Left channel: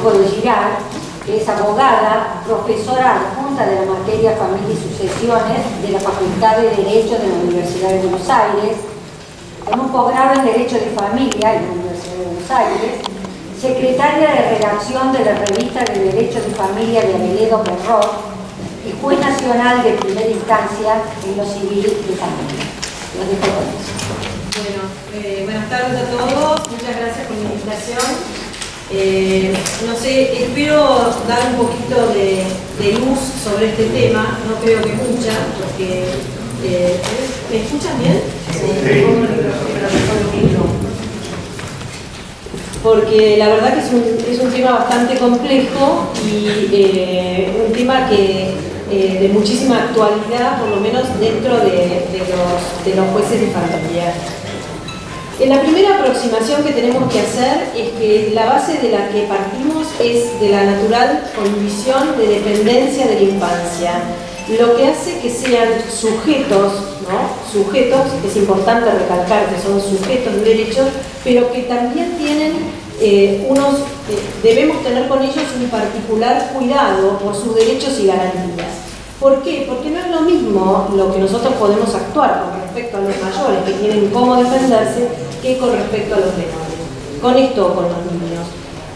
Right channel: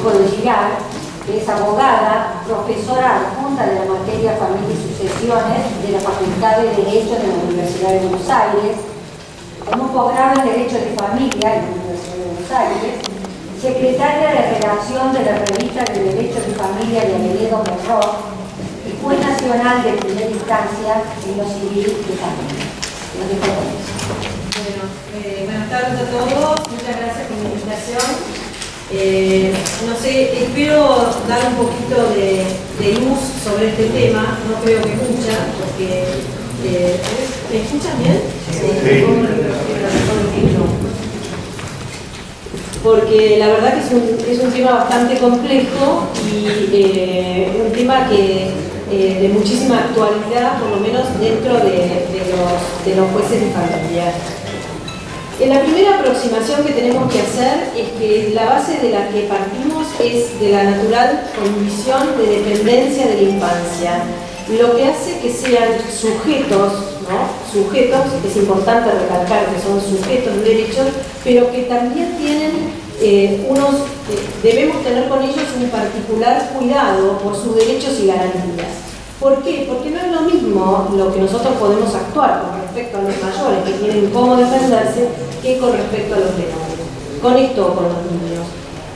Manejo de Girard, que es abogada, profesora adjunta de la materia Familia y Sucesiones de la Facultad de Derecho de la Universidad de Buenos Aires, con un posgrado en Derecho de Familia en la Universidad de Buenos Aires, secretaria de redacción de la revista de Derecho de Familia de Aveledo Perrot y juez nacional de primera instancia en lo civil de familia. Los dejo con eso. Bueno, buenas tardes a todos, muchas gracias por la invitación. No sé, espero dar un poquito de luz sobre este tema, no creo que mucha, porque ¿me escuchan bien? Sí. Porque la verdad que es un tema bastante complejo y un tema que de muchísima actualidad, por lo menos dentro de los jueces de familia. La primera aproximación que tenemos que hacer es que la base de la que partimos es de la natural condición de dependencia de la infancia, lo que hace que sean sujetos, ¿no? Sujetos, es importante recalcar que son sujetos de derechos, pero que también tienen debemos tener con ellos un particular cuidado por sus derechos y garantías. ¿Por qué? Porque no es lo mismo lo que nosotros podemos actuar con respecto a los mayores que tienen cómo defenderse que con respecto a los menores. Con esto o con los niños.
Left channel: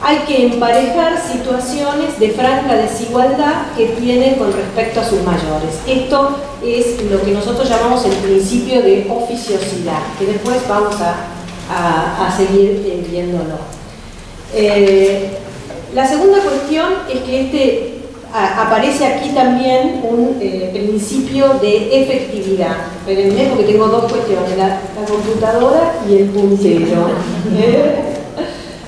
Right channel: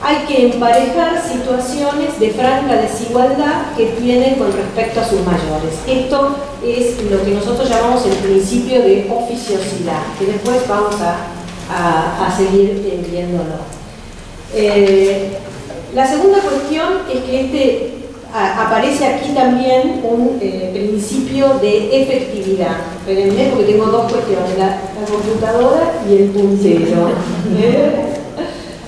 Hay que emparejar situaciones de franca desigualdad que tienen con respecto a sus mayores. Esto es lo que nosotros llamamos el principio de oficiosidad, que después vamos a seguir viéndolo. La segunda cuestión es que aparece aquí también un principio de efectividad. Espérenme porque tengo dos cuestiones, la computadora y el puntero.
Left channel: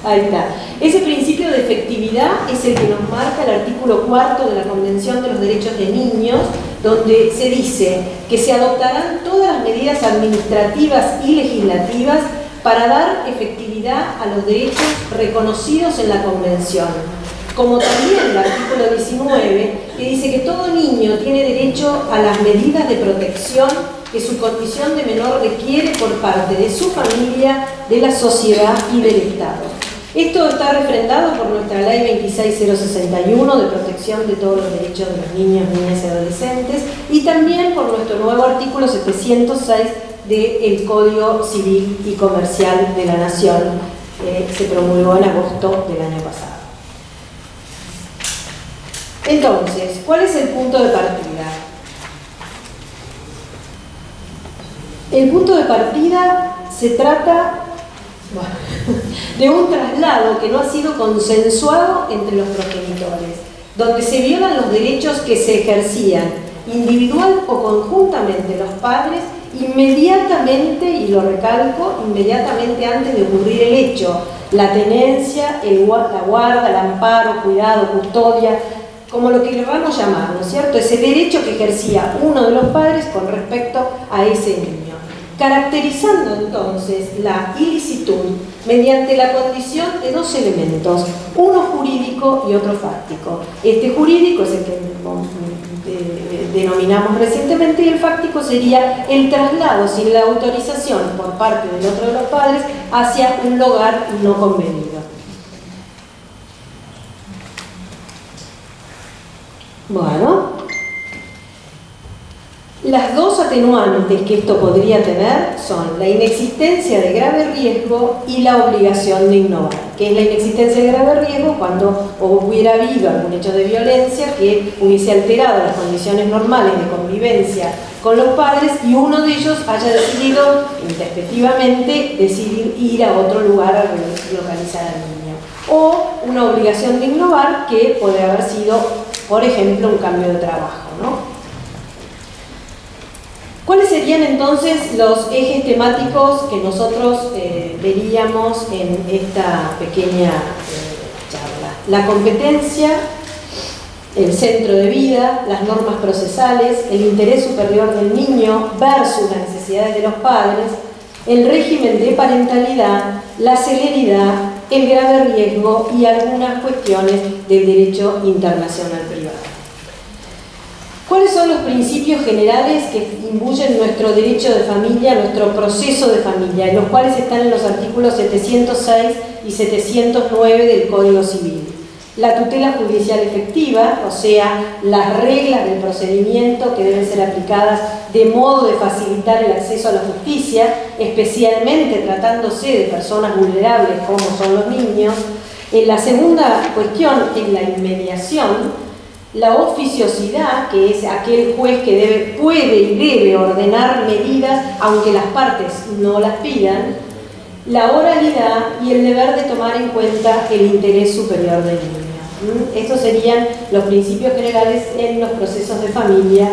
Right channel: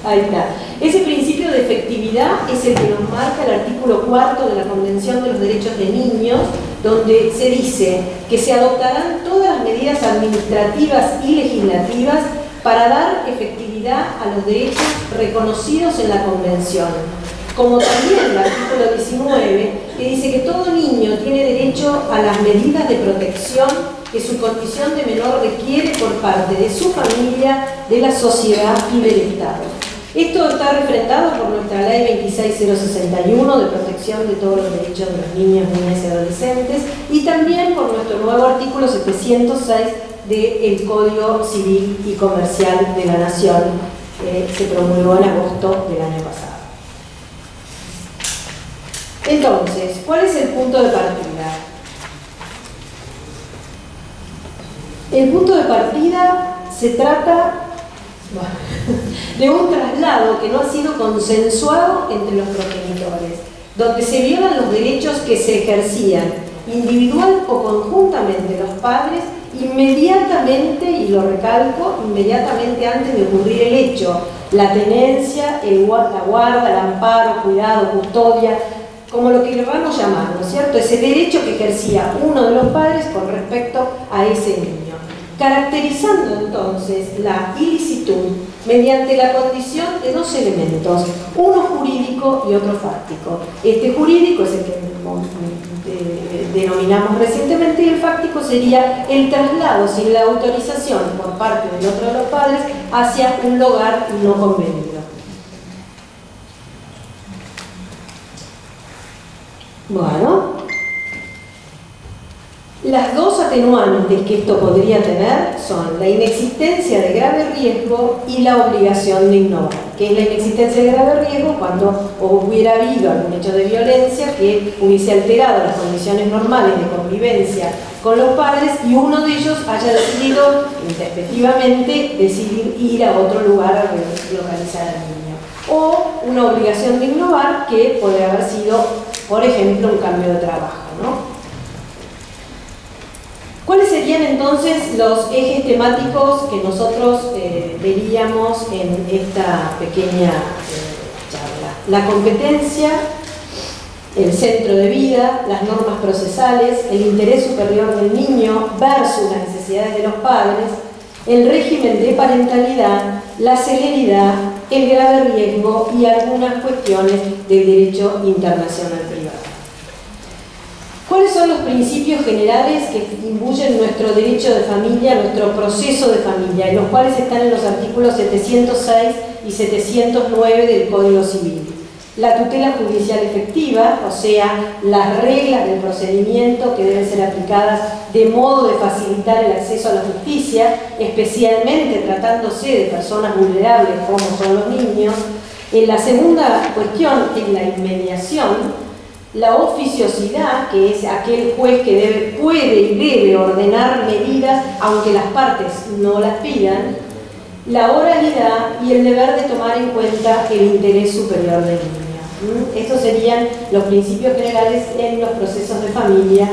Ahí está. Ese principio de efectividad es el que nos marca el artículo 4 de la Convención de los Derechos de Niños, donde se dice que se adoptarán todas las medidas administrativas y legislativas para dar efectividad a los derechos reconocidos en la Convención. Como también el artículo 19, que dice que todo niño tiene derecho a las medidas de protección que su condición de menor requiere por parte de su familia, de la sociedad y del Estado. Esto está refrendado por nuestra Ley 26061 de protección de todos los derechos de los niños, niñas y adolescentes, y también por nuestro nuevo artículo 706 del Código Civil y Comercial de la Nación, que se promulgó en agosto del año pasado. Entonces, ¿cuál es el punto de partida? El punto de partida se trata de un traslado que no ha sido consensuado entre los progenitores, donde se violan los derechos que se ejercían individual o conjuntamente los padres inmediatamente, y lo recalco, inmediatamente antes de ocurrir el hecho, la tenencia, la guarda, el amparo, cuidado, custodia, como lo que queramos llamar, ¿no es cierto? Ese derecho que ejercía uno de los padres con respecto a ese niño. Caracterizando entonces la ilicitud mediante la condición de dos elementos, uno jurídico y otro fáctico. Este jurídico es el que denominamos recientemente y el fáctico sería el traslado sin la autorización por parte del otro de los padres hacia un lugar no convenido. Bueno, las dos atenuantes que esto podría tener son la inexistencia de grave riesgo y la obligación de innovar. ¿Qué es la inexistencia de grave riesgo? Cuando hubiera habido algún hecho de violencia que hubiese alterado las condiciones normales de convivencia con los padres y uno de ellos haya decidido, intempestivamente, ir a otro lugar a localizar al niño. O una obligación de innovar que puede haber sido, por ejemplo, un cambio de trabajo, ¿no? ¿Cuáles serían entonces los ejes temáticos que nosotros veríamos en esta pequeña charla? La competencia, el centro de vida, las normas procesales, el interés superior del niño versus las necesidades de los padres, el régimen de parentalidad, la celeridad, el grave riesgo y algunas cuestiones del derecho internacional privado. ¿Cuáles son los principios generales que imbuyen nuestro derecho de familia, nuestro proceso de familia, los cuales están en los artículos 706 y 709 del Código Civil? La tutela judicial efectiva, o sea, las reglas del procedimiento que deben ser aplicadas de modo de facilitar el acceso a la justicia, especialmente tratándose de personas vulnerables como son los niños. La segunda cuestión es la inmediación, la oficiosidad, que es aquel juez que puede y debe ordenar medidas aunque las partes no las pidan, la oralidad y el deber de tomar en cuenta el interés superior del niño. Estos serían los principios generales en los procesos de familia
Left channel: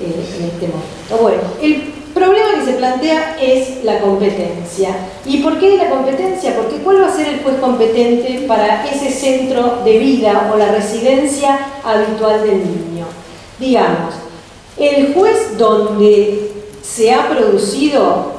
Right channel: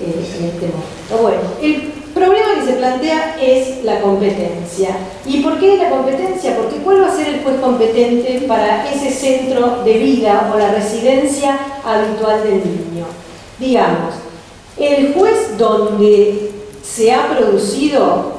en este momento. Bueno, el problema que se plantea es la competencia. ¿Y por qué la competencia? Porque ¿cuál va a ser el juez competente para ese centro de vida o la residencia habitual del niño? Digamos, el juez donde se ha producido,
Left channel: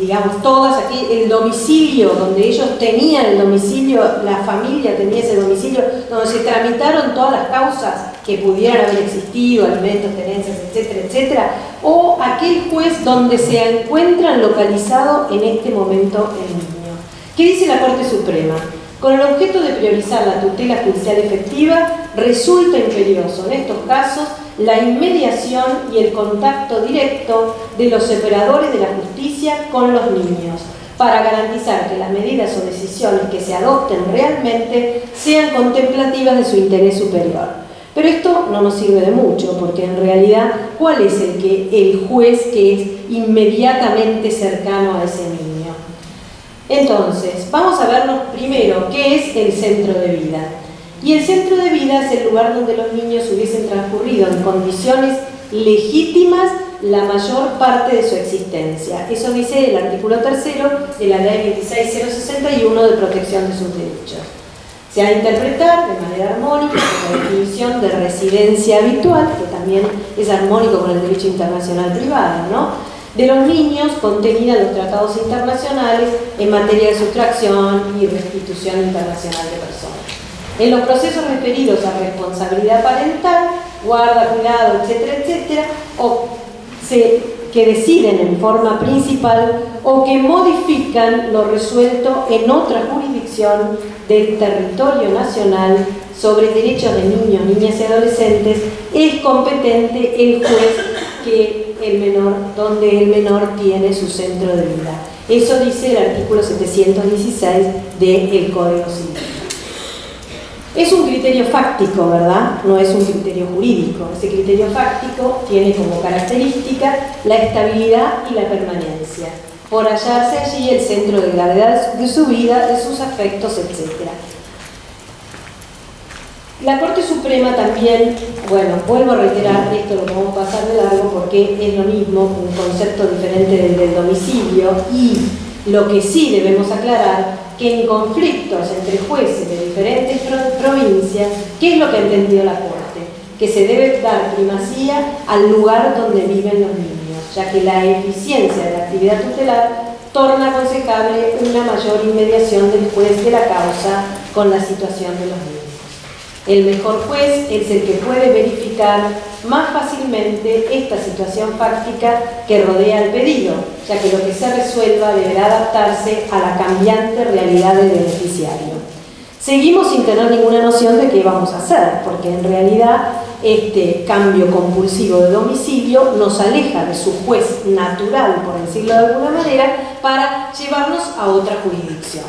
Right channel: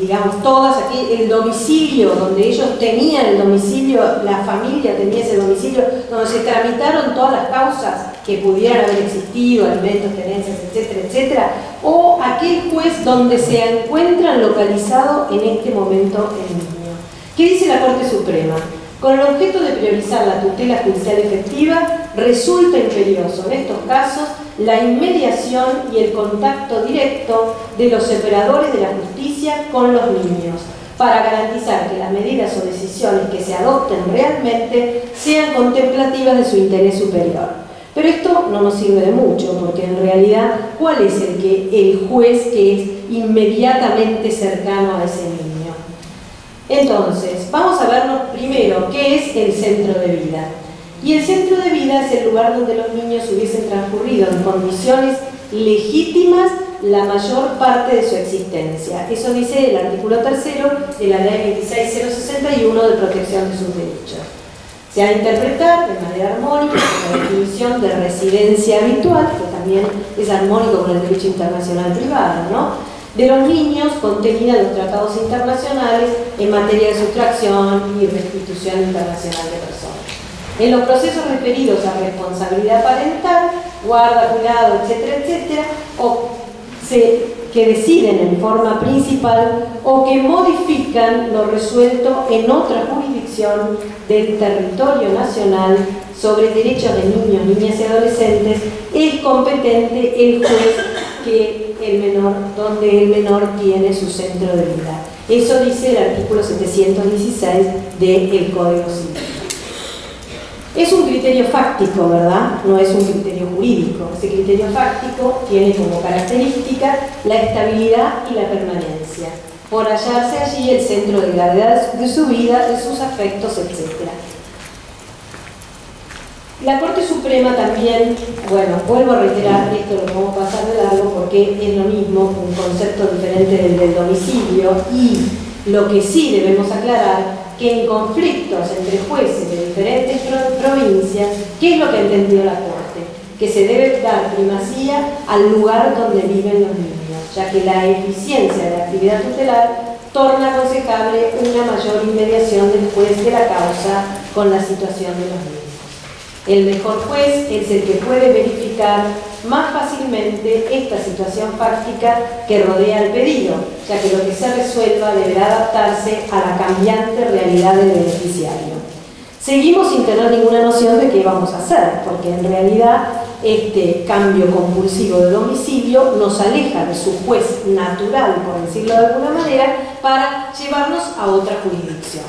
digamos, todas aquí, el domicilio, donde ellos tenían el domicilio, la familia tenía ese domicilio, donde se tramitaron todas las causas que pudieran haber existido, alimentos, tenencias, etcétera, etcétera, o aquel juez donde se encuentran localizado en este momento el niño. ¿Qué dice la Corte Suprema? Con el objeto de priorizar la tutela judicial efectiva, resulta imperioso en estos casos la inmediación y el contacto directo de los operadores de la justicia con los niños, para garantizar que las medidas o decisiones que se adopten realmente sean contemplativas de su interés superior. Pero esto no nos sirve de mucho, porque en realidad, ¿cuál es el juez que es inmediatamente cercano a ese niño? Entonces, vamos a vernos primero qué es el centro de vida. Y el centro de vida es el lugar donde los niños hubiesen transcurrido en condiciones legítimas la mayor parte de su existencia. Eso dice el artículo 3º de la Ley 26061 de protección de sus derechos. Se ha de interpretar de manera armónica con la definición de residencia habitual, que también es armónico con el derecho internacional privado, ¿no?, de los niños, contenida en los tratados internacionales en materia de sustracción y restitución internacional de personas. En los procesos referidos a responsabilidad parental, guarda, cuidado, etcétera, etcétera, o que deciden en forma principal o que modifican lo resuelto en otra jurisdicción del territorio nacional sobre derechos de niños, niñas y adolescentes, es competente el juez donde el menor tiene su centro de vida. Eso dice el artículo 716 del Código Civil. Es un criterio fáctico, ¿verdad? No es un criterio jurídico. Ese criterio fáctico tiene como característica la estabilidad y la permanencia, por hallarse allí el centro de gravedad de su vida, de sus afectos, etc. La Corte Suprema también, bueno, vuelvo a reiterar, esto lo vamos a pasar de largo porque es lo mismo, un concepto diferente del domicilio, y lo que sí debemos aclarar, que en conflictos entre jueces de diferentes provincias, ¿qué es lo que ha entendido la Corte? Que se debe dar primacía al lugar donde viven los niños, ya que la eficiencia de la actividad tutelar torna aconsejable una mayor inmediación del juez de la causa con la situación de los niños. El mejor juez es el que puede verificar más fácilmente esta situación fáctica que rodea el pedido, ya que lo que se resuelva deberá adaptarse a la cambiante realidad del beneficiario. Seguimos sin tener ninguna noción de qué vamos a hacer, porque en realidad este cambio compulsivo de domicilio nos aleja de su juez natural, por decirlo de alguna manera, para llevarnos a otra jurisdicción.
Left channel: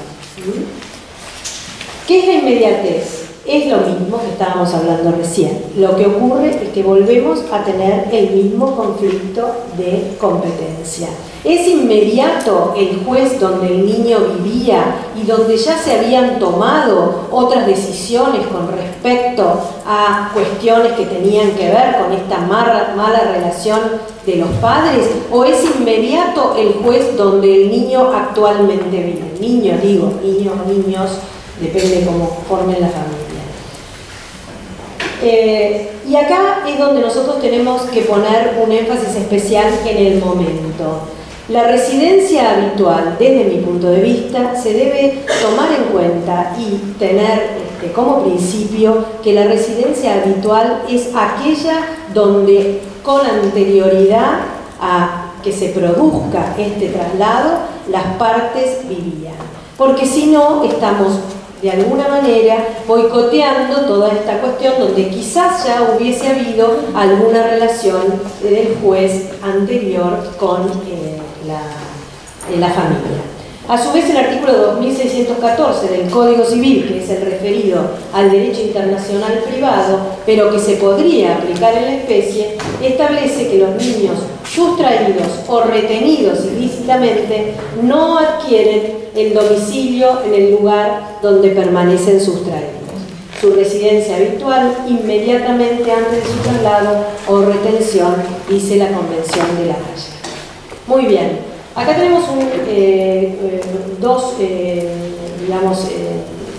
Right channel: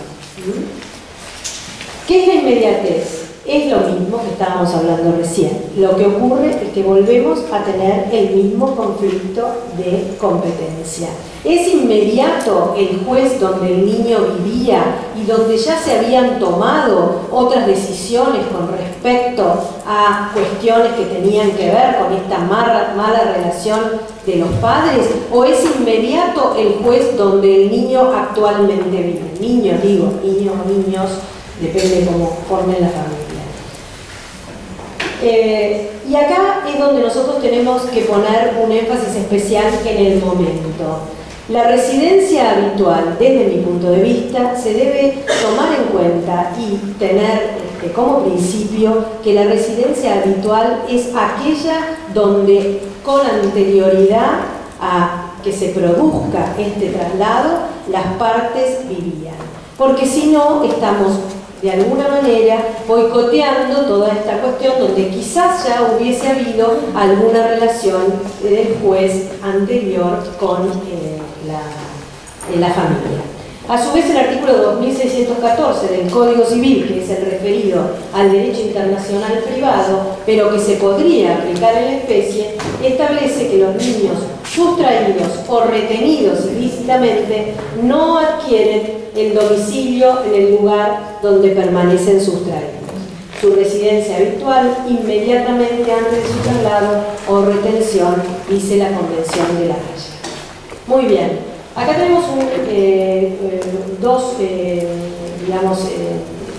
¿Qué es la inmediatez? Es lo mismo que estábamos hablando recién. Lo que ocurre es que volvemos a tener el mismo conflicto de competencia. ¿Es inmediato el juez donde el niño vivía y donde ya se habían tomado otras decisiones con respecto a cuestiones que tenían que ver con esta mala relación de los padres? ¿O es inmediato el juez donde el niño actualmente vive? Niños, digo, niños, depende cómo formen la familia. Y acá es donde nosotros tenemos que poner un énfasis especial en el momento. La residencia habitual, desde mi punto de vista, se debe tomar en cuenta y tener como principio que la residencia habitual es aquella donde con anterioridad a que se produzca este traslado, las partes vivían. Porque si no, estamos de alguna manera boicoteando toda esta cuestión donde quizás ya hubiese habido alguna relación del juez anterior con la familia. A su vez, el artículo 2614 del Código Civil, que es el referido al derecho internacional privado, pero que se podría aplicar en la especie, establece que los niños sustraídos o retenidos ilícitamente no adquieren el domicilio en el lugar donde permanecen sustraídos. Su residencia habitual inmediatamente antes de su traslado o retención, dice la Convención de La Haya. Muy bien. Acá tenemos dos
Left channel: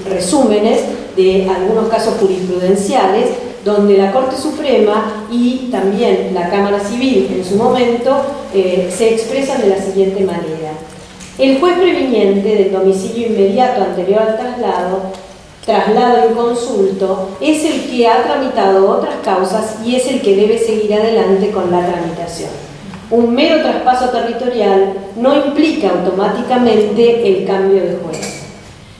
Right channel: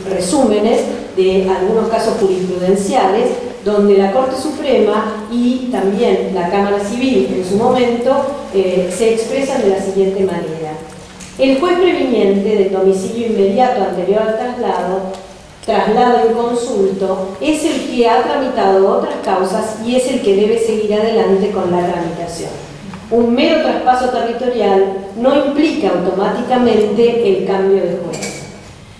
resúmenes de algunos casos jurisprudenciales donde la Corte Suprema y también la Cámara Civil en su momento se expresan de la siguiente manera. El juez previniente del domicilio inmediato anterior al traslado inconsulto, es el que ha tramitado otras causas y es el que debe seguir adelante con la tramitación. Un mero traspaso territorial no implica automáticamente el cambio de juez.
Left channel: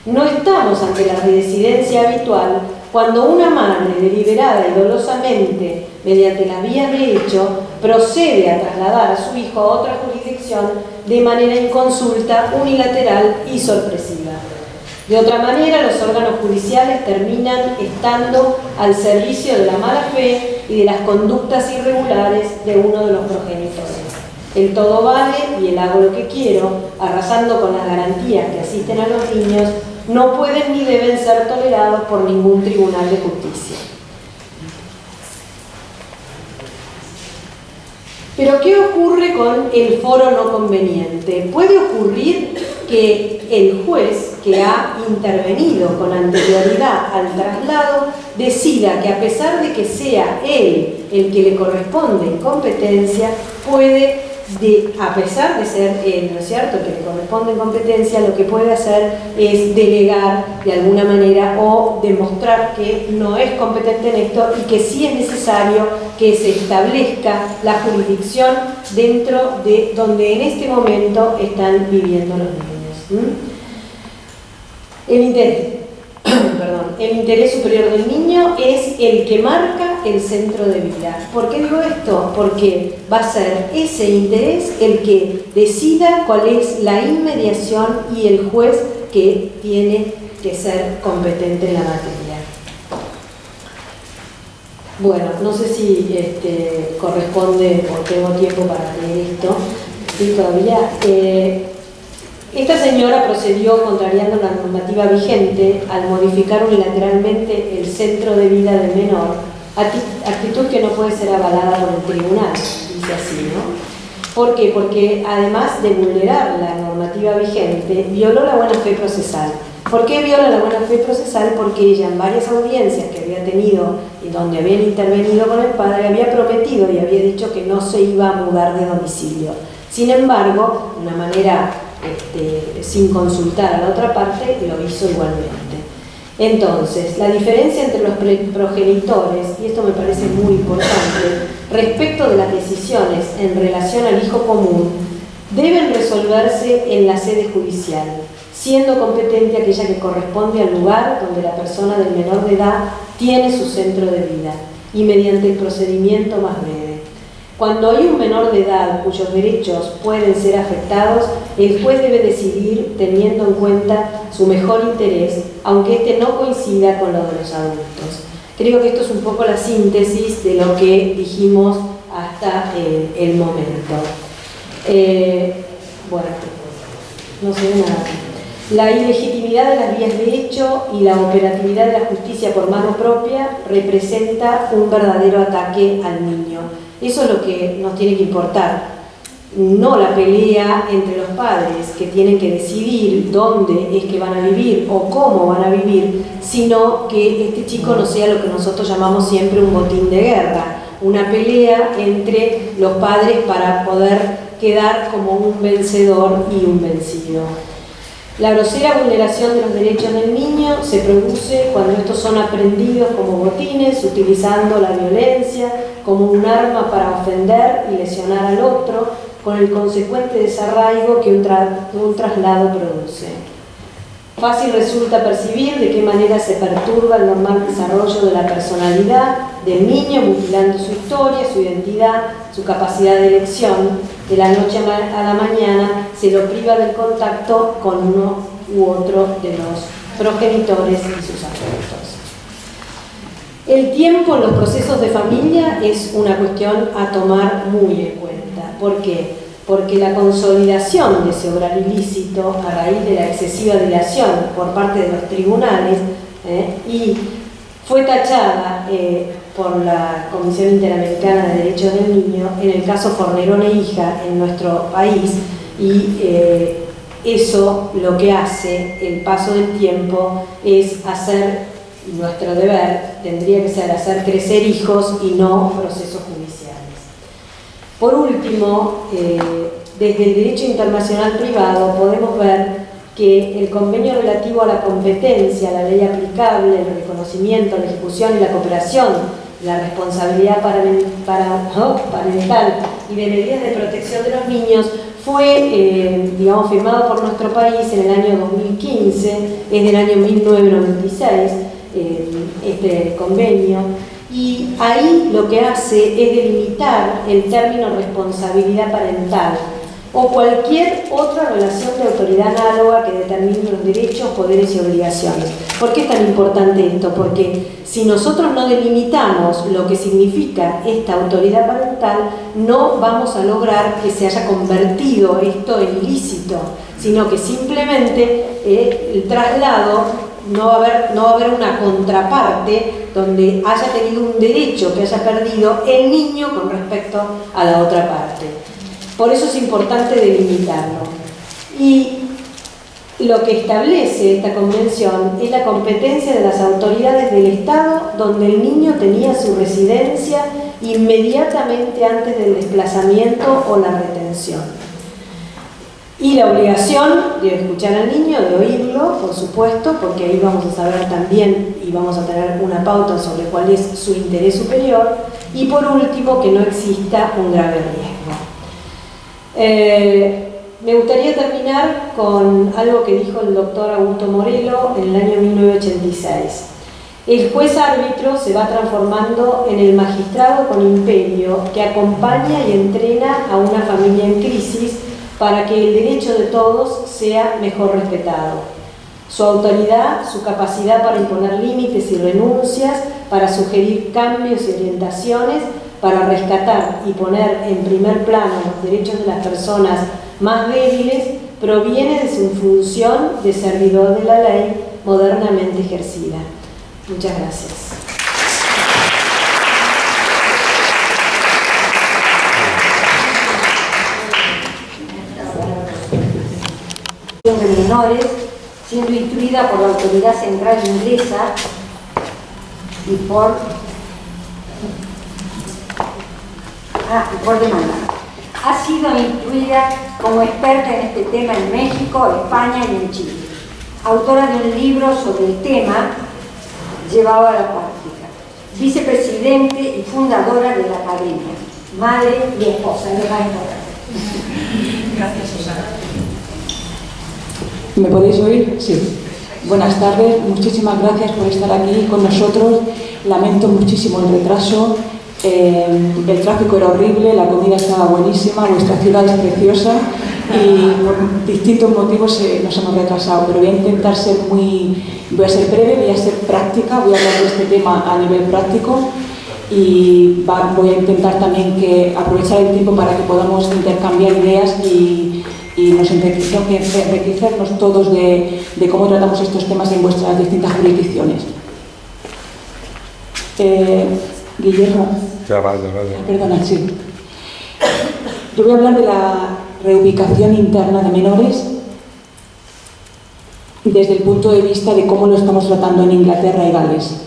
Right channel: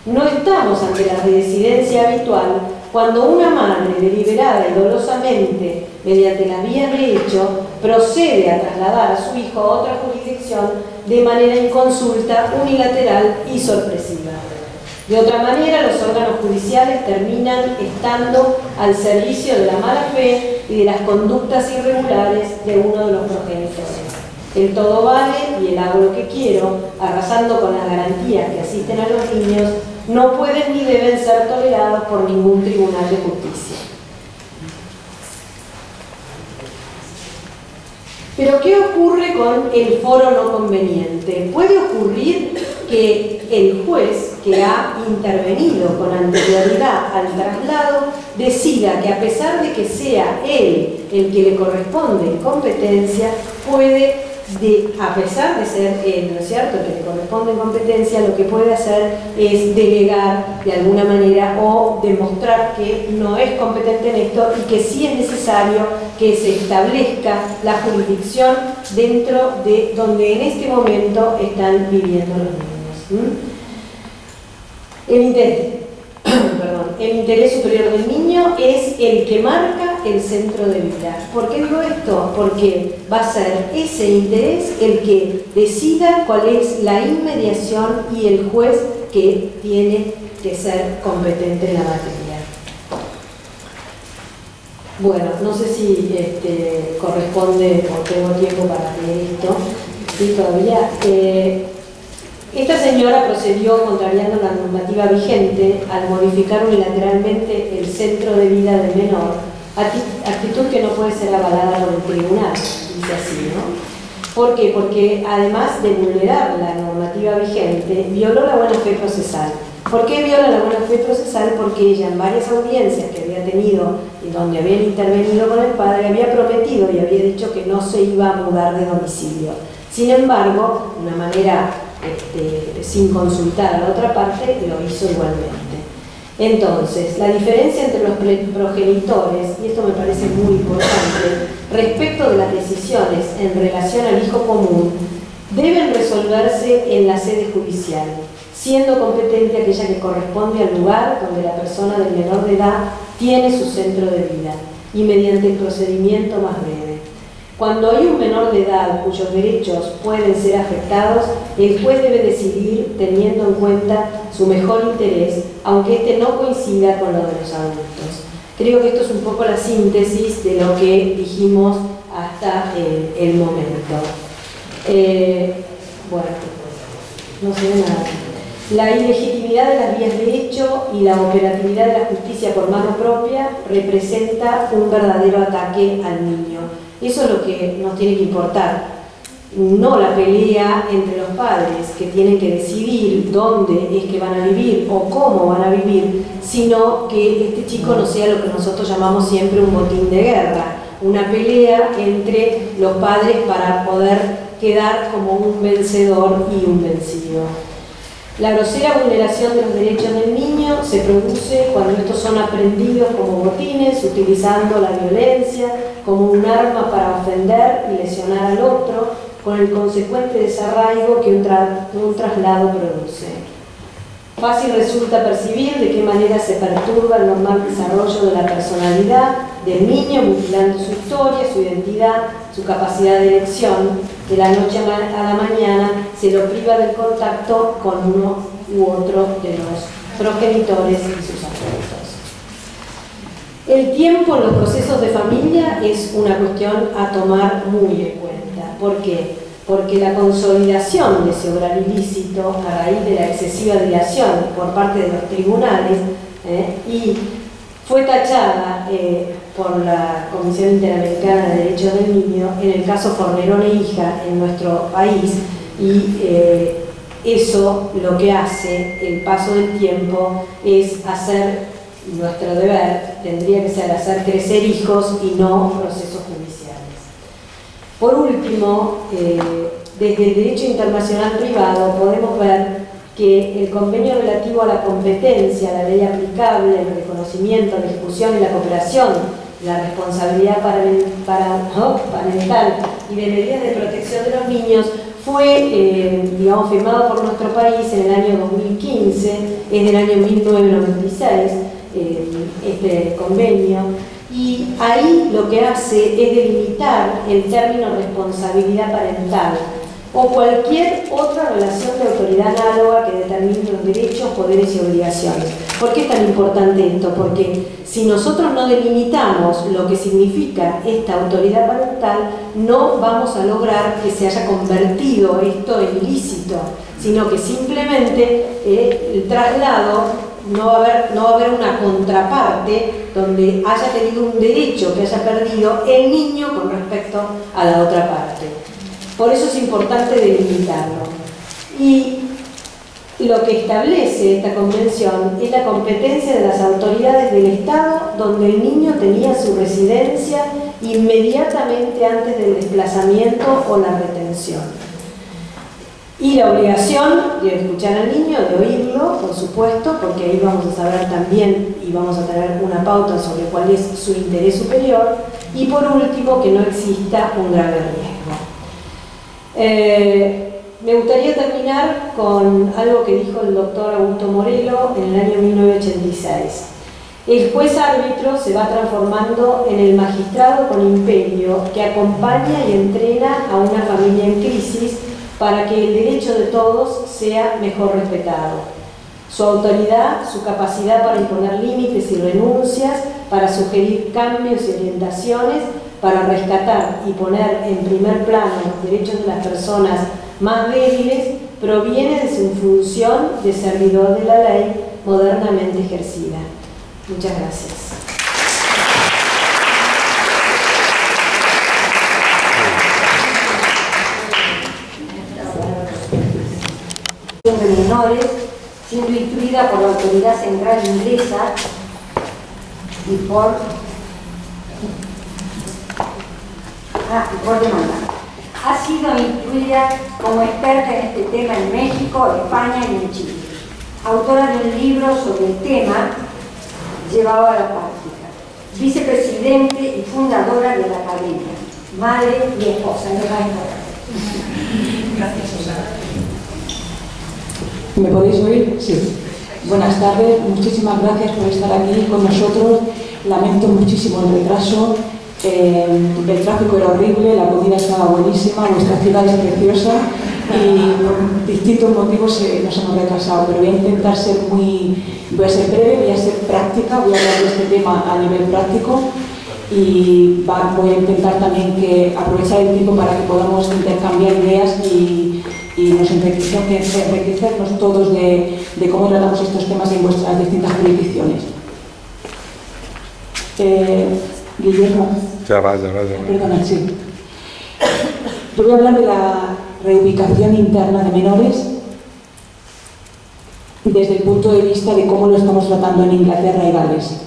No estamos ante la residencia habitual cuando una madre deliberada y dolosamente, mediante las vías de hecho, procede a trasladar a su hijo a otra jurisdicción de manera inconsulta, unilateral y sorpresiva. De otra manera, los órganos judiciales terminan estando al servicio de la mala fe y de las conductas irregulares de uno de los progenitores. El todo vale y el hago lo que quiero, arrasando con las garantías que asisten a los niños, no pueden ni deben ser tolerados por ningún tribunal de justicia. Pero ¿qué ocurre con el foro no conveniente? Puede ocurrir que el juez que ha intervenido con anterioridad al traslado decida que, a pesar de que sea él el que le corresponde en competencia, a pesar de ser él, ¿no es cierto?, que le corresponde en competencia, lo que puede hacer es delegar de alguna manera o demostrar que no es competente en esto y que sí es necesario que se establezca la jurisdicción dentro de donde en este momento están viviendo los niños. El interés superior del niño es el que marca el centro de vida. ¿Por qué digo esto? Porque va a ser ese interés el que decida cuál es la inmediación y el juez que tiene que ser competente en la materia. Bueno, no sé si corresponde o tengo tiempo para leer esto. Sí, todavía. Esta señora procedió contrariando la normativa vigente al modificar unilateralmente el centro de vida del menor, actitud que no puede ser avalada por el tribunal, dice así, ¿no? ¿Por qué? Porque además de vulnerar la normativa vigente, violó la buena fe procesal. ¿Por qué viola la buena fe procesal? Porque ella en varias audiencias que había tenido y donde habían intervenido con el padre, había prometido y había dicho que no se iba a mudar de domicilio. Sin embargo, de una manera sin consultar a la otra parte, lo hizo igualmente. Entonces, la diferencia entre los progenitores, y esto me parece muy importante, respecto de las decisiones en relación al hijo común, deben resolverse en la sede judicial, siendo competente aquella que corresponde al lugar donde la persona del menor de edad tiene su centro de vida, y mediante el procedimiento más breve. Cuando hay un menor de edad cuyos derechos pueden ser afectados, el juez debe decidir teniendo en cuenta su mejor interés, aunque este no coincida con lo de los adultos. Creo que esto es un poco la síntesis de lo que dijimos hasta el momento. Bueno, no sé nada. La ilegitimidad de las vías de hecho y la operatividad de la justicia por mano propia representa un verdadero ataque al niño. Eso es lo que nos tiene que importar, no la pelea entre los padres que tienen que decidir dónde es que van a vivir o cómo van a vivir, sino que este chico no sea lo que nosotros llamamos siempre un botín de guerra, una pelea entre los padres para poder quedar como un vencedor y un vencido. La grosera vulneración de los derechos del niño se produce cuando estos son aprendidos como botines, utilizando la violencia como un arma para ofender y lesionar al otro, con el consecuente desarraigo que un traslado produce. Fácil resulta percibir de qué manera se perturba el normal desarrollo de la personalidad del niño, mutilando su historia, su identidad, su capacidad de elección. De la noche a la mañana se lo priva del contacto con uno u otro de los progenitores y sus afectos. El tiempo en los procesos de familia es una cuestión a tomar muy en cuenta. ¿Por qué? Porque la consolidación de ese obrar ilícito a raíz de la excesiva dilación por parte de los tribunales y fue tachada por la Comisión Interamericana de Derechos del Niño en el caso Fornerón e hija en nuestro país, y eso lo que hace el paso del tiempo es hacer, nuestro deber tendría que ser hacer crecer hijos y no procesos judiciales. Por último, desde el derecho internacional privado podemos ver que el convenio relativo a la competencia, la ley aplicable, el reconocimiento, la ejecución y la cooperación, la responsabilidad parental y de medidas de protección de los niños fue, firmado por nuestro país en el año 2015, es del año 1996, este convenio. Y ahí lo que hace es delimitar el término responsabilidad parental o cualquier otra relación de autoridad análoga que determine los derechos, poderes y obligaciones. ¿Por qué es tan importante esto? Porque si nosotros no delimitamos lo que significa esta autoridad parental, no vamos a lograr que se haya convertido esto en ilícito, sino que simplemente el traslado no va a haber una contraparte donde haya tenido un derecho que haya perdido el niño con respecto a la otra parte. Por eso es importante delimitarlo. Y lo que establece esta convención es la competencia de las autoridades del Estado donde el niño tenía su residencia inmediatamente antes del desplazamiento o la retención. Y la obligación de escuchar al niño, de oírlo, por supuesto, porque ahí vamos a saber también y vamos a tener una pauta sobre cuál es su interés superior. Y por último, que no exista un grave riesgo. Me gustaría terminar con algo que dijo el doctor Augusto Morelo en el año 1986. El juez árbitro se va transformando en el magistrado con imperio que acompaña y entrena a una familia en crisis para que el derecho de todos sea mejor respetado. Su autoridad, su capacidad para imponer límites y renuncias, para sugerir cambios y orientaciones, para rescatar y poner en primer plano los derechos de las personas más débiles, proviene de su función de servidor de la ley modernamente ejercida. Muchas gracias. De menores, siendo instruida por la Autoridad Central Inglesa y por demanda. Ha sido instruida como experta en este tema en México, España y en Chile. Autora de un libro sobre el tema llevado a la práctica. Vicepresidente y fundadora de la Academia. Madre y esposa. Gracias, Susana. ¿Me podéis oír? Sí. Buenas tardes, muchísimas gracias por estar aquí con nosotros. Lamento muchísimo el retraso. El tráfico era horrible, la comida estaba buenísima, vuestra ciudad es preciosa y por distintos motivos nos hemos retrasado, pero voy a intentar voy a ser breve, voy a ser práctica, voy a hablar de este tema a nivel práctico y voy a intentar también aprovechar el tiempo para que podamos intercambiar ideas y nos enriquecernos todos de cómo tratamos estos temas en vuestras distintas jurisdicciones. Guillermo. Ya va. Perdona, sí. Yo voy a hablar de la reubicación interna de menores desde el punto de vista de cómo lo estamos tratando en Inglaterra y Gales.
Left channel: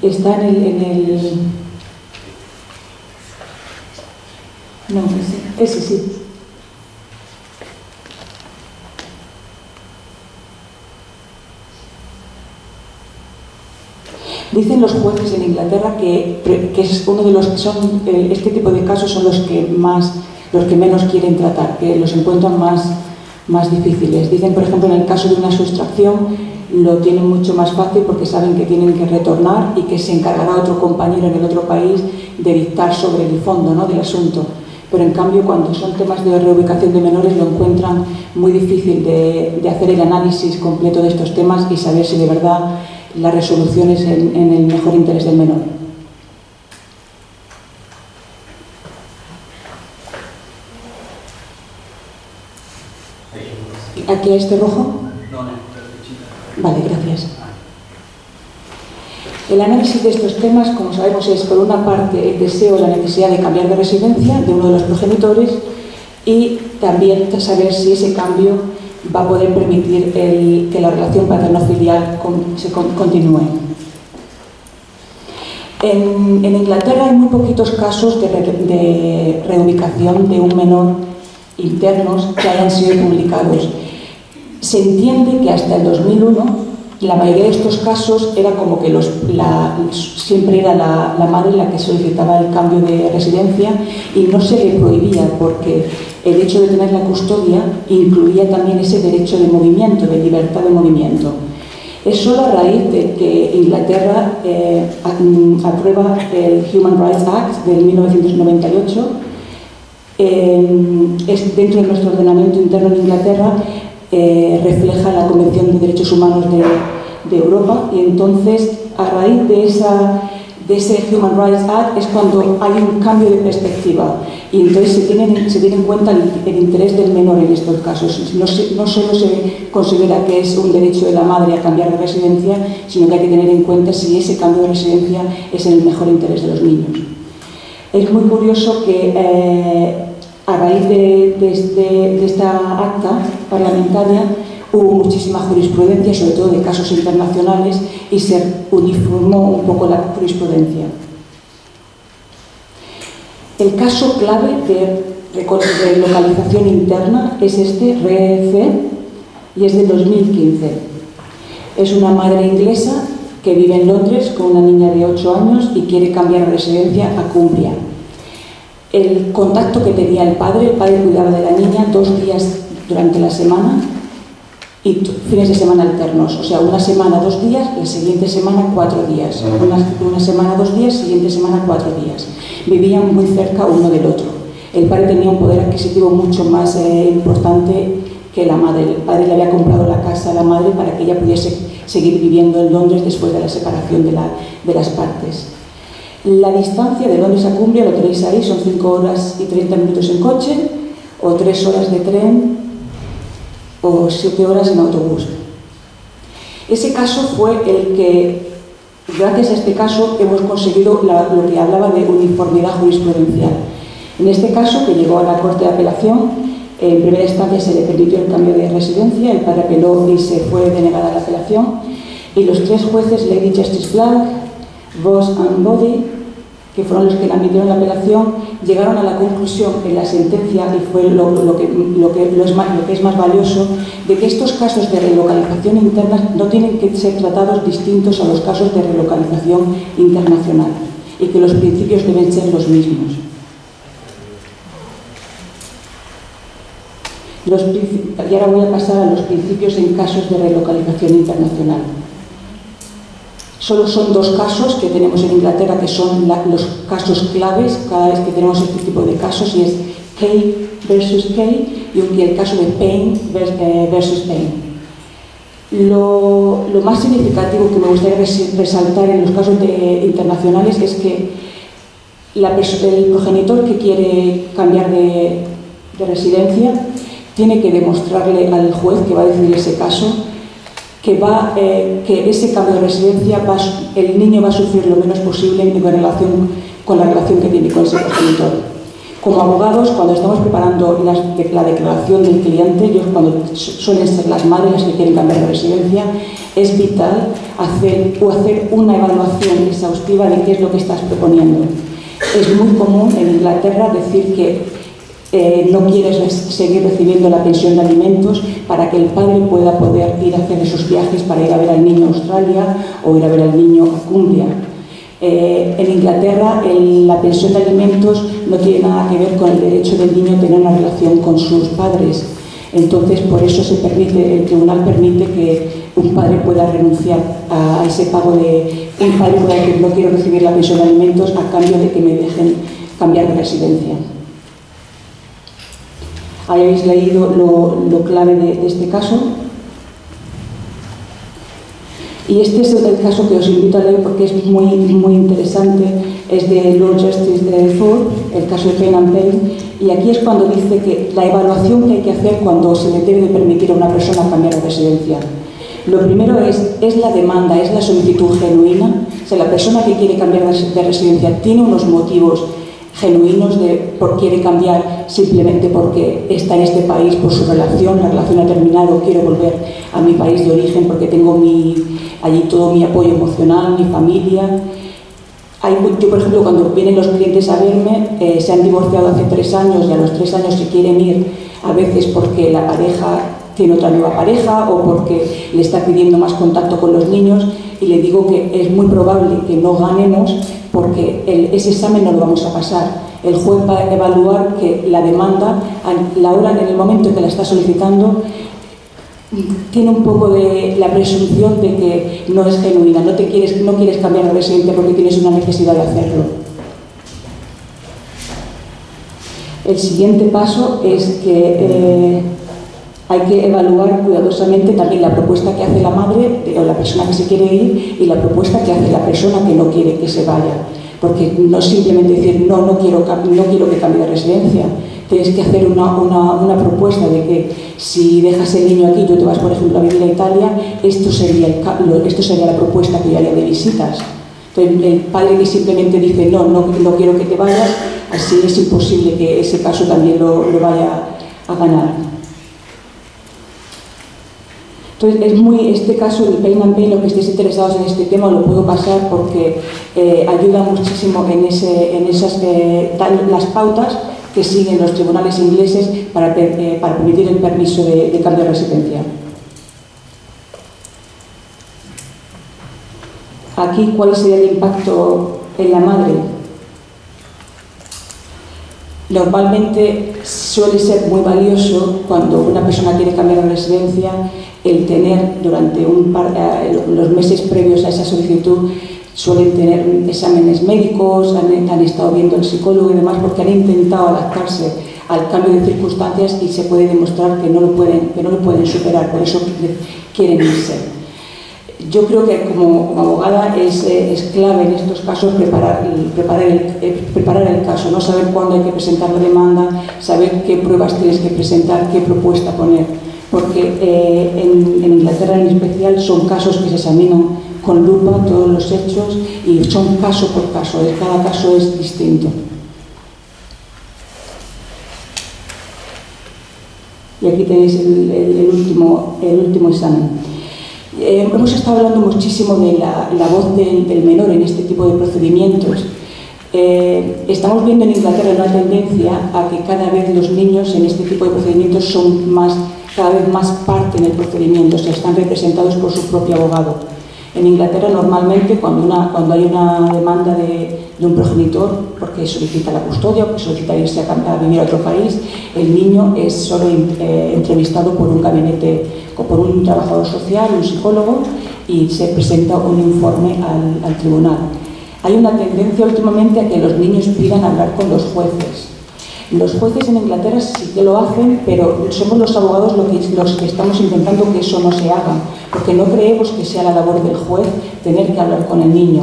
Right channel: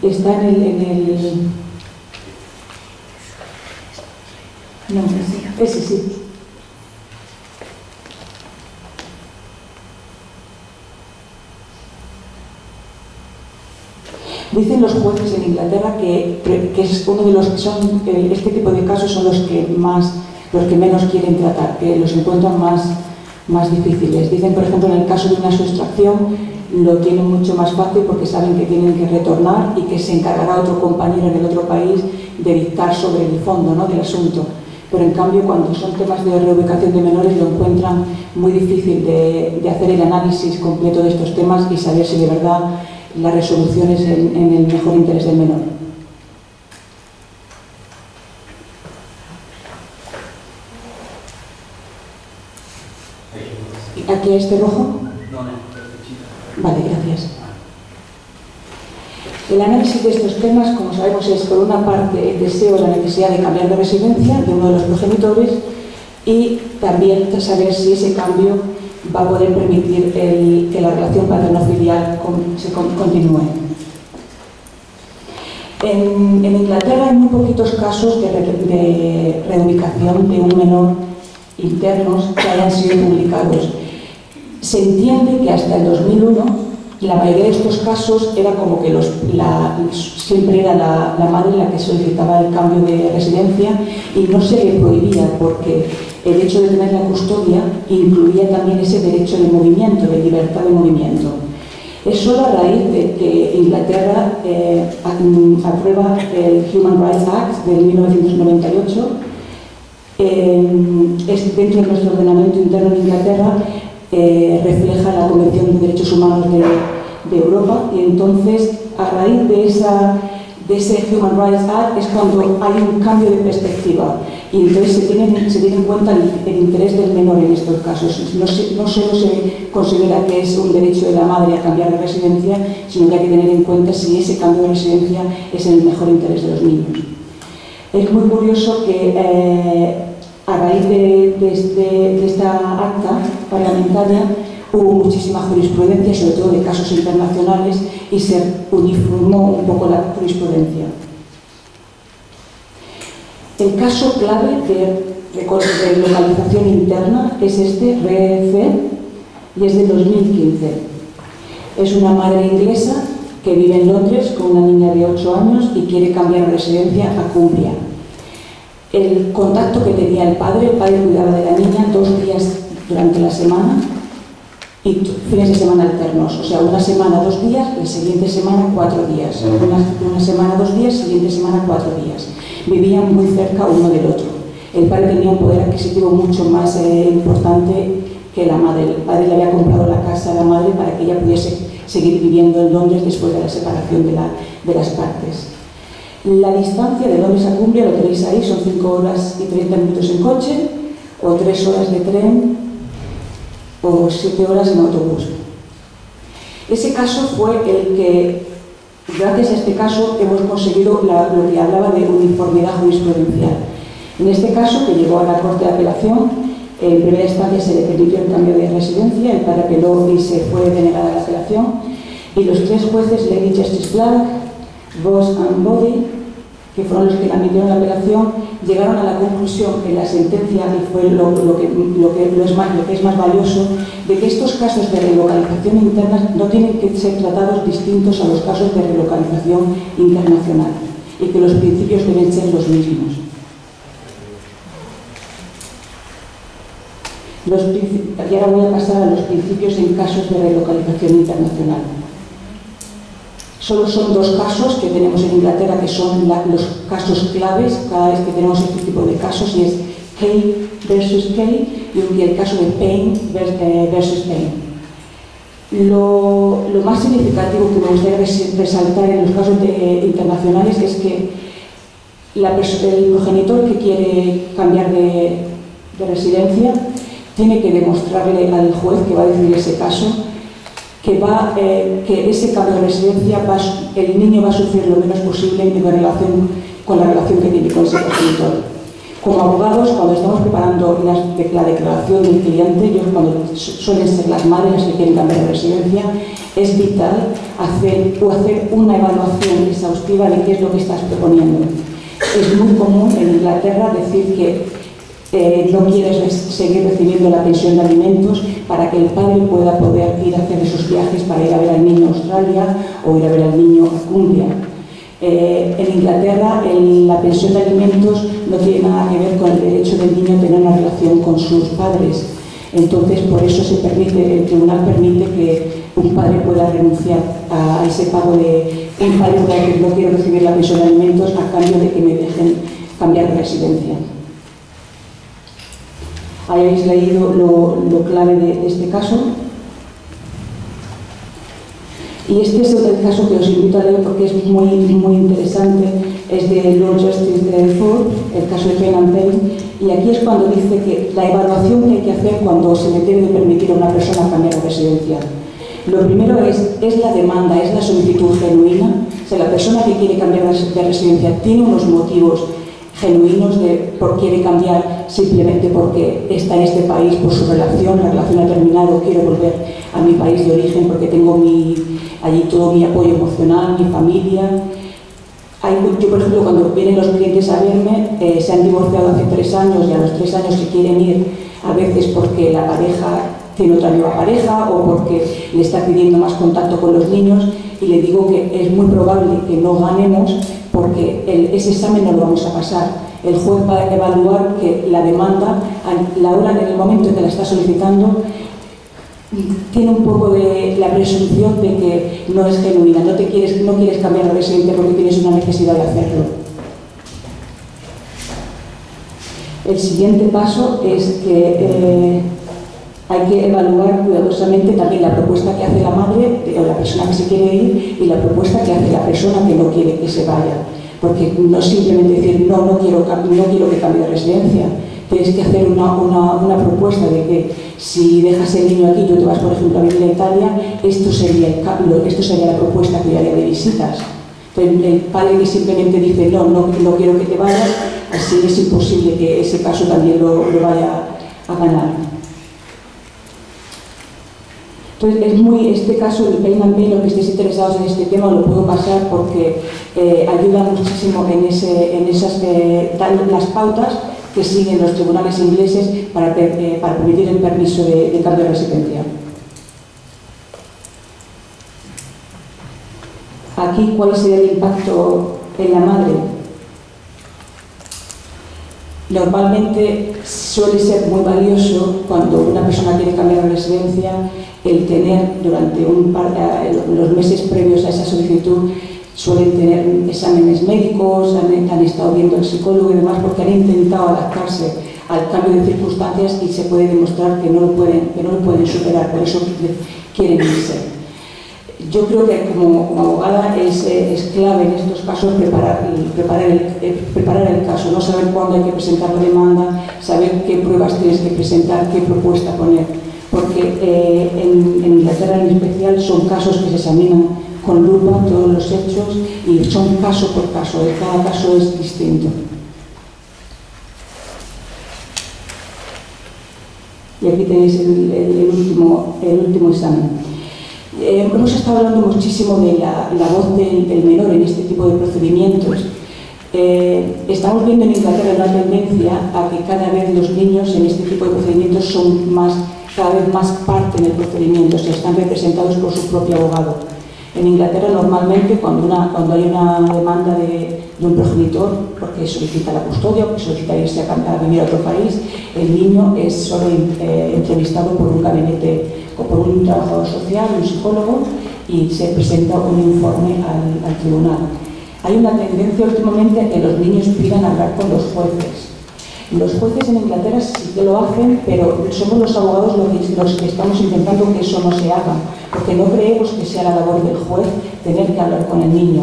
Está en el... No, ese sí. Voy Dicen los jueces en Inglaterra que es uno de los que son, este tipo de casos son los que menos quieren tratar, que los encuentran más difíciles. Dicen, por ejemplo, en el caso de una sustracción, lo tienen mucho más fácil porque saben que tienen que retornar y que se encargará otro compañero en el otro país de dictar sobre el fondo, ¿no?, del asunto. Pero en cambio, cuando son temas de reubicación de menores, lo encuentran muy difícil de hacer el análisis completo de estos temas y saber si de verdad la resolución es en el mejor interés del menor. ¿Aquí a este rojo? Vale, gracias. El análisis de estos temas, como sabemos, es por una parte el deseo o la necesidad de cambiar de residencia de uno de los progenitores y también saber si ese cambio va a poder permitir que la relación paterno-filial continúe. En Inglaterra hay muy poquitos casos de reubicación de un menor internos que hayan sido publicados. Se entiende que hasta el 2001 la mayoría de estos casos era como que siempre era la madre la que solicitaba el cambio de residencia y no se le prohibía porque el hecho de tener la custodia incluía también ese derecho de movimiento, de libertad de movimiento. Es solo a raíz de que Inglaterra aprueba el Human Rights Act de 1998, dentro de nuestro ordenamiento interno en Inglaterra, refleja la Convención de Derechos Humanos de Europa y entonces a raíz de ese Human Rights Act es cuando hay un cambio de perspectiva y entonces se tiene en cuenta el interés del menor en estos casos. No solo se considera que es un derecho de la madre a cambiar de residencia, sino que hay que tener en cuenta si ese cambio de residencia es en el mejor interés de los niños. Es muy curioso que a raíz de esta acta parlamentaria hubo muchísima jurisprudencia, sobre todo de casos internacionales, y se uniformó un poco la jurisprudencia. El caso clave de localización interna es este, REC, y es de 2015. Es una madre inglesa que vive en Londres con una niña de 8 años y quiere cambiar de residencia a Cumbria. El contacto que tenía el padre cuidaba de la niña 2 días durante la semana y fines de semana alternos, o sea, una semana 2 días, la siguiente semana 4 días, una semana 2 días, siguiente semana 4 días. Vivían muy cerca uno del otro. El padre tenía un poder adquisitivo mucho más importante que la madre. El padre le había comprado la casa a la madre para que ella pudiese seguir viviendo en Londres después de la separación de las partes. La distancia de Londres a Cumbria, lo tenéis ahí, son 5 horas y 30 minutos en coche, o 3 horas de tren, o 7 horas en autobús. Ese caso fue el que, gracias a este caso, hemos conseguido lo que hablaba de uniformidad jurisprudencial. En este caso, que llegó a la Corte de Apelación, en primera instancia se le permitió el cambio de residencia, el padre apeló y se fue denegada la apelación, y los 3 jueces, Lady Justice Black, Voss and Body, que fueron los que le admitieron la apelación, llegaron a la conclusión en la sentencia, y fue lo que es más valioso, de que estos casos de relocalización interna no tienen que ser tratados distintos a los casos de relocalización internacional y que los principios deben ser los mismos. Y ahora voy a pasar a los principios en casos de relocalización internacional. Solo son 2 casos que tenemos en Inglaterra que son los casos claves cada vez que tenemos este tipo de casos, y es Kay versus Kay y el caso de Payne versus Payne. Lo más significativo que me gustaría resaltar en los casos internacionales es que el progenitor que quiere cambiar de residencia tiene que demostrarle al juez que va a decidir ese caso que ese cambio de residencia el niño va a sufrir lo menos posible con la relación que tiene con ese progenitor. Como abogados, cuando estamos preparando la declaración del cliente, cuando suelen ser las madres las que quieren cambiar de residencia, es vital hacer una evaluación exhaustiva de qué es lo que estás proponiendo. Es muy común en Inglaterra decir que no quiere seguir recibiendo la pensión de alimentos para que el padre pueda poder ir a hacer esos viajes para ir a ver al niño a Australia o ir a ver al niño a Cumbria. En Inglaterra la pensión de alimentos no tiene nada que ver con el derecho del niño a tener una relación con sus padres. Entonces, por eso el tribunal permite que un padre pueda renunciar a ese pago un padre pueda decir no quiero recibir la pensión de alimentos a cambio de que me dejen cambiar de residencia. Ahí habéis leído lo clave de este caso. Y este es el caso que os invito a leer porque es muy interesante. Es de Lord Justice Ford, el caso de Payne and Payne. Y aquí es cuando dice que la evaluación que hay que hacer cuando se le debe de permitir a una persona cambiar de residencia. Lo primero es la demanda, es la solicitud genuina. O sea, la persona que quiere cambiar de residencia tiene unos motivos genuinos de por quiere cambiar simplemente porque está en este país por su relación, la relación ha terminado, quiero volver a mi país de origen porque tengo allí todo mi apoyo emocional, mi familia. Yo, por ejemplo, cuando vienen los clientes a verme, se han divorciado hace 3 años y a los 3 años se quieren ir, a veces porque la pareja tiene otra nueva pareja o porque le está pidiendo más contacto con los niños, y le digo que es muy probable que no ganemos porque ese examen no lo vamos a pasar. El juez va a evaluar que la demanda, en el momento en que la está solicitando, tiene un poco de la presunción de que no es genuina, no quieres cambiar de residencia porque tienes una necesidad de hacerlo. El siguiente paso es que hay que evaluar cuidadosamente también la propuesta que hace la madre o la persona que se quiere ir y la propuesta que hace la persona que no quiere que se vaya. Porque no es simplemente decir no quiero que cambie de residencia. Tienes que hacer una propuesta de que si dejas el niño aquí y tú te vas, por ejemplo, a vivir a Italia, esto sería la propuesta que yo haría de visitas. Entonces, el padre que simplemente dice no quiero que te vayas, así es imposible que ese caso también lo vaya a ganar. Entonces, este caso del Payne and Payne, lo que estéis interesados en este tema, lo puedo pasar porque ayuda muchísimo en las pautas que siguen los tribunales ingleses para permitir el permiso de cambio de residencia. Aquí, ¿cuál sería el impacto en la madre? Normalmente suele ser muy valioso cuando una persona quiere cambiar de residencia el tener durante los meses previos a esa solicitud, suelen tener exámenes médicos, han estado viendo al psicólogo y demás porque han intentado adaptarse al cambio de circunstancias y se puede demostrar que no lo pueden superar, por eso quieren irse. Yo creo que como abogada es clave en estos casos preparar el caso, no saber cuándo hay que presentar la demanda, saber qué pruebas tienes que presentar, qué propuesta poner, porque en Inglaterra en especial son casos que se examinan con lupa todos los hechos y son caso por caso, cada caso es distinto. Y aquí tenéis el último examen. Hemos estado hablando muchísimo de la voz del menor en este tipo de procedimientos. Estamos viendo en Inglaterra una tendencia a que cada vez los niños en este tipo de procedimientos son cada vez más parte en el procedimiento, o sea, están representados por su propio abogado. En Inglaterra normalmente cuando hay una demanda de un progenitor porque solicita la custodia o porque solicita irse a vivir a otro país, el niño es solo entrevistado por un gabinete o por un trabajador social, un psicólogo, y se presenta un informe al tribunal. Hay una tendencia últimamente a que los niños pidan hablar con los jueces. Los jueces en Inglaterra sí que lo hacen, pero somos los abogados los que estamos intentando que eso no se haga, porque no creemos que sea la labor del juez tener que hablar con el niño.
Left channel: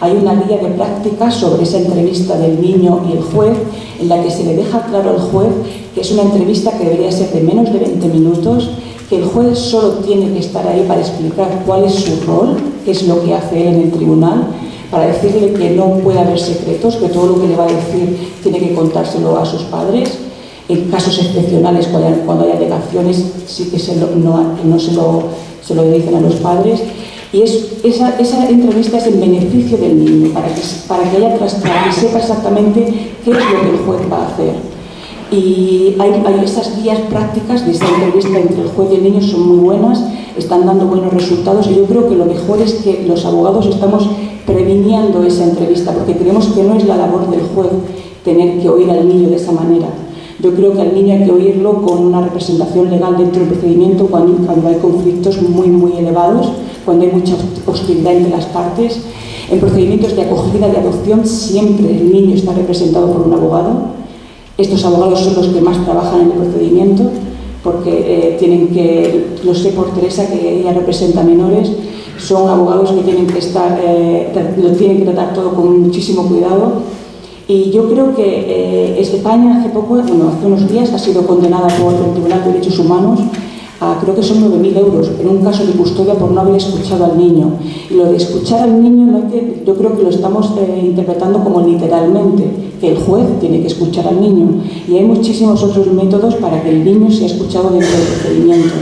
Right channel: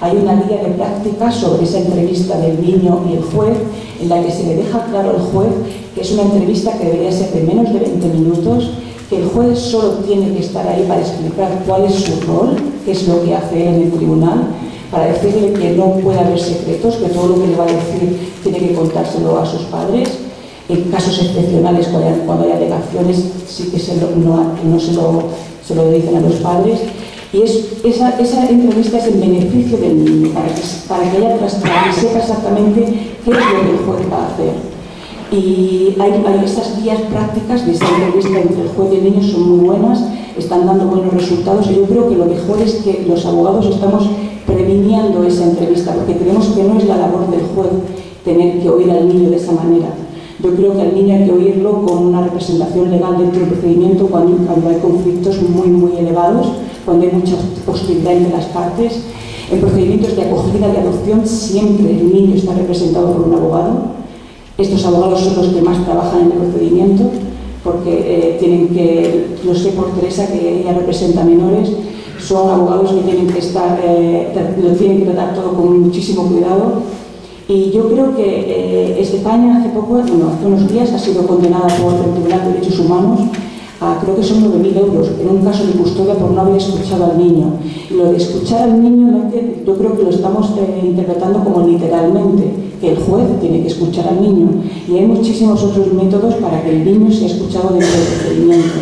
Hay una guía de práctica sobre esa entrevista del niño y el juez, en la que se le deja claro al juez que es una entrevista que debería ser de menos de 20 minutos, que el juez solo tiene que estar ahí para explicar cuál es su rol, qué es lo que hace él en el tribunal, para decirle que no puede haber secretos, que todo lo que le va a decir tiene que contárselo a sus padres. En casos excepcionales, cuando hay alegaciones, sí que no se lo dicen a los padres. Y esa entrevista es en beneficio del niño, para que haya transparencia y sepa exactamente qué es lo que el juez va a hacer. Y hay esas guías prácticas de esa entrevista entre el juez y el niño son muy buenas, están dando buenos resultados y yo creo que lo mejor es que los abogados estamos previniendo esa entrevista porque creemos que no es la labor del juez tener que oír al niño de esa manera. Yo creo que al niño hay que oírlo con una representación legal dentro del procedimiento cuando hay conflictos muy elevados, cuando hay mucha hostilidad entre las partes. En procedimientos de acogida, de adopción, siempre el niño está representado por un abogado. Estos abogados son los que más trabajan en el procedimiento porque tienen que, lo sé por Teresa, que ella representa menores, son abogados que tienen que estar, lo tienen que tratar todo con muchísimo cuidado. Y yo creo que España hace unos días ha sido condenada por el Tribunal de Derechos Humanos a, creo que son 9.000 euros, en un caso de custodia por no haber escuchado al niño. Y lo de escuchar al niño, yo creo que lo estamos interpretando como literalmente, que el juez tiene que escuchar al niño. Y hay muchísimos otros métodos para que el niño sea escuchado dentro del procedimiento.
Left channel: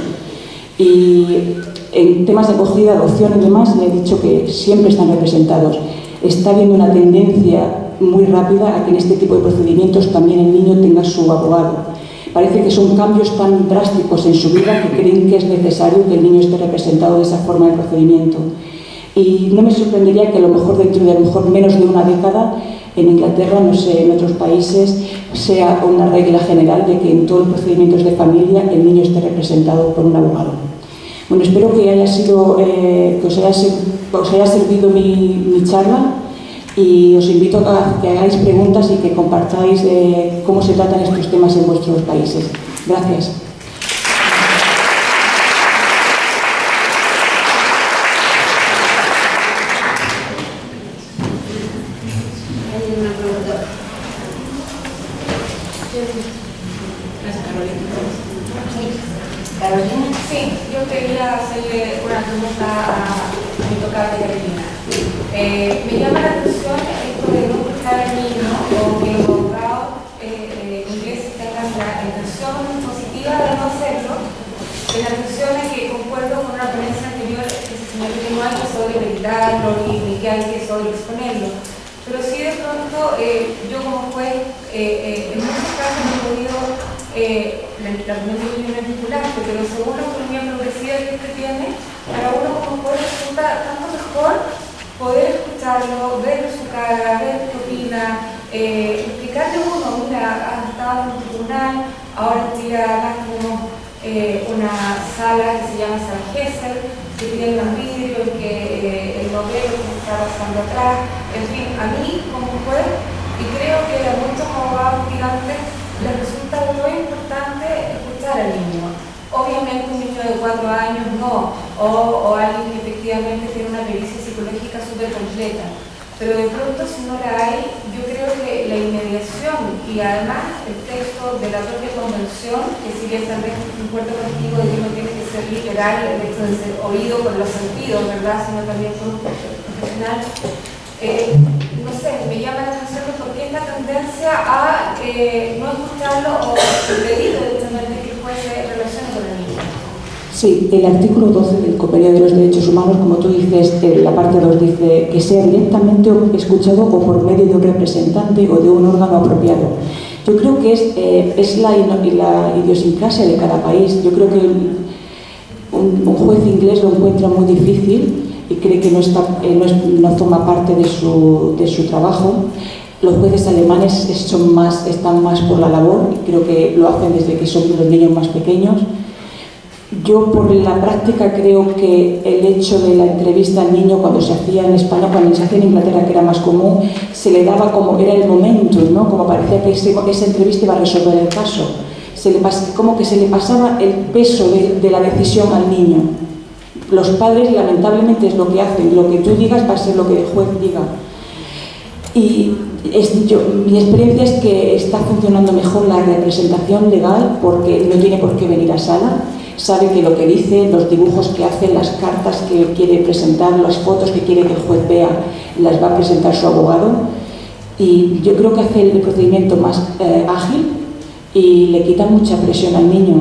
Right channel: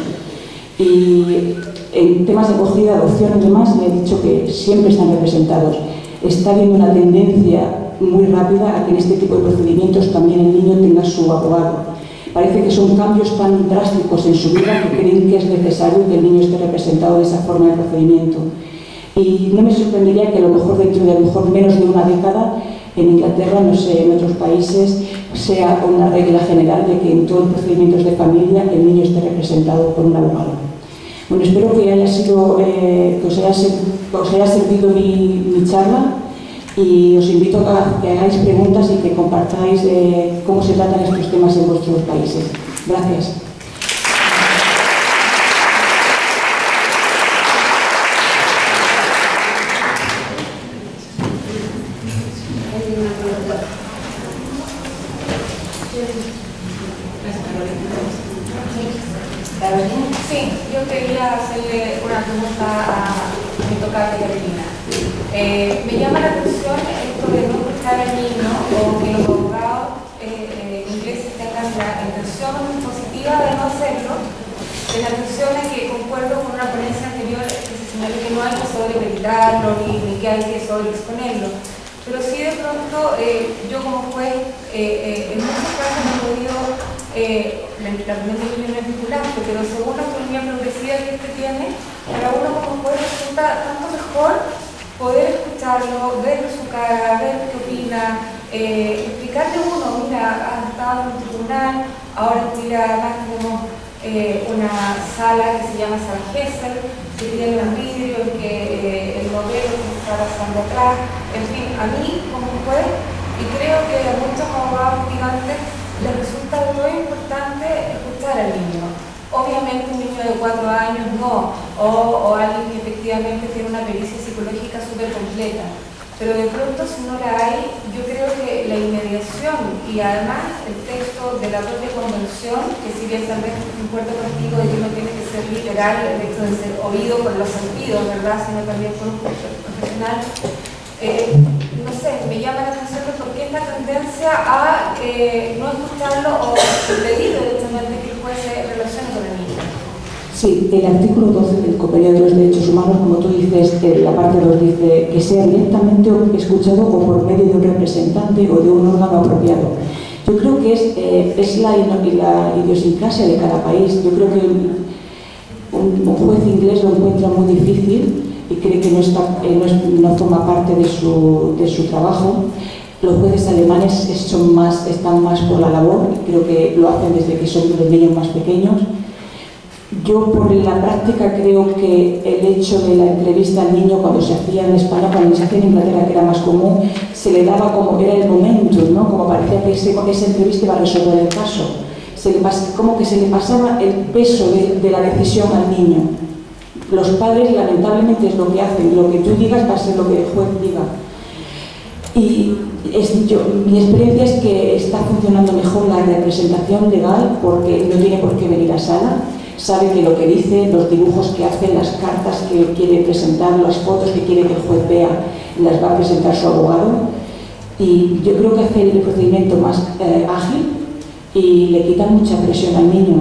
Y en temas de acogida, adopción y demás, le he dicho que siempre están representados. Está habiendo una tendencia muy rápida a que en este tipo de procedimientos también el niño tenga su abogado. Parece que son cambios tan drásticos en su vida que creen que es necesario que el niño esté representado de esa forma de procedimiento. Y no me sorprendería que a lo mejor dentro de menos de una década en Inglaterra, no sé, en otros países, sea una regla general de que en todos los procedimientos de familia el niño esté representado por un abogado. Bueno, espero que os haya servido mi charla y os invito a que hagáis preguntas y que compartáis cómo se tratan estos temas en vuestros países. Gracias. Carolina. Sí, yo quería hacerle una pregunta a mi tocaya Carolina. Me llama la atención esto de no escuchar al niño o que los abogados ingleses tengan la intención positiva de no hacerlo. En atención a que concuerdo con una ponencia anterior que se señaló que no hay que sobreeditarlo ni que hay que sobreexponerlo. Pero sí de pronto yo como juez en muchos casos he podido la opinión es vinculante, pero según la autonomía progresiva que usted tiene, para uno como juez resulta tanto mejor poder escucharlo, ver su cara, ver qué opina, explicarle uno, mira, has estado en un tribunal, ahora en Chile además tenemos una sala que se llama Sala Gesell, que tiene un vidrio en que el novelo que se está pasando atrás, en fin, a mí como juez, y creo que a muchos abogados gigantes les resulta muy importante escuchar al niño. Obviamente un niño de 4 años no, o alguien que efectivamente tiene una pericia psicológica súper completa. Pero de pronto si no la hay, yo creo que la inmediación y además el texto de la propia convención, que si bien tal vez concuerdo contigo de que no tiene que ser literal el hecho de ser oído con los sentidos, ¿verdad? Sino también por un profesional. No sé, me llama la atención de por qué esta tendencia a no escucharlo o impedir directamente que el juez se relacione con el niño. Sí, el artículo 12 del Convenio de los Derechos Humanos, como tú dices, la parte 2 dice que sea directamente escuchado o por medio de un representante o de un órgano apropiado. Yo creo que es la idiosincrasia de cada país. Yo creo que un juez inglés lo encuentra muy difícil y cree que no forma parte de su trabajo. Los jueces alemanes están más por la labor y creo que lo hacen desde que son los niños más pequeños. Yo por la práctica creo que el hecho de la entrevista al niño cuando se hacía en España, cuando se hacía en Inglaterra, que era más común, se le daba como era el momento, ¿no? Como parecía que esa entrevista iba a resolver el caso. Como que se le pasaba el peso de la decisión al niño. Los padres lamentablemente es lo que hacen, lo que tú digas va a ser lo que el juez diga. Y mi experiencia es que está funcionando mejor la representación legal porque no tiene por qué venir a sala, sabe que lo que dice, los dibujos que hace, las cartas que quiere presentar, las fotos que quiere que el juez vea, las va a presentar su abogado. Y yo creo que hace el procedimiento más ágil y le quita mucha presión al niño.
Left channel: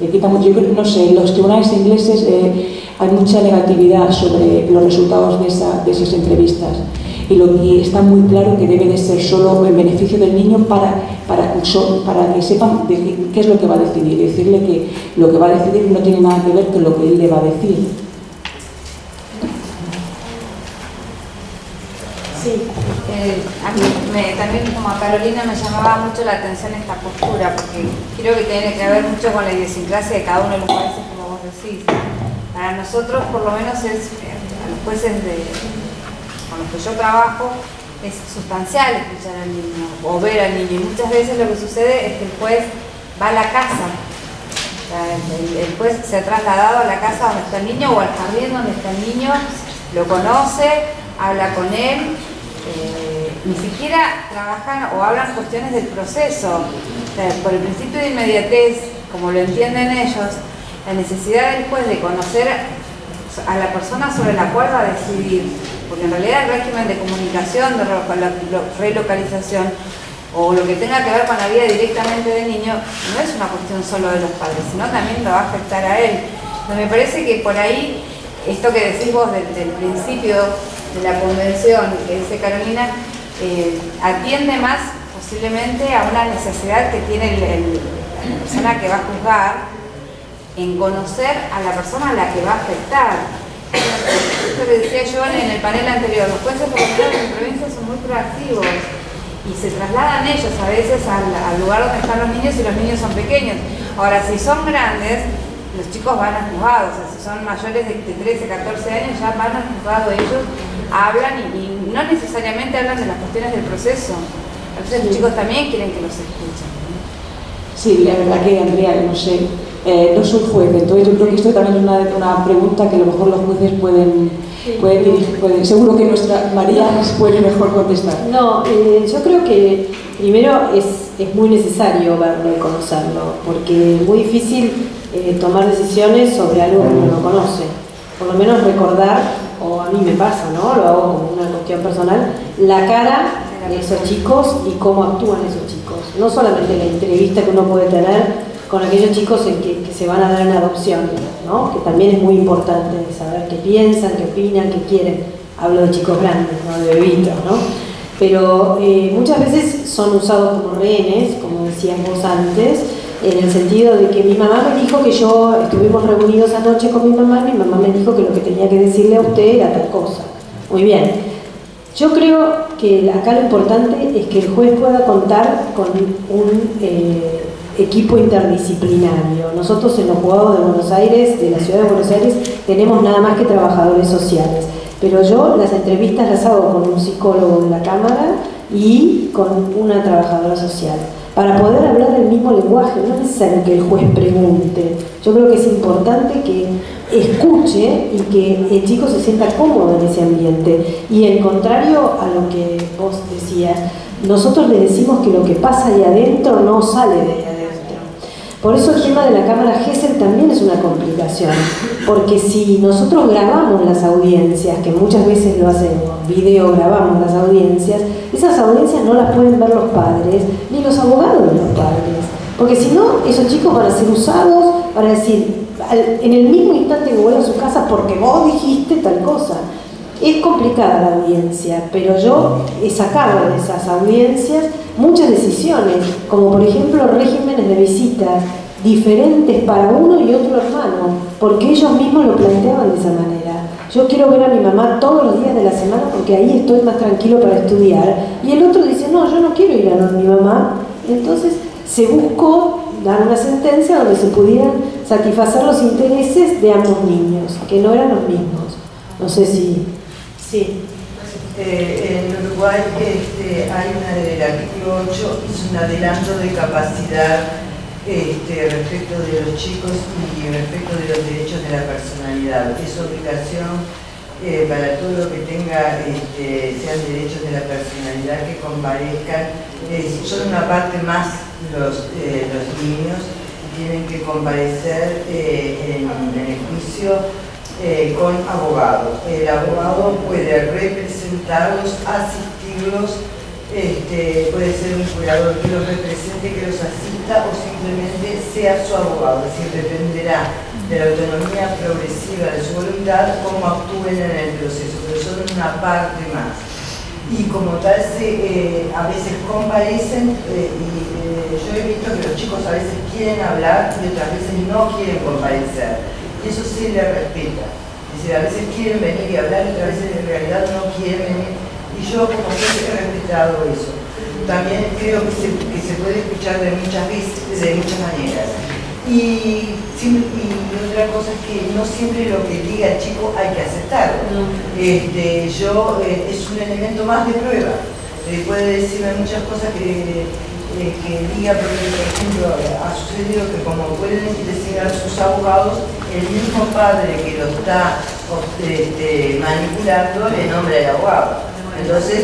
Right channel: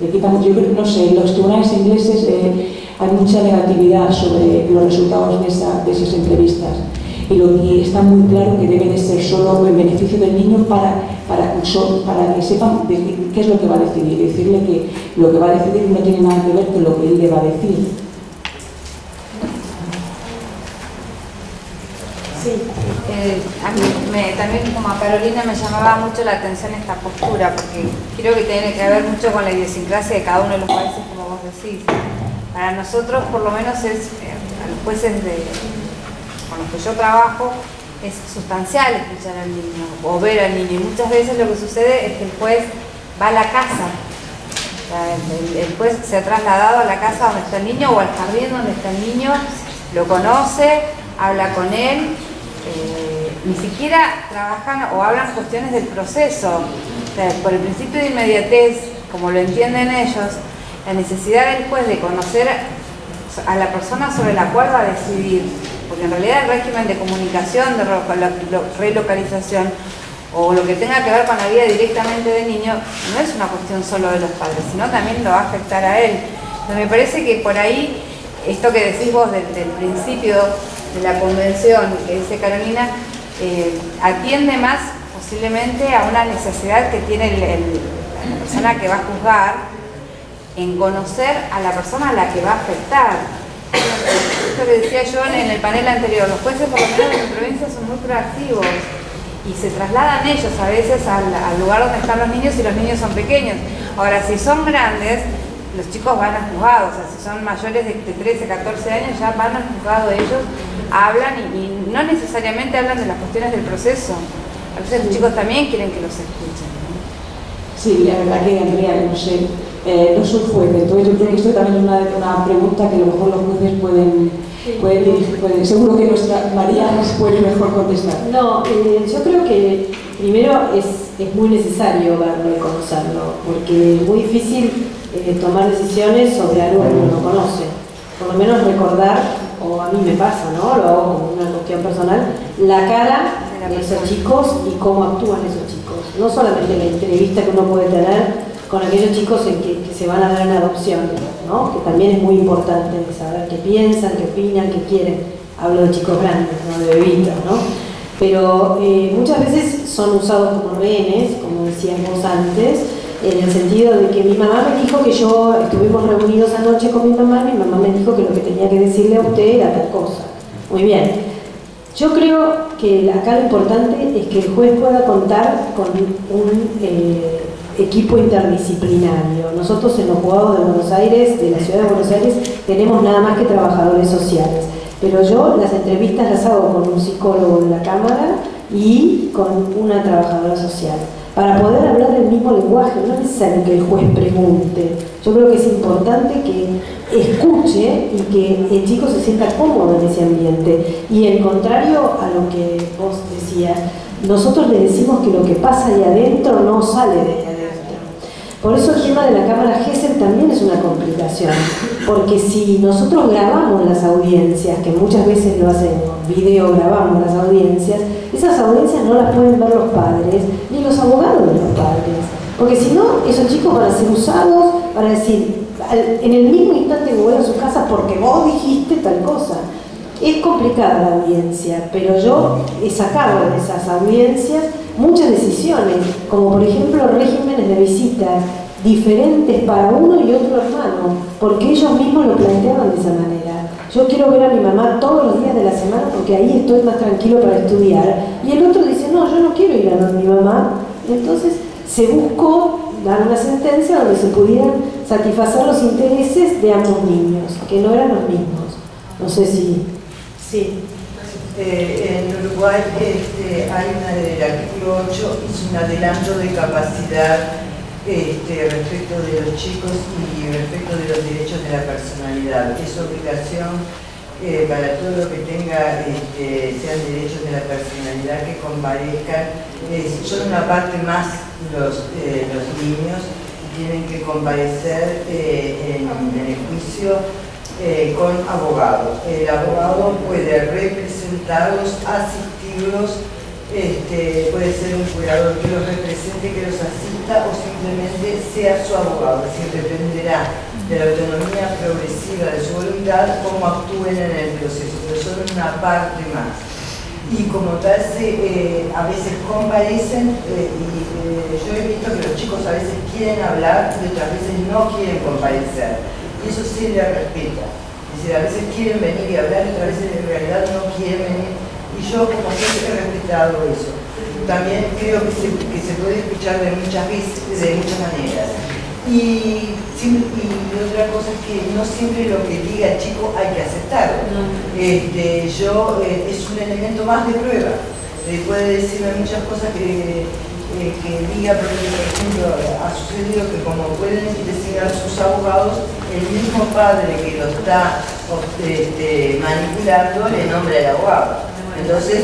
Yo creo, no sé, en los tribunales ingleses hay mucha negatividad sobre los resultados de esas entrevistas. y está muy claro que debe de ser solo en beneficio del niño para que sepan qué es lo que va a decidir, decirle que lo que va a decidir no tiene nada que ver con lo que él le va a decir. Sí. A mí también, como a Carolina, me llamaba mucho la atención esta postura, porque creo que tiene que ver mucho con la idiosincrasia de cada uno de los países, como vos decís. Para nosotros, por lo menos, a los jueces con los que yo trabajo, es sustancial escuchar al niño o ver al niño. Y muchas veces lo que sucede es que el juez va a la casa. O sea, el juez se ha trasladado a la casa donde está el niño o al jardín donde está el niño, lo conoce, habla con él. Ni siquiera trabajan o hablan cuestiones del proceso. O sea, por el principio de inmediatez, como lo entienden ellos, la necesidad del juez de conocer a la persona sobre la cual va a decidir, porque en realidad el régimen de comunicación, de relocalización o lo que tenga que ver con la vida directamente del niño no es una cuestión solo de los padres, sino también lo va a afectar a él. Entonces me parece que por ahí, esto que decís vos del principio de la convención que dice Carolina, atiende más posiblemente a una necesidad que tiene la persona que va a juzgar en conocer a la persona a la que va a afectar. Esto que decía yo en el panel anterior, los jueces por lo menos en provincia son muy proactivos y se trasladan ellos a veces al lugar donde están los niños y los niños son pequeños. Ahora, si son grandes, los chicos van al juzgado, o sea, si son mayores de 13, 14 años, ya van al juzgado ellos, hablan y no necesariamente hablan de las cuestiones del proceso. A veces los chicos también quieren que los escuchen. Sí, la verdad que, Andrea, no sé, no soy juez, entonces yo creo que esto también es una pregunta que a lo mejor los jueces pueden dirigir, seguro que nuestra María nos puede mejor contestar. No, yo creo que primero es muy necesario verlo y conocerlo, porque es muy difícil tomar decisiones sobre algo que uno no conoce. Por lo menos recordar, o a mí me pasa, ¿no? Lo hago como una cuestión personal, la cara de esos chicos y cómo actúan esos chicos. No solamente la entrevista que uno puede tener con aquellos chicos en que se van a dar en adopción, ¿no? Que también es muy importante saber qué piensan, qué opinan, qué quieren. Hablo de chicos grandes, no de bebitos, ¿no? Pero muchas veces son usados como rehenes, como decías vos antes, en el sentido de que mi mamá me dijo que estuvimos reunidos anoche con mi mamá me dijo que lo que tenía que decirle a usted era tal cosa. Muy bien. Yo creo que acá lo importante es que el juez pueda contar con un equipo interdisciplinario. Nosotros en los juzgados de Buenos Aires, de la ciudad de Buenos Aires, tenemos nada más que trabajadores sociales. Pero yo las entrevistas las hago con un psicólogo de la Cámara y con una trabajadora social, para poder hablar el mismo lenguaje. No es necesario que el juez pregunte. Yo creo que es importante que escuche y que el chico se sienta cómodo en ese ambiente. Y en contrario a lo que vos decías, nosotros le decimos que lo que pasa ahí adentro no sale de ahí adentro. Por eso el tema de la cámara Gesell también es una complicación, porque si nosotros grabamos las audiencias, que muchas veces lo hacemos, video grabamos las audiencias, esas audiencias no las pueden ver los padres, ni los abogados de los padres, porque si no, esos chicos van a ser usados para decir, en el mismo instante que vuelvan a su casa, porque vos dijiste tal cosa. Es complicada la audiencia, pero yo he sacado de esas audiencias muchas decisiones, como por ejemplo regímenes de visitas diferentes para uno y otro hermano, porque ellos mismos lo planteaban de esa manera. Yo quiero ver a mi mamá todos los días de la semana porque ahí estoy más tranquilo para estudiar, y el otro dice, no, yo no quiero ir a ver a mi mamá. Entonces se buscó dar una sentencia donde se pudieran satisfacer los intereses de ambos niños, que no eran los mismos. No sé si... Sí. En Uruguay hay el artículo 8, es un adelanto de capacidad respecto de los chicos y respecto de los derechos de la personalidad. Es obligación para todo lo que tenga, sean derechos de la personalidad, que comparezcan. Son una parte más los niños, tienen que comparecer en el juicio con abogado. El abogado puede representarlos, asistirlos, puede ser un curador que los represente, que los asista, o simplemente sea su abogado. Es decir, dependerá de la autonomía progresiva de su voluntad cómo actúen en el proceso, pero son una parte más. y como tal a veces comparecen y yo he visto que los chicos a veces quieren hablar y otras veces no quieren comparecer, y eso se les respeta. Es decir, a veces quieren venir y hablar y otras veces en realidad no quieren venir, y yo como siempre he respetado eso. También creo que se puede escuchar de muchas maneras. Y otra cosa es que no siempre lo que diga el chico hay que aceptarlo. Es un elemento más de prueba. Puede decirme muchas cosas que diga, porque por ejemplo ha sucedido que como pueden investigar sus abogados, el mismo padre que lo está manipulando le nombra el abogado. Entonces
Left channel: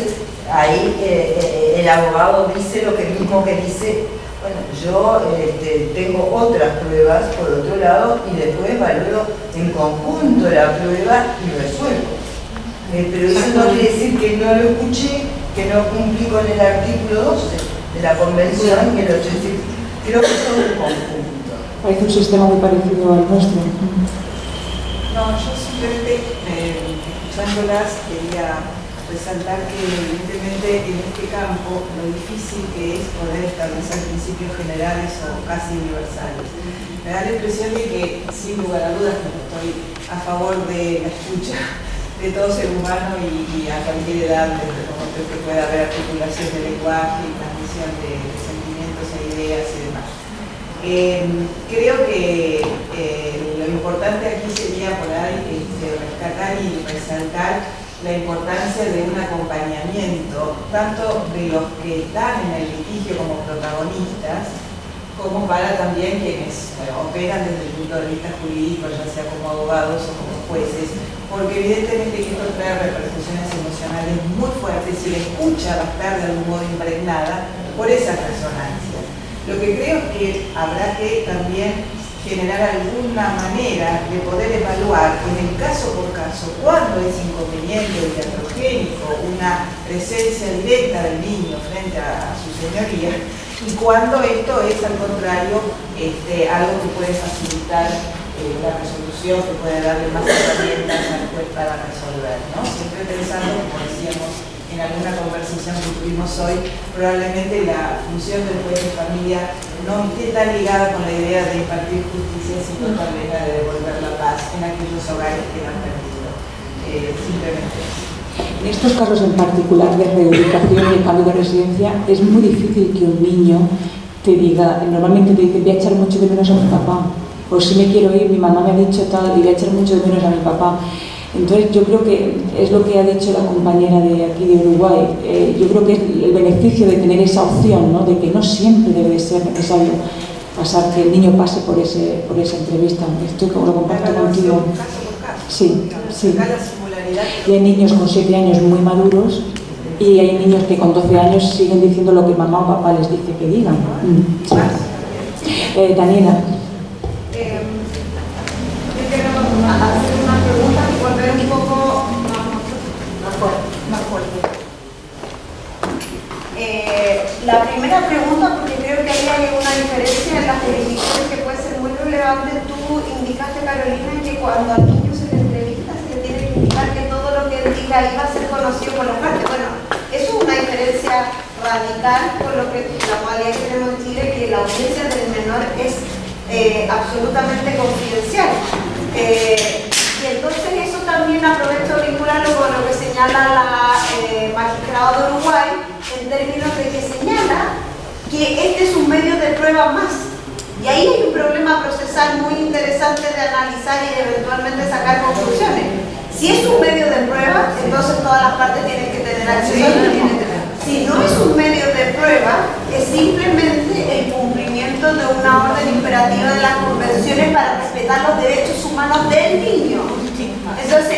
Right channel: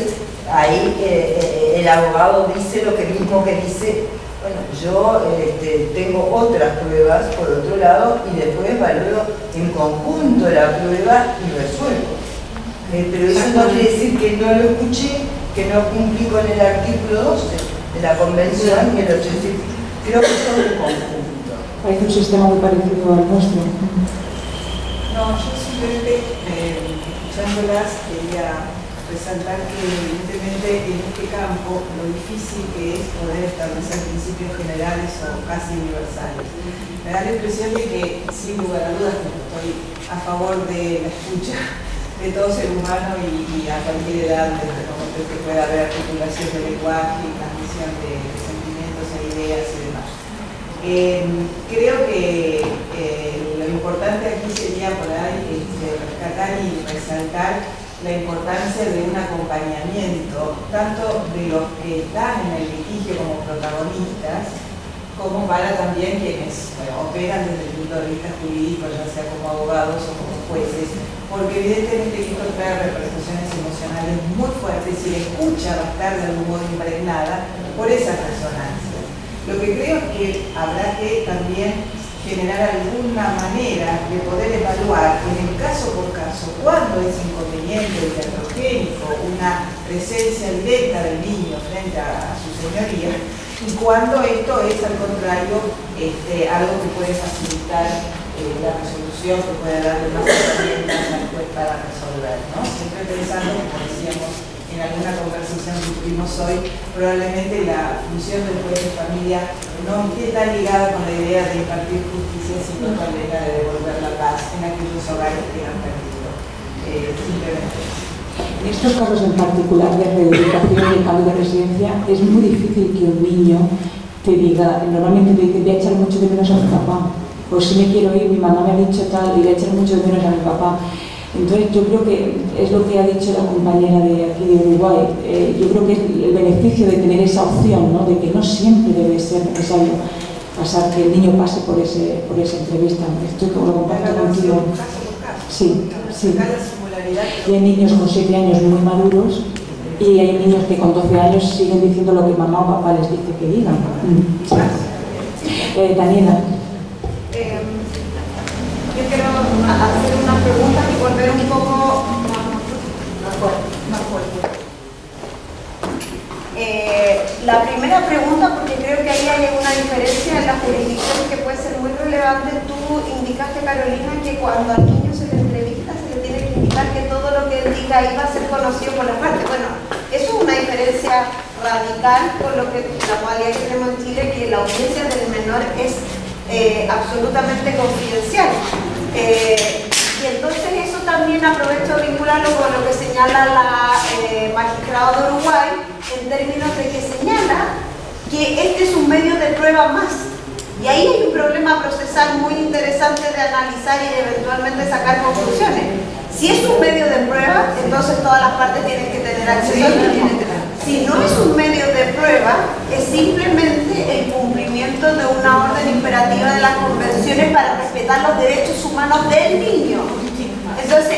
ahí el abogado dice lo que mismo que dice. Bueno, yo tengo otras pruebas por otro lado y después evalúo en conjunto la prueba y resuelvo. Pero eso no quiere decir que no lo escuché, que no cumplí con el artículo 12 de la Convención, que lo creo que es todo un conjunto. Parece un sistema muy parecido al nuestro. No, yo simplemente, escuchándolas, quería resaltar que evidentemente en este campo lo difícil que es poder establecer principios generales o casi universales. Me da la impresión de que, sin lugar a dudas, que estoy a favor de la escucha de todo ser humano y a cualquier edad, desde el momento en que pueda haber articulación de lenguaje y transmisión de sentimientos e ideas y demás. Creo que lo importante aquí sería por ahí rescatar y resaltar la importancia de un acompañamiento, tanto de los que están en el litigio como protagonistas, como para también quienes operan desde el punto de vista jurídico, ya sea como abogados o como jueces, porque evidentemente esto trae repercusiones emocionales muy fuertes y la escucha va a estar de algún modo impregnada por esas resonancias. Lo que creo es que habrá que también generar alguna manera de poder evaluar en el caso por caso cuándo es inconveniente o iatrogénico una presencia directa del niño frente a su señoría y cuándo esto es al contrario algo que puede facilitar la resolución, que puede darle más herramientas al juez para resolver, ¿no? Siempre pensando, como decíamos en alguna conversación que tuvimos hoy, probablemente la función del juez de familia no esté tan ligada con la idea de impartir justicia, sino también la de devolver la paz en aquellos hogares que han perdido. Simplemente. En estos casos en particular de reubicación y cambio de residencia, es muy difícil que un niño te diga, normalmente te dice, voy a echar mucho de menos a mi papá, o si me quiero ir, mi mamá me ha dicho tal, y voy a echar mucho de menos a mi papá. Entonces yo creo que es lo que ha dicho la compañera de aquí de Uruguay. Yo creo que es el beneficio de tener esa opción, ¿no? De que no siempre debe ser necesario pasar, que el niño pase por esa entrevista. Esto lo comparto contigo. Caso por caso. Sí, sí. La singularidad. Y hay niños con 7 años muy maduros y hay niños que con 12 años siguen diciendo lo que mamá o papá les dice que digan. Sí. Daniela. Yo quiero hacer una pregunta y volver un poco más fuerte. La primera pregunta, porque creo que ahí hay una diferencia en las jurisdicciones que puede ser muy relevante. Tú indicaste, Carolina, que cuando al niño se le entrevista se le tiene que indicar que todo lo que él diga ahí va a ser conocido por la parte. Bueno, eso es una diferencia radical con lo que la modalidad que tenemos en Chile, que la audiencia del menor es absolutamente confidencial. Y entonces eso también aprovecho de vincularlo con lo que señala la magistrada de Uruguay, en términos de que señala que este es un medio de prueba más. Y ahí hay un problema procesal muy interesante de analizar y de eventualmente sacar conclusiones. Si es un medio de prueba, entonces todas las partes tienen que tener acceso. Si no es un medio de prueba, es simplemente el cumplimiento de una orden imperativa de las convenciones para respetar los derechos humanos del niño. Entonces,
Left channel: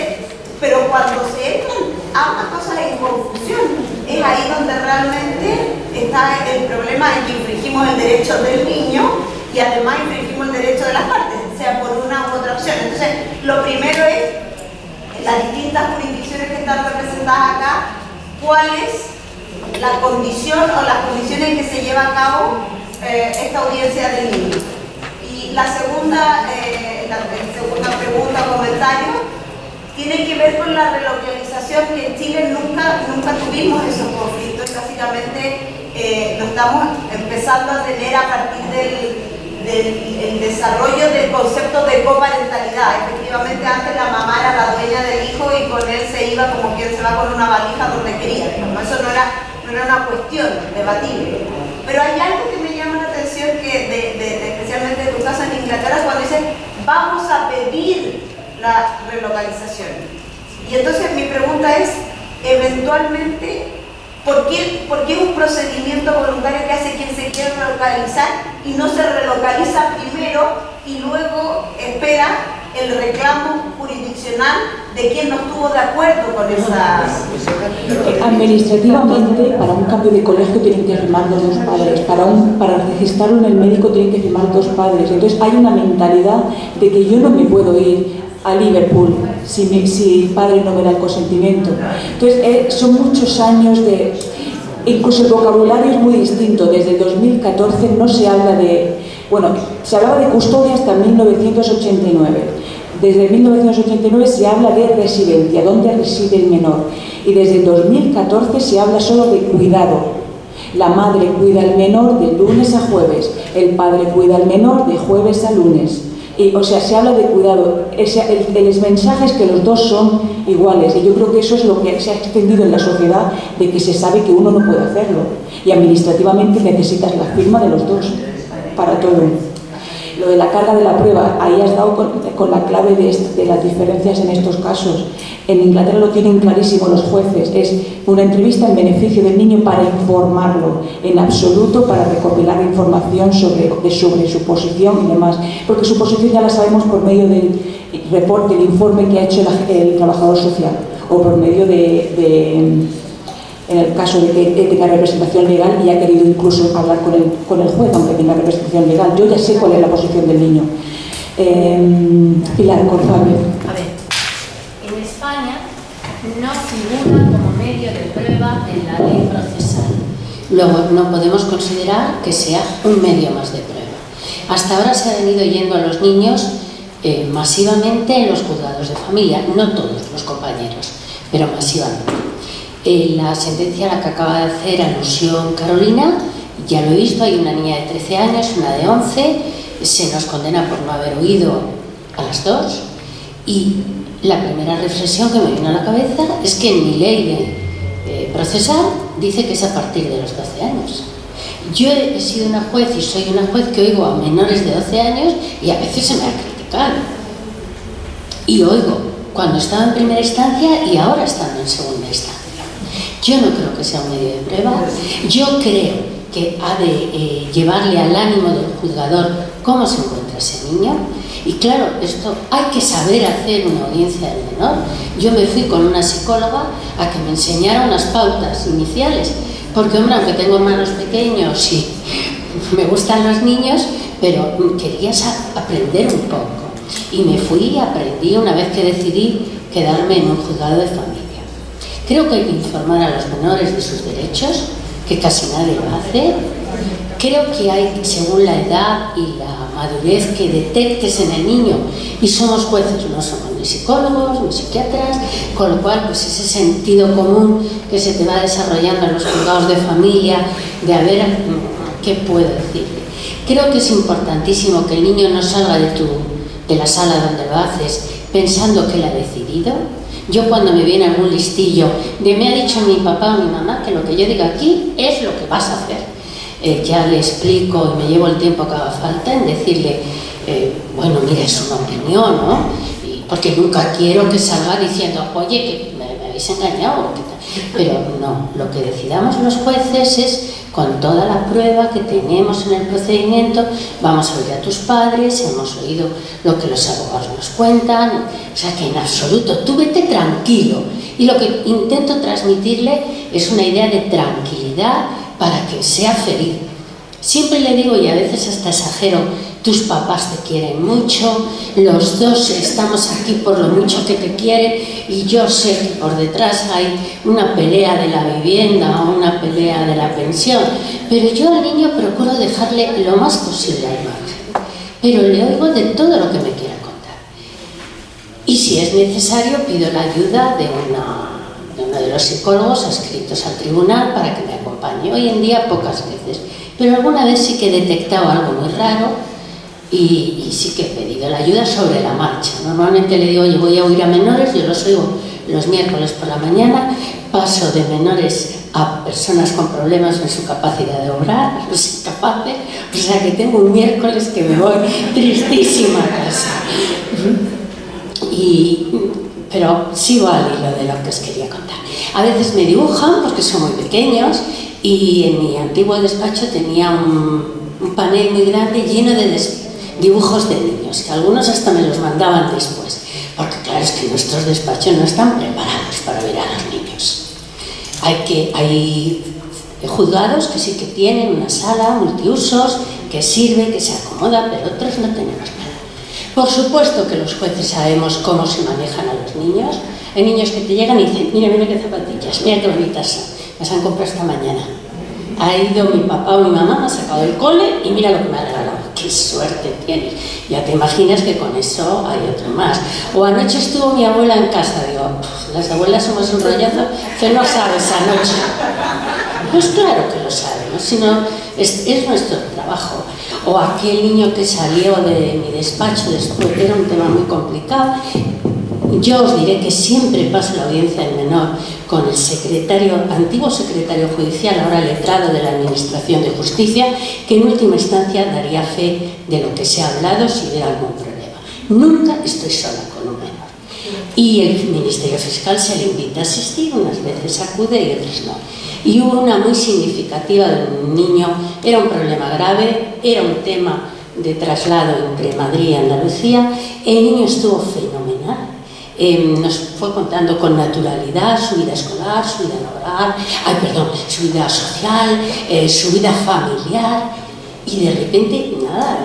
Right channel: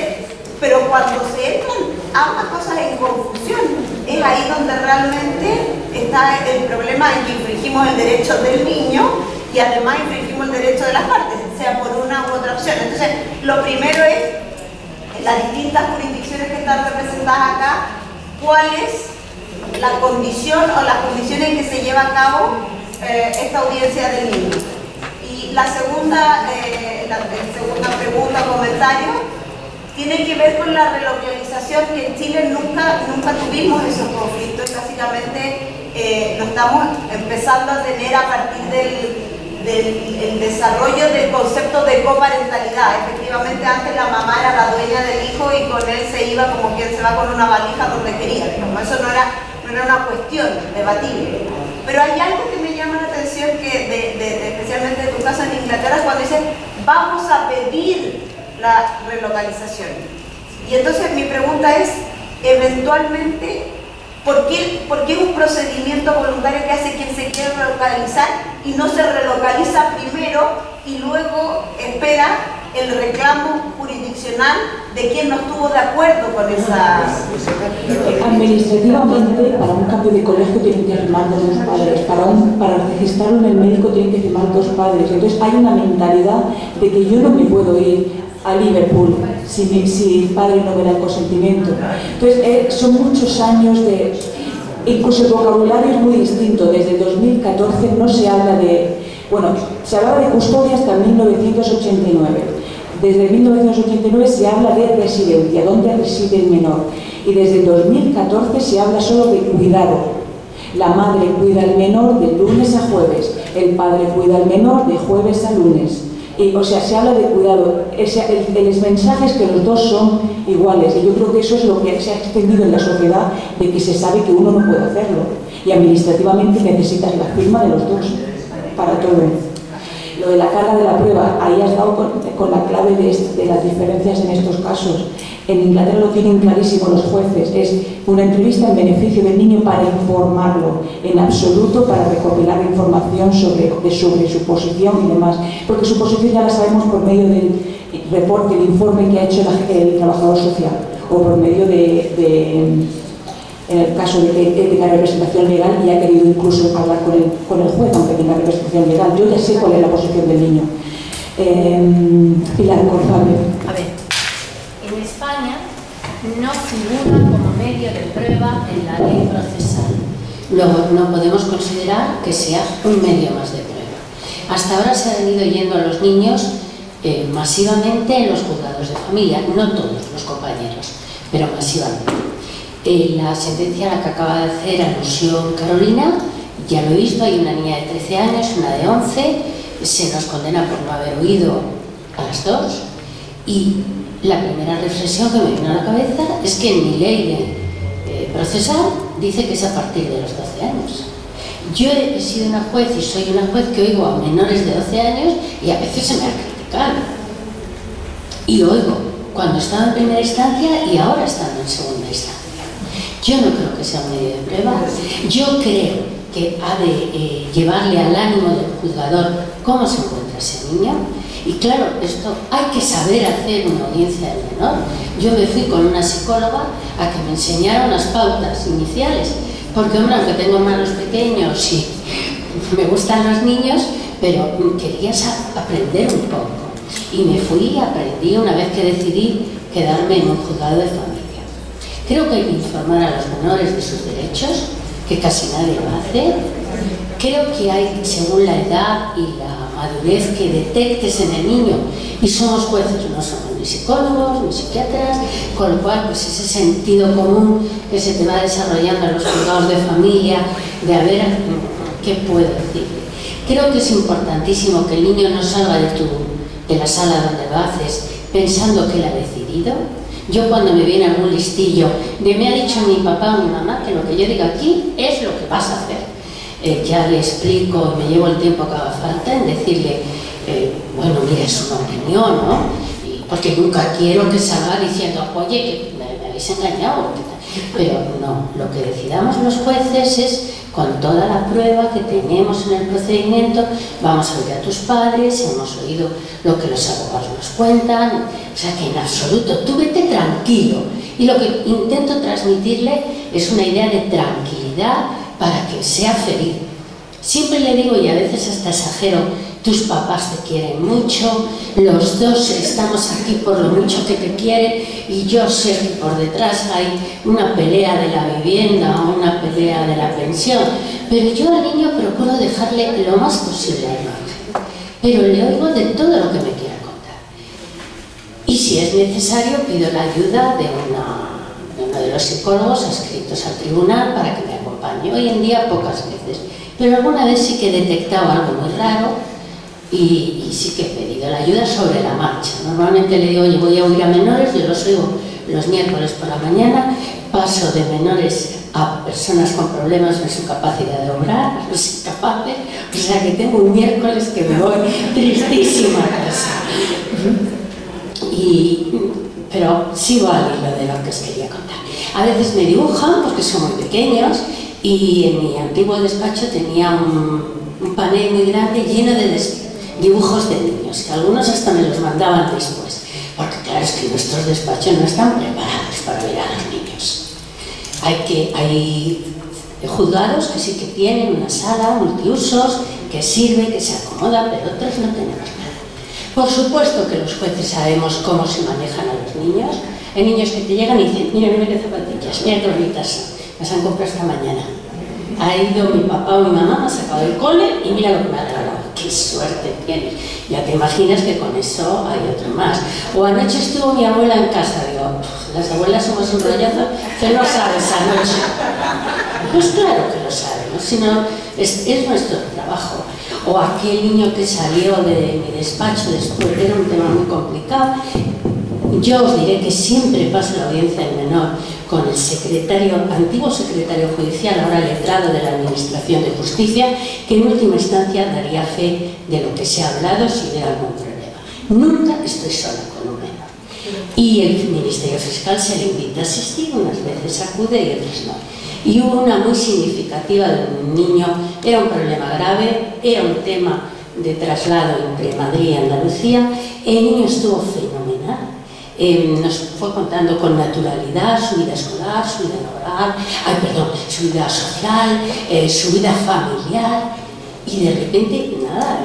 pero cuando se entran ambas cosas en confusión, es ahí donde realmente está el problema en que infringimos el derecho del niño y además infringimos el derecho de las partes, sea por una u otra opción. Entonces, lo primero es, en las distintas jurisdicciones que están representadas acá, cuál es la condición o las condiciones en que se lleva a cabo esta audiencia del niño. Y la segunda pregunta o comentario tiene que ver con la relocalización, que en Chile nunca tuvimos esos conflictos. Básicamente lo estamos empezando a tener a partir del desarrollo del concepto de coparentalidad. Efectivamente, antes la mamá era la dueña del hijo y con él se iba como quien se va con una valija donde quería. Como eso no era una cuestión debatible. Pero hay algo que me llama la atención, que especialmente de tu caso en Inglaterra, cuando dicen vamos a pedir la relocalización. Y entonces mi pregunta es, eventualmente, ¿por qué un procedimiento voluntario que hace quien se quiere relocalizar y no se relocaliza primero y luego espera el reclamo jurisdiccional de quien no estuvo de acuerdo con esas... Administrativamente, para un cambio de colegio tienen que firmar dos padres, para registrarlo en el médico tienen que firmar dos padres. Entonces hay una mentalidad de que yo no me puedo ir a Liverpool si el padre no me da el consentimiento. Entonces son muchos años de... Incluso el vocabulario es muy distinto. Desde 2014 no se habla de... Bueno, se hablaba de custodia hasta 1989. Desde 1989 se habla de residencia, dónde reside el menor. Y desde 2014 se habla solo de cuidado. La madre cuida al menor de lunes a jueves, el padre cuida al menor de jueves a lunes. O sea, se habla de cuidado. El mensaje es que los dos son iguales, y yo creo que eso es lo que se ha extendido en la sociedad, de que se sabe que uno no puede hacerlo, y administrativamente necesitas la firma de los dos para todo. Lo de la carga de la prueba, ahí has dado con la clave de las diferencias en estos casos. En Inglaterra lo tienen clarísimo los jueces, es una entrevista en beneficio del niño para informarlo, en absoluto para recopilar información sobre su posición y demás, porque su posición ya la sabemos por medio del reporte, el informe que ha hecho el trabajador social, o por medio en el caso de que tenga representación legal y ha querido incluso hablar con el juez, aunque tenga representación legal. Yo ya sé cuál es la posición del niño. Pilar, por favor. A ver, en España no figura como medio de prueba en la ley procesal. Luego, no podemos considerar que sea un medio más de prueba. Hasta ahora se han ido yendo a los niños masivamente en los juzgados de familia, no todos los compañeros, pero masivamente. La sentencia a la que acaba de hacer alusión Carolina, ya lo he visto, hay una niña de 13 años, una de 11, se nos condena por no haber oído a las dos, y la primera reflexión que me vino a la cabeza es que en mi ley de procesal dice que es a partir de los 12 años. Yo he sido una juez y soy una juez que oigo a menores de 12 años y a veces se me ha criticado. Y oigo cuando estaba en primera instancia y ahora estando en segunda instancia. Yo no creo que sea un medio de prueba. Yo creo que ha de llevarle al ánimo del juzgador cómo se encuentra ese niño. Y claro, esto hay que saber hacer una audiencia del menor. Yo me fui con una psicóloga a que me enseñara unas pautas iniciales, porque hombre, aunque tengo hermanos pequeños y me gustan los niños, pero quería aprender un poco. Y me fui y aprendí una vez que decidí quedarme en un juzgado de familia. Creo que hay que informar a los menores de sus derechos, que casi nadie lo hace. Creo que hay, según la edad y la madurez que detectes en el niño, y somos jueces, no somos ni psicólogos ni psiquiatras, con lo cual pues ese sentido común que se te va desarrollando en los juzgados de familia, de a ver qué puedo decirle. Creo que es importantísimo que el niño no salga de la sala donde lo haces pensando que él ha decidido. Yo cuando me viene algún listillo de me ha dicho mi papá o mi mamá que lo que yo diga aquí es lo que vas a hacer, ya le explico y me llevo el tiempo que haga falta en decirle, bueno, mira, es una opinión, ¿no? Porque nunca quiero que salga diciendo, oye, que me habéis engañado. Pero no, lo que decidamos los jueces es, con toda la prueba que tenemos en el procedimiento, vamos a oír a tus padres, hemos oído lo que los abogados nos cuentan, o sea que en absoluto, tú vete tranquilo. Y lo que intento transmitirle es una idea de tranquilidad para que sea feliz. Siempre le digo, y a veces hasta exagero, tus papás te quieren mucho, los dos estamos aquí por lo mucho que te quieren, y yo sé que por detrás hay una pelea de la vivienda o una pelea de la pensión, pero yo al niño procuro dejarle lo más posible al margen, pero le oigo de todo lo que me quiera contar. Y si es necesario pido la ayuda de uno de los psicólogos adscritos al tribunal para que me acompañe. Hoy en día pocas veces, pero alguna vez sí que he detectado algo muy raro y sí que he pedido la ayuda sobre la marcha. Normalmente le digo, oye, voy a oír a menores, yo los oigo los miércoles por la mañana, paso de menores a personas con problemas en su capacidad de obrar, a los incapaces, o sea que tengo un miércoles que me voy tristísima a casa. Pero sigo al hilo de lo que os quería contar. A veces me dibujan porque son muy pequeños y en mi antiguo despacho tenía un panel muy grande lleno de dibujos de niños, que algunos hasta me los mandaban después, porque claro, es que nuestros despachos no están preparados para ver a los niños. Hay juzgados que sí que tienen una sala multiusos, que sirve, que se acomoda, pero otros no tenemos nada. Por supuesto que los jueces sabemos cómo se manejan a los niños. Hay niños que te llegan y dicen, mira, mira qué zapatillas, mira qué bonitas son, las han comprado esta mañana. Ha ido mi papá o mi mamá, me ha sacado del cole y mira lo que me ha regalado. ¡Qué suerte tienes! Ya te imaginas que con eso hay otro más. O anoche estuvo mi abuela en casa, digo, las abuelas somos un rollazo que no sabes anoche. Pues claro que lo sabemos, sino es nuestro trabajo. O aquel niño que salió de mi despacho después, que era un tema muy complicado. Yo os diré que siempre paso la audiencia del menor con el antiguo secretario judicial, ahora letrado de la Administración de Justicia, que en última instancia daría fe de lo que se ha hablado si hubiera algún problema. Nunca estoy sola con un menor. Y el Ministerio Fiscal se le invita a asistir, unas veces acude y otras no. Y hubo una muy significativa de un niño, era un problema grave, era un tema de traslado entre Madrid y Andalucía, el niño estuvo fenomenal. Nos fue contando con naturalidad su vida escolar, su vida laboral, su vida social, su vida familiar, y de repente, nada,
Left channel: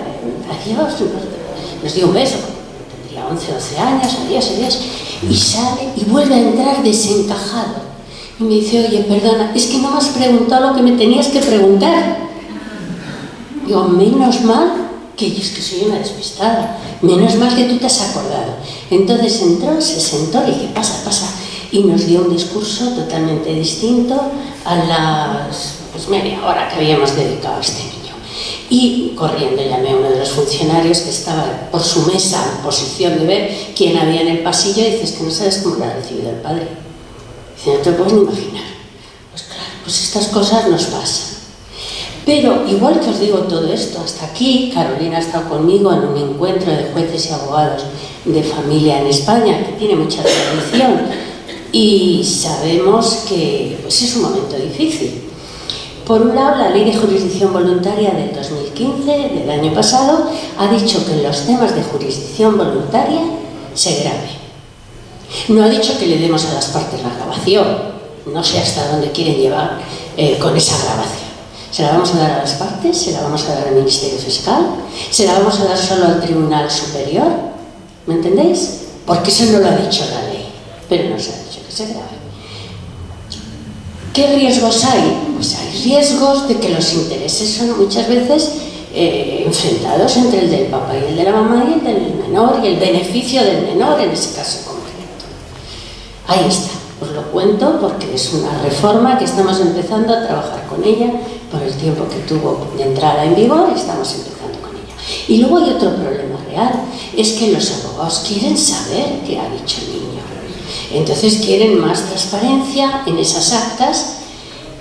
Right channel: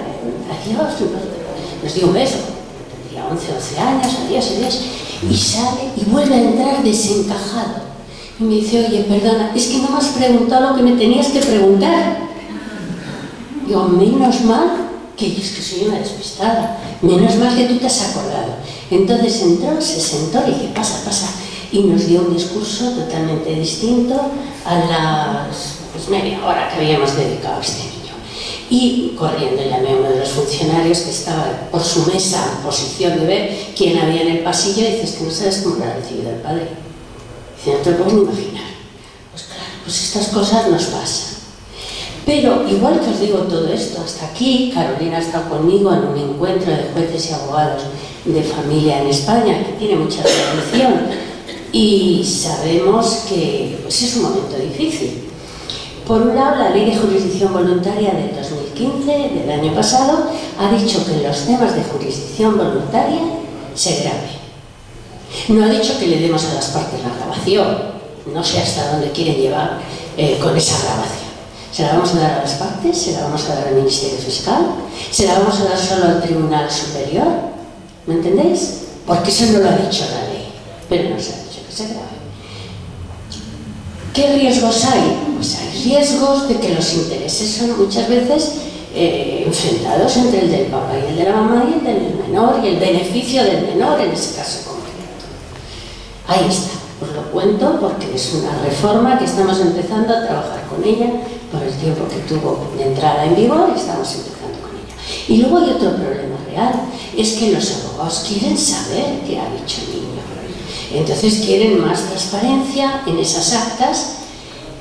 nos dio un beso, tendría 11 o 12 años, adiós, y sale y vuelve a entrar desencajado. Y me dice, oye, perdona, es que no me has preguntado lo que me tenías que preguntar. Digo, menos mal que yo es que soy una despistada, menos mal que tú te has acordado. Entonces entró, se sentó y dije, pasa, y nos dio un discurso totalmente distinto a las media hora que habíamos dedicado a este niño. Y corriendo llamé a uno de los funcionarios que estaba por su mesa en posición de ver quién había en el pasillo y dice, es que no sabes cómo lo ha recibido el padre. Dice, no te lo puedes ni imaginar. Pues claro, pues estas cosas nos pasan. Pero, igual que os digo todo esto, hasta aquí, Carolina ha estado conmigo en un encuentro de jueces y abogados de familia en España, que tiene mucha tradición, y sabemos que pues, es un momento difícil. Por un lado, la Ley de Jurisdicción Voluntaria del 2015, del año pasado, ha dicho que en los temas de jurisdicción voluntaria se grave. No ha dicho que le demos a las partes la grabación, no sé hasta dónde quieren llevar con esa grabación. ¿Se la vamos a dar a las partes? ¿Se la vamos a dar al Ministerio Fiscal? ¿Se la vamos a dar solo al Tribunal Superior? ¿Me entendéis? Porque eso no lo ha dicho la ley, pero no se ha dicho que se grabe. ¿Qué riesgos hay? Pues hay riesgos de que los intereses son muchas veces enfrentados entre el del papá y el de la mamá y el del menor y el beneficio del menor en ese caso concreto. Ahí está, os lo cuento porque es una reforma que estamos empezando a trabajar con ella por el tiempo que tuvo de entrada en vigor, estamos empezando con ella. Y luego hay otro problema real, es que los abogados quieren saber qué ha dicho el niño. Entonces quieren más transparencia en esas actas,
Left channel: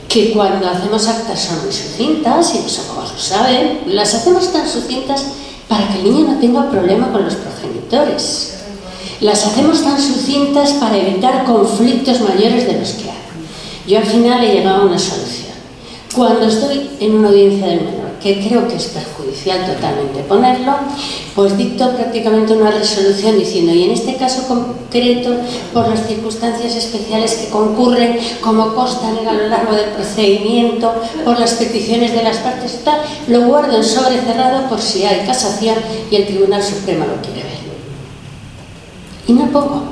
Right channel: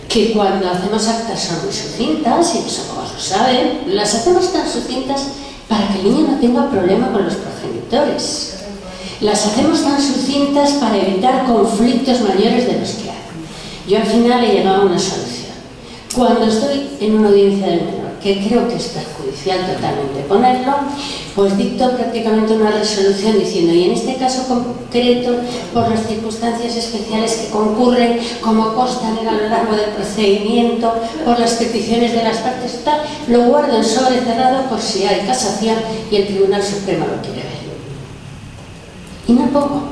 que cuando hacemos actas son muy sucintas, y los abogados lo saben, las hacemos tan sucintas para que el niño no tenga problema con los progenitores. Las hacemos tan sucintas para evitar conflictos mayores de los que hay. Yo al final he llegado a una solución. Cuando estoy en una audiencia del menor, que creo que es perjudicial totalmente ponerlo, pues dicto prácticamente una resolución diciendo, y en este caso concreto, por las circunstancias especiales que concurren, como constan a lo largo del procedimiento, por las peticiones de las partes, tal, lo guardo en sobre cerrado por si hay casación y el Tribunal Supremo lo quiere ver. Y no pongo.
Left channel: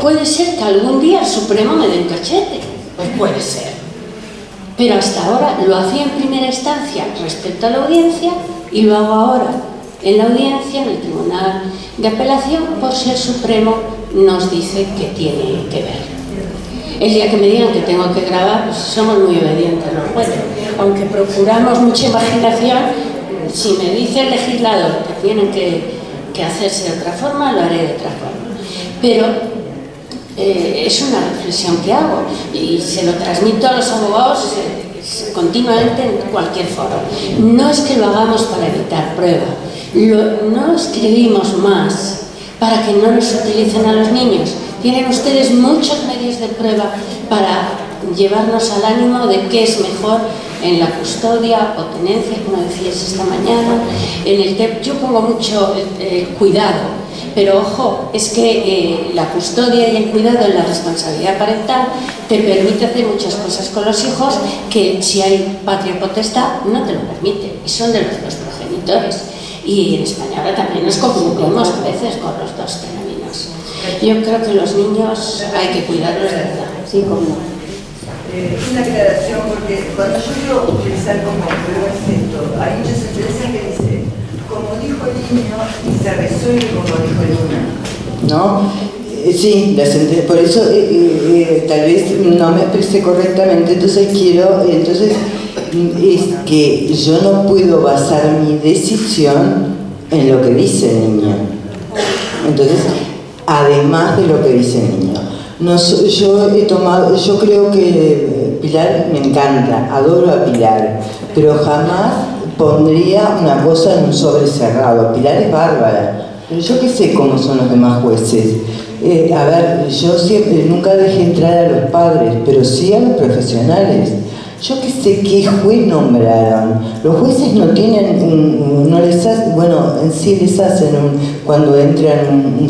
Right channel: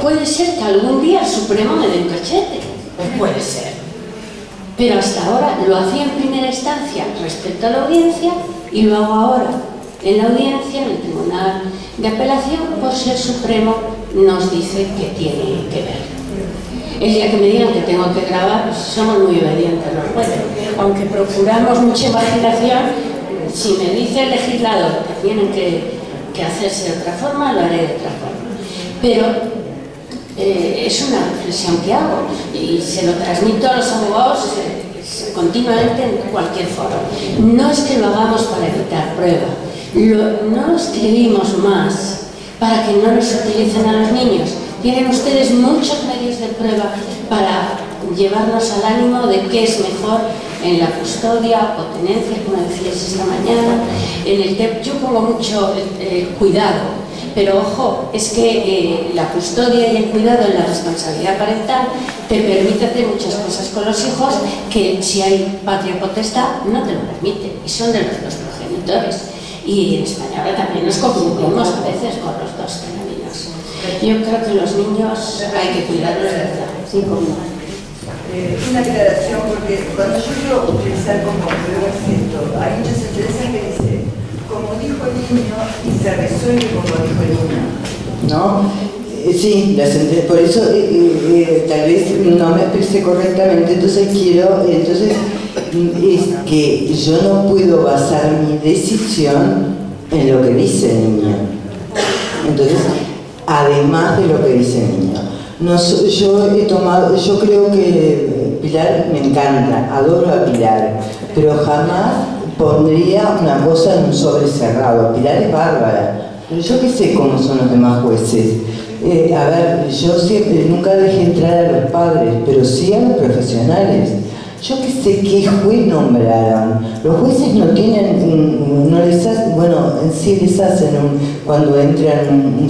Puede ser que algún día el Supremo me dé un cachete, pues puede ser. Pero hasta ahora lo hacía en primera instancia respecto a la audiencia y lo hago ahora en la audiencia, en el Tribunal de Apelación, por ser supremo, nos dice que tiene que ver. El día que me digan que tengo que grabar, pues somos muy obedientes los jueces. Aunque procuramos mucha imaginación, si me dice el legislador que tienen que hacerse de otra forma, lo haré de otra forma. Pero es una reflexión que hago y se lo transmito a los abogados continuamente en cualquier foro. No es que lo hagamos para evitar prueba, no escribimos más para que no nos utilicen a los niños. Tienen ustedes muchos medios de prueba para llevarnos al ánimo de qué es mejor en la custodia o tenencia, como decías esta mañana. Yo pongo mucho cuidado, pero ojo, es que la custodia y el cuidado en la responsabilidad parental te permite hacer muchas cosas con los hijos que si hay patria potestad no te lo permite, y son de los dos progenitores. Y en España ahora también nos confundimos a veces con los dos caminos. Yo creo que los niños hay que cuidarlos de verdad. Sí, como una aclaración, porque cuando yo quiero utilizar como prueba esto, hay muchas sentencias que dice, como dijo el niño, y se resuelve como dijo el niño, ¿no? Sí, por eso tal vez no me expresé correctamente, entonces es que yo no puedo basar mi decisión en lo que dice el niño. Entonces, además de lo que dice el niño. Yo creo que Pilar me encanta, adoro a Pilar, pero jamás pondría una cosa en un sobre cerrado. Pilar es bárbara, pero yo qué sé cómo son los demás jueces. A ver, yo siempre, nunca dejé entrar a los padres, pero sí a los profesionales. Yo qué sé qué juez nombraron. Los jueces no tienen, no les hacen, bueno, en sí les hacen cuando entran un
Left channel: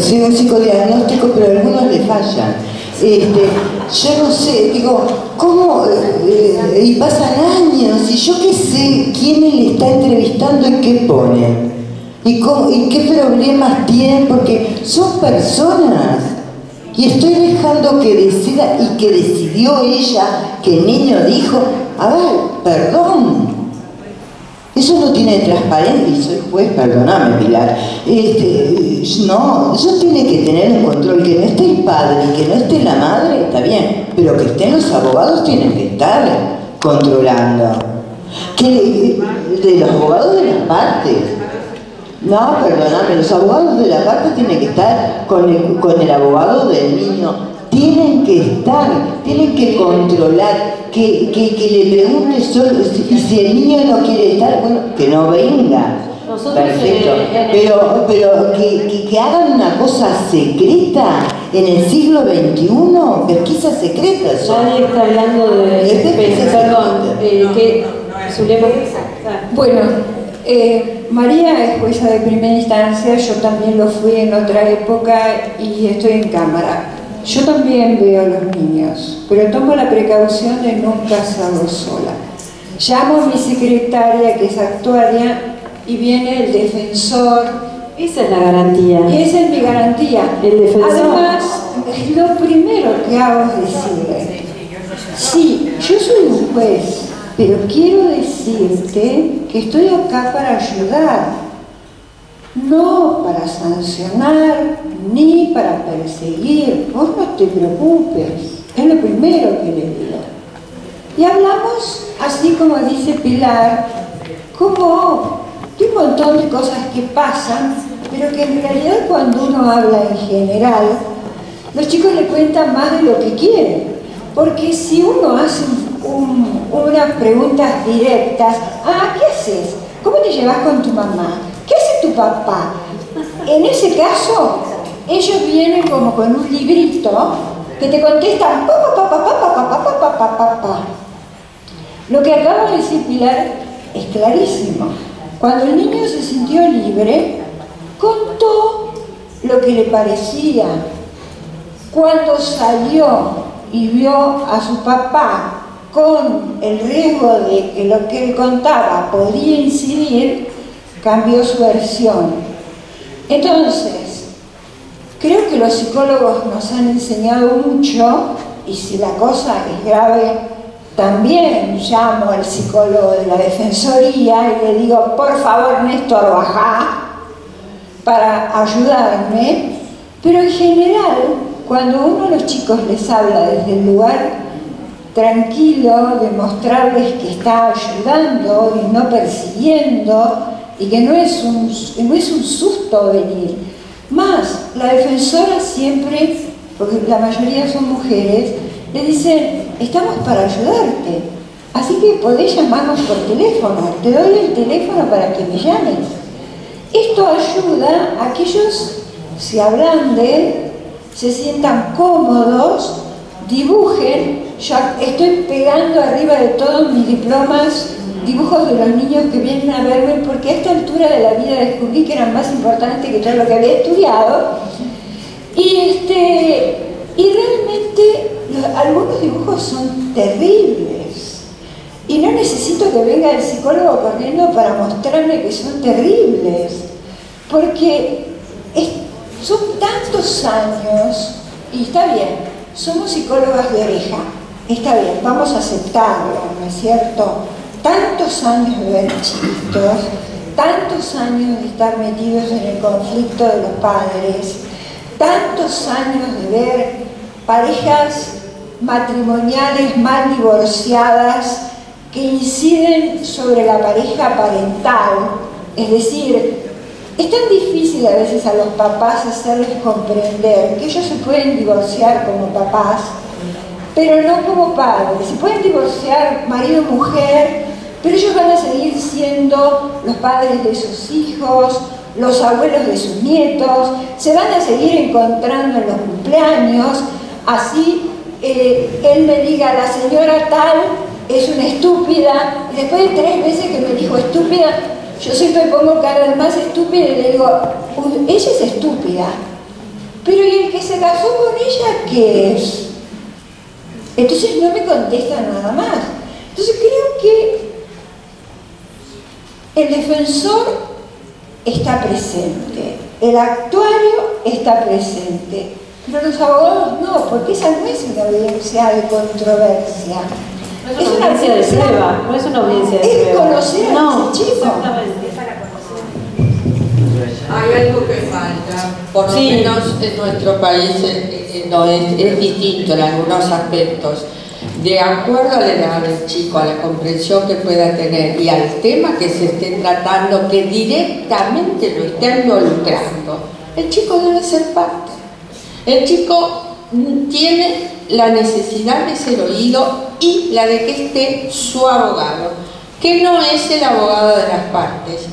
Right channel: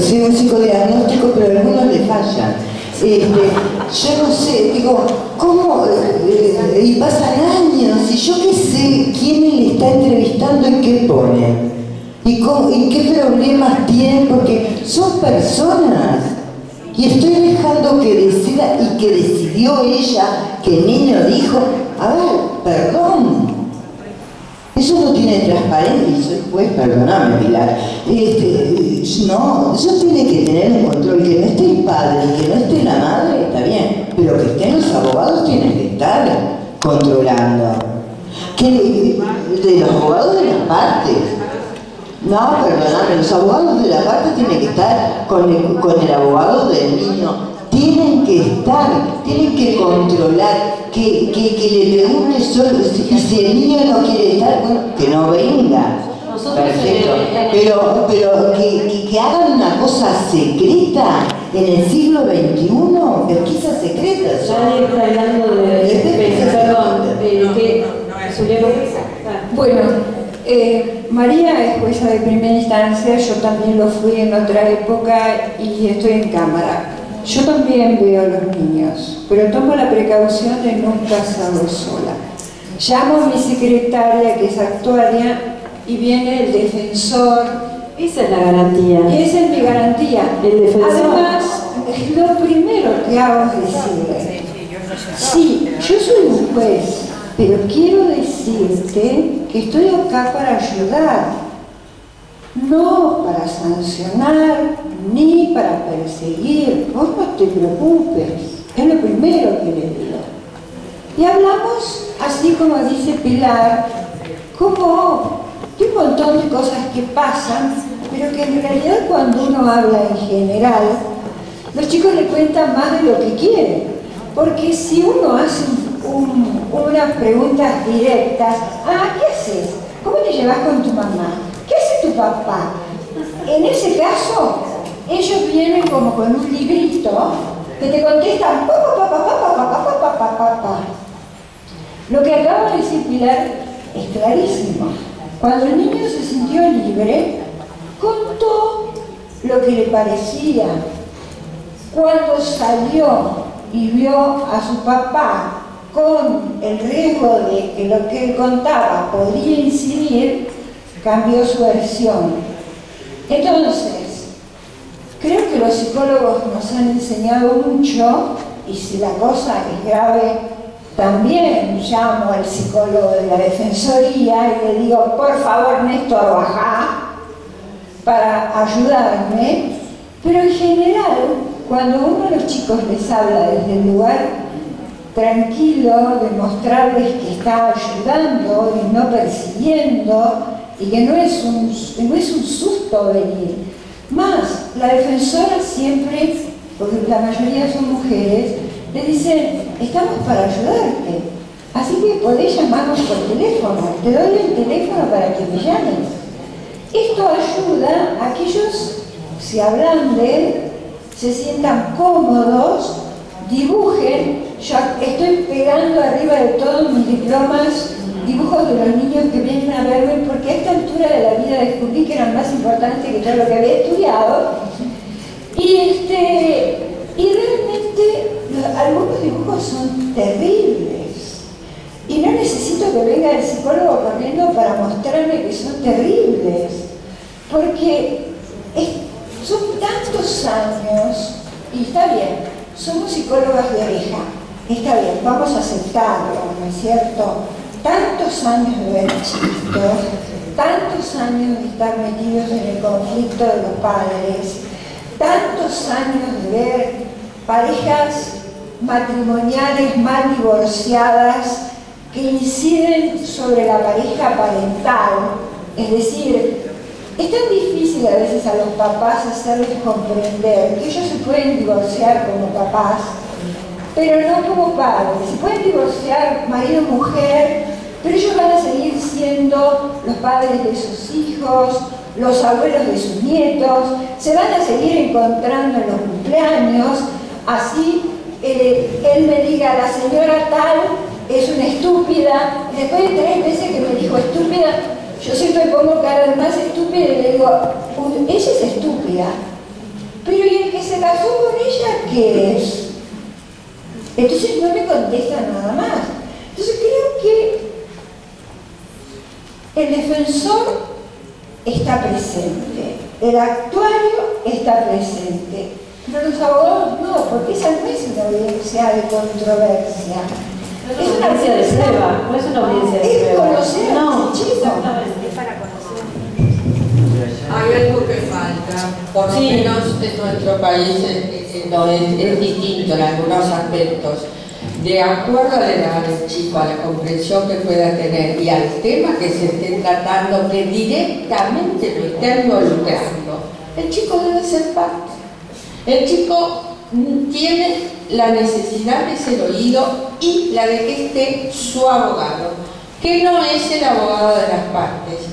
sí, un psicodiagnóstico, pero algunos le fallan. Yo no sé, digo, ¿cómo? Y pasan años, y yo qué sé quién le está entrevistando y qué pone. Y qué problemas tienen, porque son personas. Y estoy dejando que decida, y que decidió ella, que el niño dijo, a ver, perdón. Eso no tiene transparencia, y soy juez, perdóname, Pilar. No, eso tiene que tener un control, que no esté el padre y que no esté la madre, está bien, pero que estén los abogados tienen que estar controlando. De los abogados de las partes. No, perdóname, los abogados de la parte tienen que estar con el abogado del niño. Tienen que estar, tienen que controlar, que le pregunte solo, y si el niño no quiere estar, bueno, que no venga. Perfecto. Pero que hagan una cosa secreta en el siglo XXI, pesquisa secreta. Nadie está hablando Bueno, María es jueza de primera instancia, yo también lo fui en otra época y estoy en cámara. Yo también veo a los niños, pero tomo la precaución de nunca hacerlo sola. Llamo a mi secretaria, que es actuaria, y viene el defensor. Esa es la garantía. Y esa es mi garantía. El defensor. Además, lo primero que hago es decirle, sí, yo soy un juez, pero quiero decirte que estoy acá para ayudar. No para sancionar, ni para perseguir. Vos no te preocupes, es lo primero que le digo. Y hablamos, así como dice Pilar, como de un montón de cosas que pasan, pero que en realidad cuando uno habla en general, los chicos le cuentan más de lo que quieren. Porque si uno hace unas preguntas directas, ¿qué haces? ¿Cómo te llevas con tu mamá? ¿Qué hace tu papá? En ese caso, ellos vienen como con un librito que te contestan Lo que acaba de decir Pilar es clarísimo. Cuando el niño se sintió libre, contó lo que le parecía. Cuando salió y vio a su papá con el riesgo de que lo que él contaba podría incidir, cambió su versión. Entonces, creo que los psicólogos nos han enseñado mucho, y si la cosa es grave, también llamo al psicólogo de la Defensoría y le digo, por favor, Néstor, bajá para ayudarme. Pero en general, cuando uno a los chicos les habla desde el lugar tranquilo, de mostrarles que está ayudando y no persiguiendo, y que no es un susto venir. Más, la defensora siempre, porque la mayoría son mujeres, le dicen, estamos para ayudarte, así que podés llamarnos por teléfono, te doy el teléfono para que me llames. Esto ayuda a que ellos se ablanden, se sientan cómodos, dibujen. Yo estoy pegando arriba de todos mis diplomas dibujos de los niños que vienen a verme, porque a esta altura de la vida descubrí que eran más importantes que todo lo que había estudiado. Y realmente algunos dibujos son terribles. Y no necesito que venga el psicólogo corriendo para mostrarme que son terribles. Porque son tantos años, y está bien, somos psicólogas de oreja, está bien, vamos a aceptarlo, ¿no es cierto? Tantos años de ver chiquitos, tantos años de estar metidos en el conflicto de los padres, tantos años de ver parejas matrimoniales mal divorciadas que inciden sobre la pareja parental. Es decir, es tan difícil a veces a los papás hacerles comprender que ellos se pueden divorciar como papás, pero no como padres. Se pueden divorciar marido y mujer, pero ellos van a seguir siendo los padres de sus hijos, los abuelos de sus nietos, se van a seguir encontrando en los cumpleaños. Así él me diga, la señora tal es una estúpida, y después de 3 veces que me dijo estúpida, yo siempre pongo cara de más estúpida y le digo, ella es estúpida, pero ¿y el que se casó con ella qué es? Entonces no me contesta nada más. Entonces creo que el defensor está presente, el actuario está presente, pero los abogados no, porque esa no es una audiencia de controversia. No es una audiencia de prueba, no es una audiencia de prueba. Es conocer a ese chico. Exactamente. Hay algo que falta, por lo menos en nuestro país es distinto en algunos aspectos. De acuerdo a la edad del chico, a la comprensión que pueda tener y al tema que se esté tratando, que directamente lo está involucrando, el chico debe ser parte. El chico tiene la necesidad de ser oído y la de que esté su abogado, que no es el abogado de las partes,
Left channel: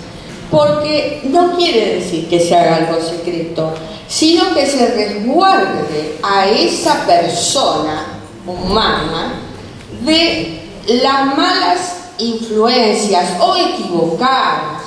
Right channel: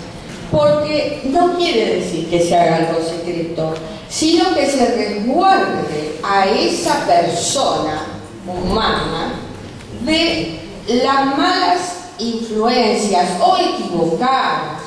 porque no quiere decir que se haga algo secreto, sino que se resguarde a esa persona humana de las malas influencias o equivocadas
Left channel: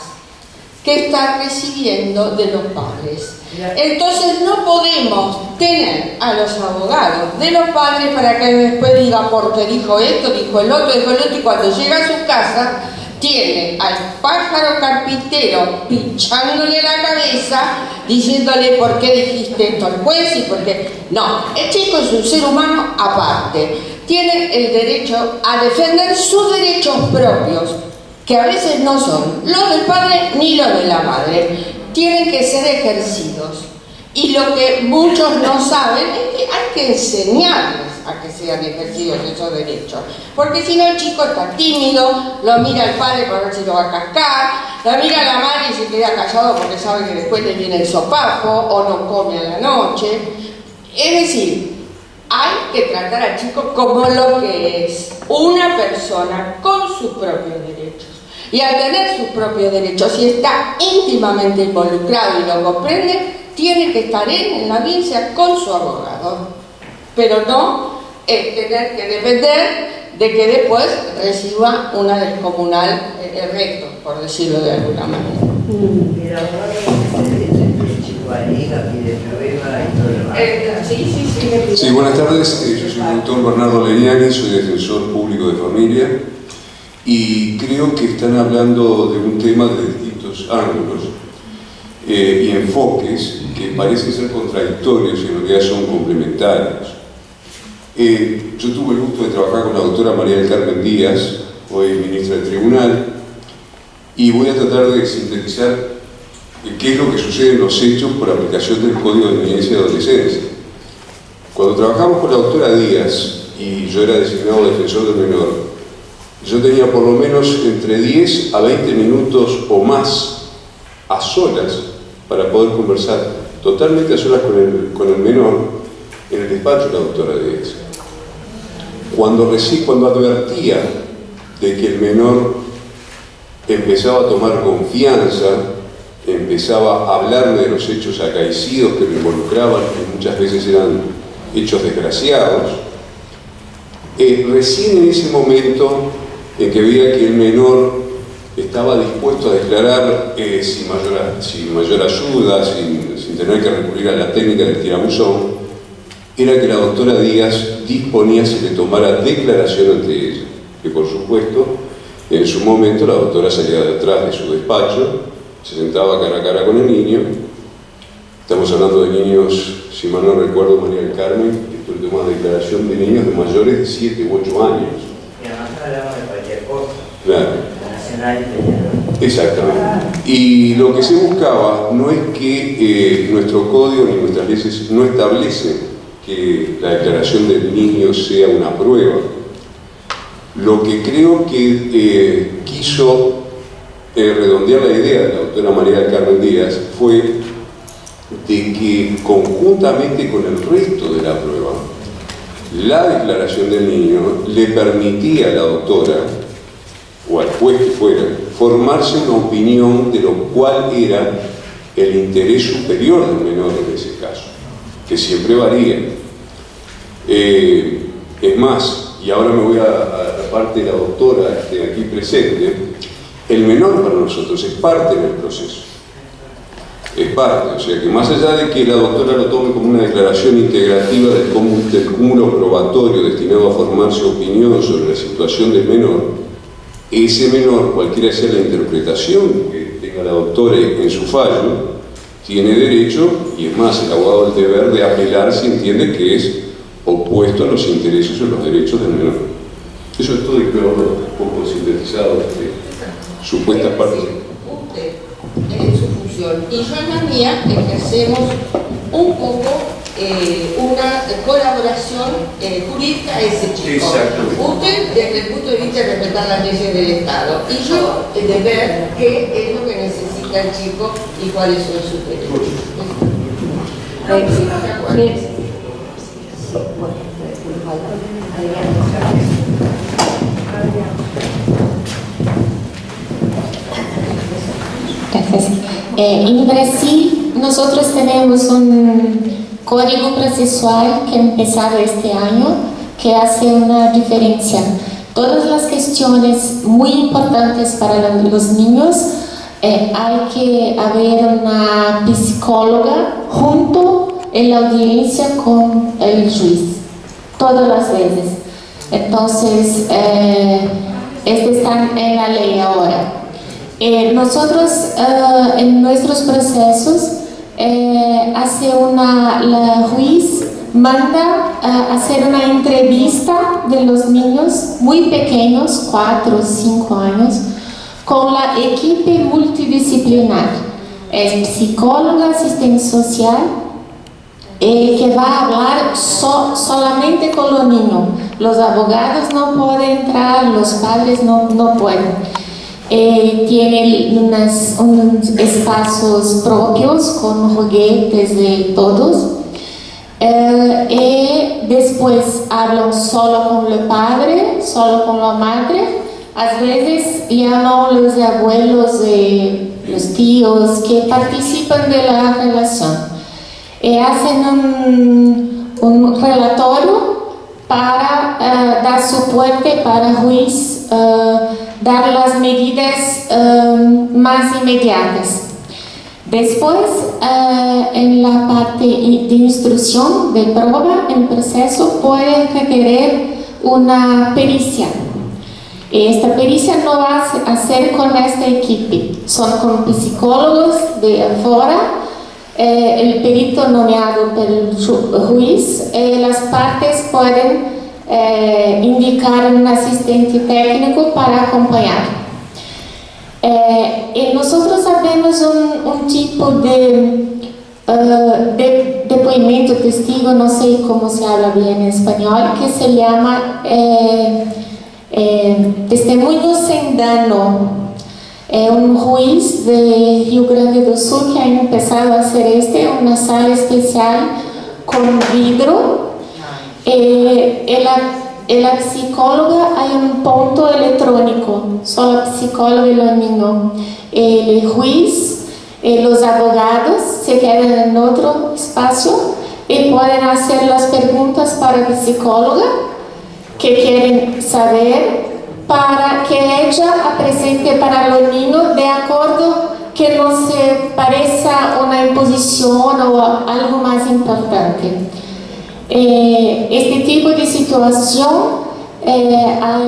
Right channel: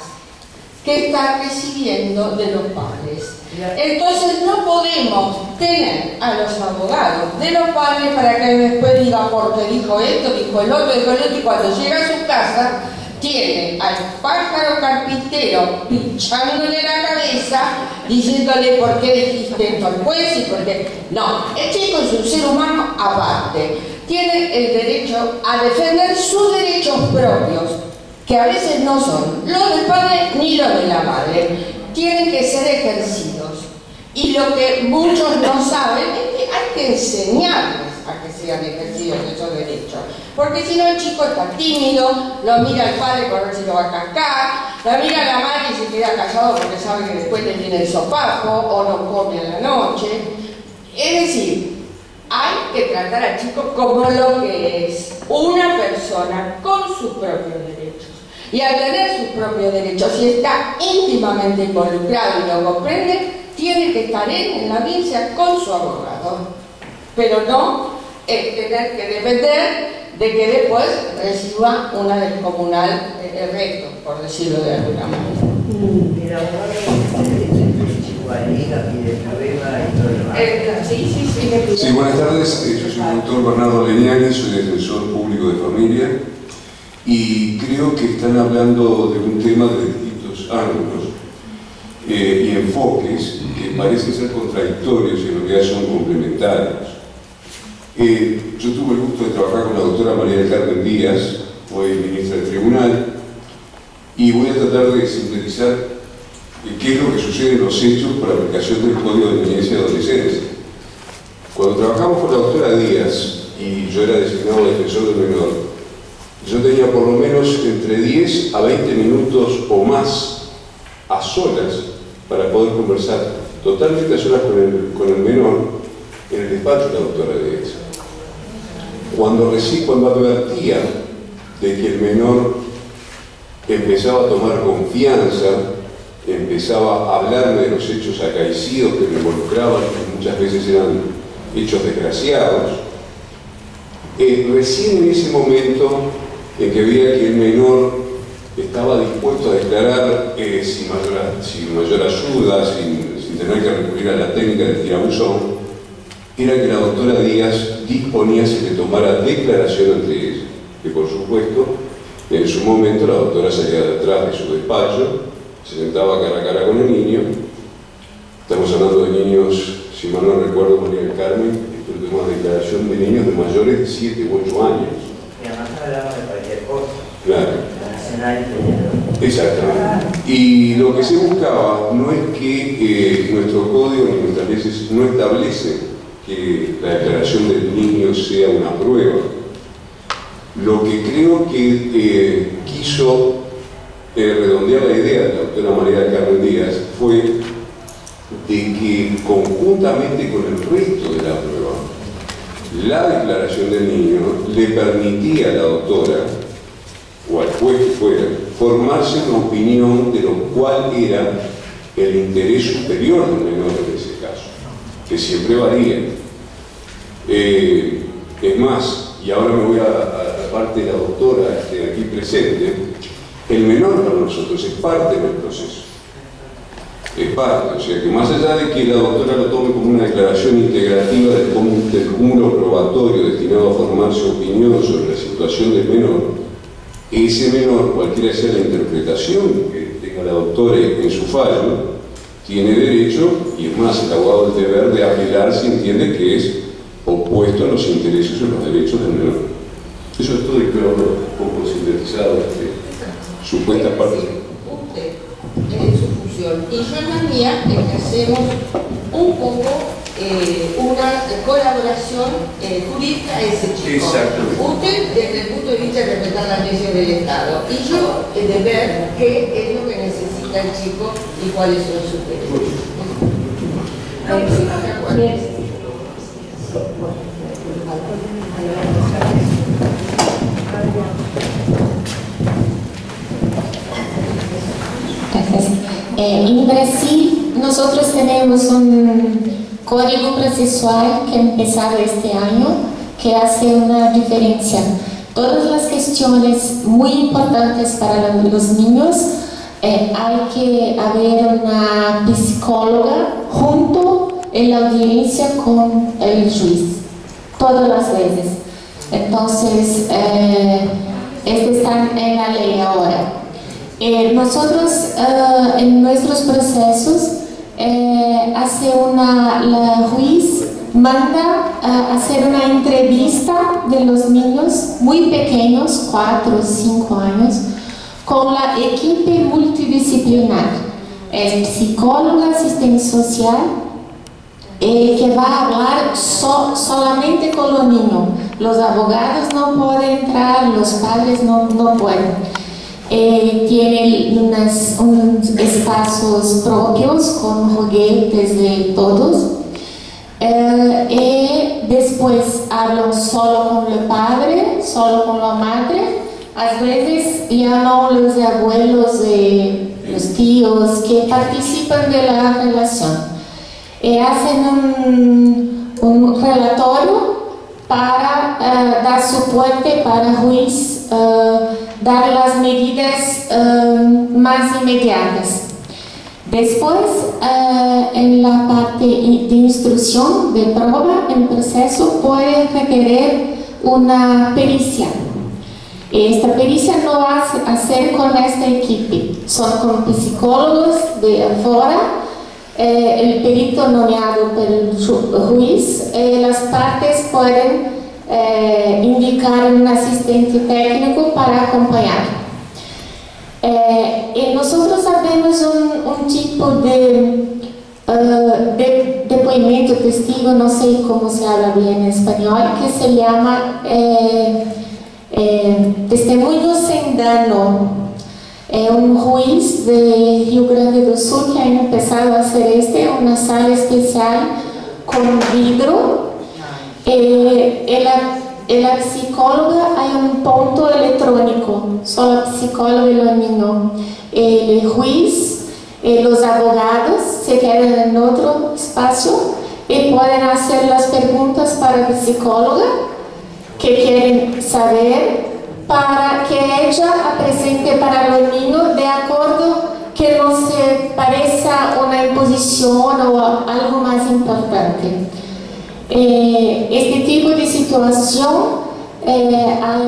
que está recibiendo de los padres. Entonces no podemos tener a los abogados de los padres para que después diga porque dijo esto, dijo el otro, y cuando llega a su casa tiene al pájaro carpintero pinchándole la cabeza, diciéndole por qué dijiste esto al juez y por qué. No, el chico es un ser humano aparte, tiene el derecho a defender sus derechos propios, que a veces no son los del padre ni los de la madre, tienen que ser ejercidos. Y lo que muchos no saben es que hay que enseñarles a que sean ejercidos esos derechos, porque si no el chico está tímido, lo mira el padre para ver si lo va a cascar, lo mira la madre y se queda callado porque sabe que después le viene el sopapo o no come a la noche. Es decir, hay que tratar al chico como lo que es, una persona con sus propios derechos. Y al tener sus propios derechos, si está íntimamente involucrado y lo comprende, tiene que estar en la audiencia con su abogado, pero no tener que depender de que después reciba una descomunal recto, por decirlo de alguna manera. El abogado el chico alega, pide prueba y todo lo demás. Sí. Buenas tardes, yo soy el doctor Bernardo Leñani, soy defensor público de familia y creo que están hablando de un tema de distintos ángulos y enfoques que parecen ser contradictorios y en realidad son complementarios. Yo tuve el gusto de trabajar con la doctora María del Carmen Díaz, hoy ministra del Tribunal, y voy a tratar de sintetizar qué es lo que sucede en los hechos por aplicación del Código de Niñez y Adolescencia. Cuando trabajamos con la doctora Díaz, y yo era designado defensor del menor, yo tenía por lo menos entre 10 a 20 minutos o más a solas para poder conversar, totalmente a solas con el menor, en el despacho de la doctora Díaz. Cuando advertía de que el menor empezaba a tomar confianza, empezaba a hablarme de los hechos acaecidos que me involucraban, que muchas veces eran hechos desgraciados, recién en ese momento en que veía que el menor estaba dispuesto a declarar sin mayor ayuda, sin tener que recurrir a la técnica del tirabuzón, era que la doctora Díaz disponía se le tomara declaración ante ella, que por supuesto en su momento la doctora salía detrás de su despacho, se sentaba cara a cara con el niño. Estamos hablando de niños, si mal no recuerdo, María del Carmen, esto es una declaración de niños de mayores de 7 u 8 años. Y además hablamos de cualquier cosa. Claro. Nacional y federal. Exactamente. Y lo que se buscaba no es que nuestro código ni nuestras leyes no establecen que la declaración del niño sea una prueba. Lo que creo que quiso redondear la idea de la doctora María del Carmen Díaz fue de que conjuntamente con el resto de la prueba, la declaración del niño le permitía a la doctora o al juez que fuera formarse una opinión de lo cual era el interés superior del menor en ese caso, que siempre varía. Es más, y ahora me voy a la parte de la doctora aquí presente, el menor para nosotros es parte del proceso. Es parte, o sea que más allá de que la doctora lo tome como una declaración integrativa del cúmulo probatorio destinado a formar su opinión sobre la situación del menor, ese menor, cualquiera sea la interpretación que tenga la doctora en su fallo, tiene derecho, y es más, el abogado del deber de apelar si entiende que es opuesto a los intereses o los derechos del menor. Eso es todo y creo un poco sintetizado de supuestas partes. En su función. Y yo en la mía ejercemos un poco una colaboración jurídica a ese chico. Usted desde el punto de vista de respetar las leyes del Estado y yo de ver qué es lo que necesita el chico y cuáles son sus derechos. Gracias. En Brasil nosotros tenemos un código procesual que ha empezado este año que hace una diferencia. Todas las cuestiones muy importantes para los niños hay que haber una psicóloga junto en la audiencia con el juez, todas las veces. Entonces, está en la ley ahora. Nosotros en nuestros procesos la juez manda hacer una entrevista de los niños muy pequeños, 4 o 5 años, con la equipo multidisciplinar. Es psicóloga, asistente social, que va a hablar solamente con los niños. Los abogados no pueden entrar, los padres no pueden. Tiene unos espacios propios con juguetes de todos. Y después hablan solo con el padre, solo con la madre. A veces llaman los abuelos, los tíos que participan de la relación. Hacen un relatorio para dar soporte para el juez dar las medidas más inmediatas. Después, en la parte de instrucción de prueba, el proceso puede requerir una pericia. Esta pericia no va a hacer con esta equipe, son con psicólogos de afuera el perito nomeado por el juez, las partes pueden indicar un asistente técnico para acompañar. Y nosotros sabemos un tipo de depoimento, testigo, no sé cómo se habla bien en español, que se llama testemunho sem dano. Un juez de Rio Grande do Sul que ha empezado a hacer una sala especial con vidrio. La psicóloga hay un punto electrónico, solo psicólogo y los niños. El juez, los abogados se quedan en otro espacio y pueden hacer las preguntas para la psicóloga que quieren saber, para que ella presente para los niños de acuerdo que no se parezca una imposición o algo más importante. Este tipo de situación ha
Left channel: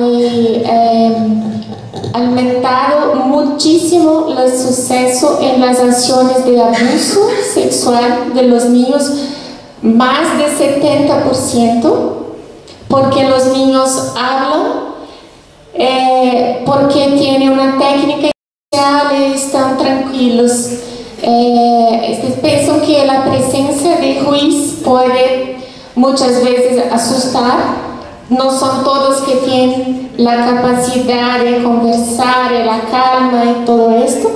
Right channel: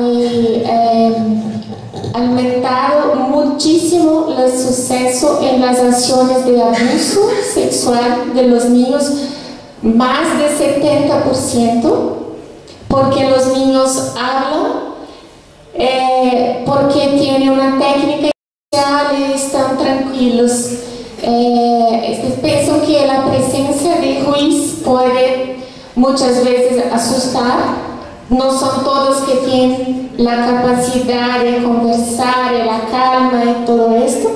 aumentado muchísimo el suceso en las acciones de abuso sexual de los niños, más de 70%, porque los niños hablan, porque tienen una técnica especial y están tranquilos. Pienso que la presencia de juez puede muchas veces asustar. No son todos que tienen la capacidad de conversar, la calma y todo esto.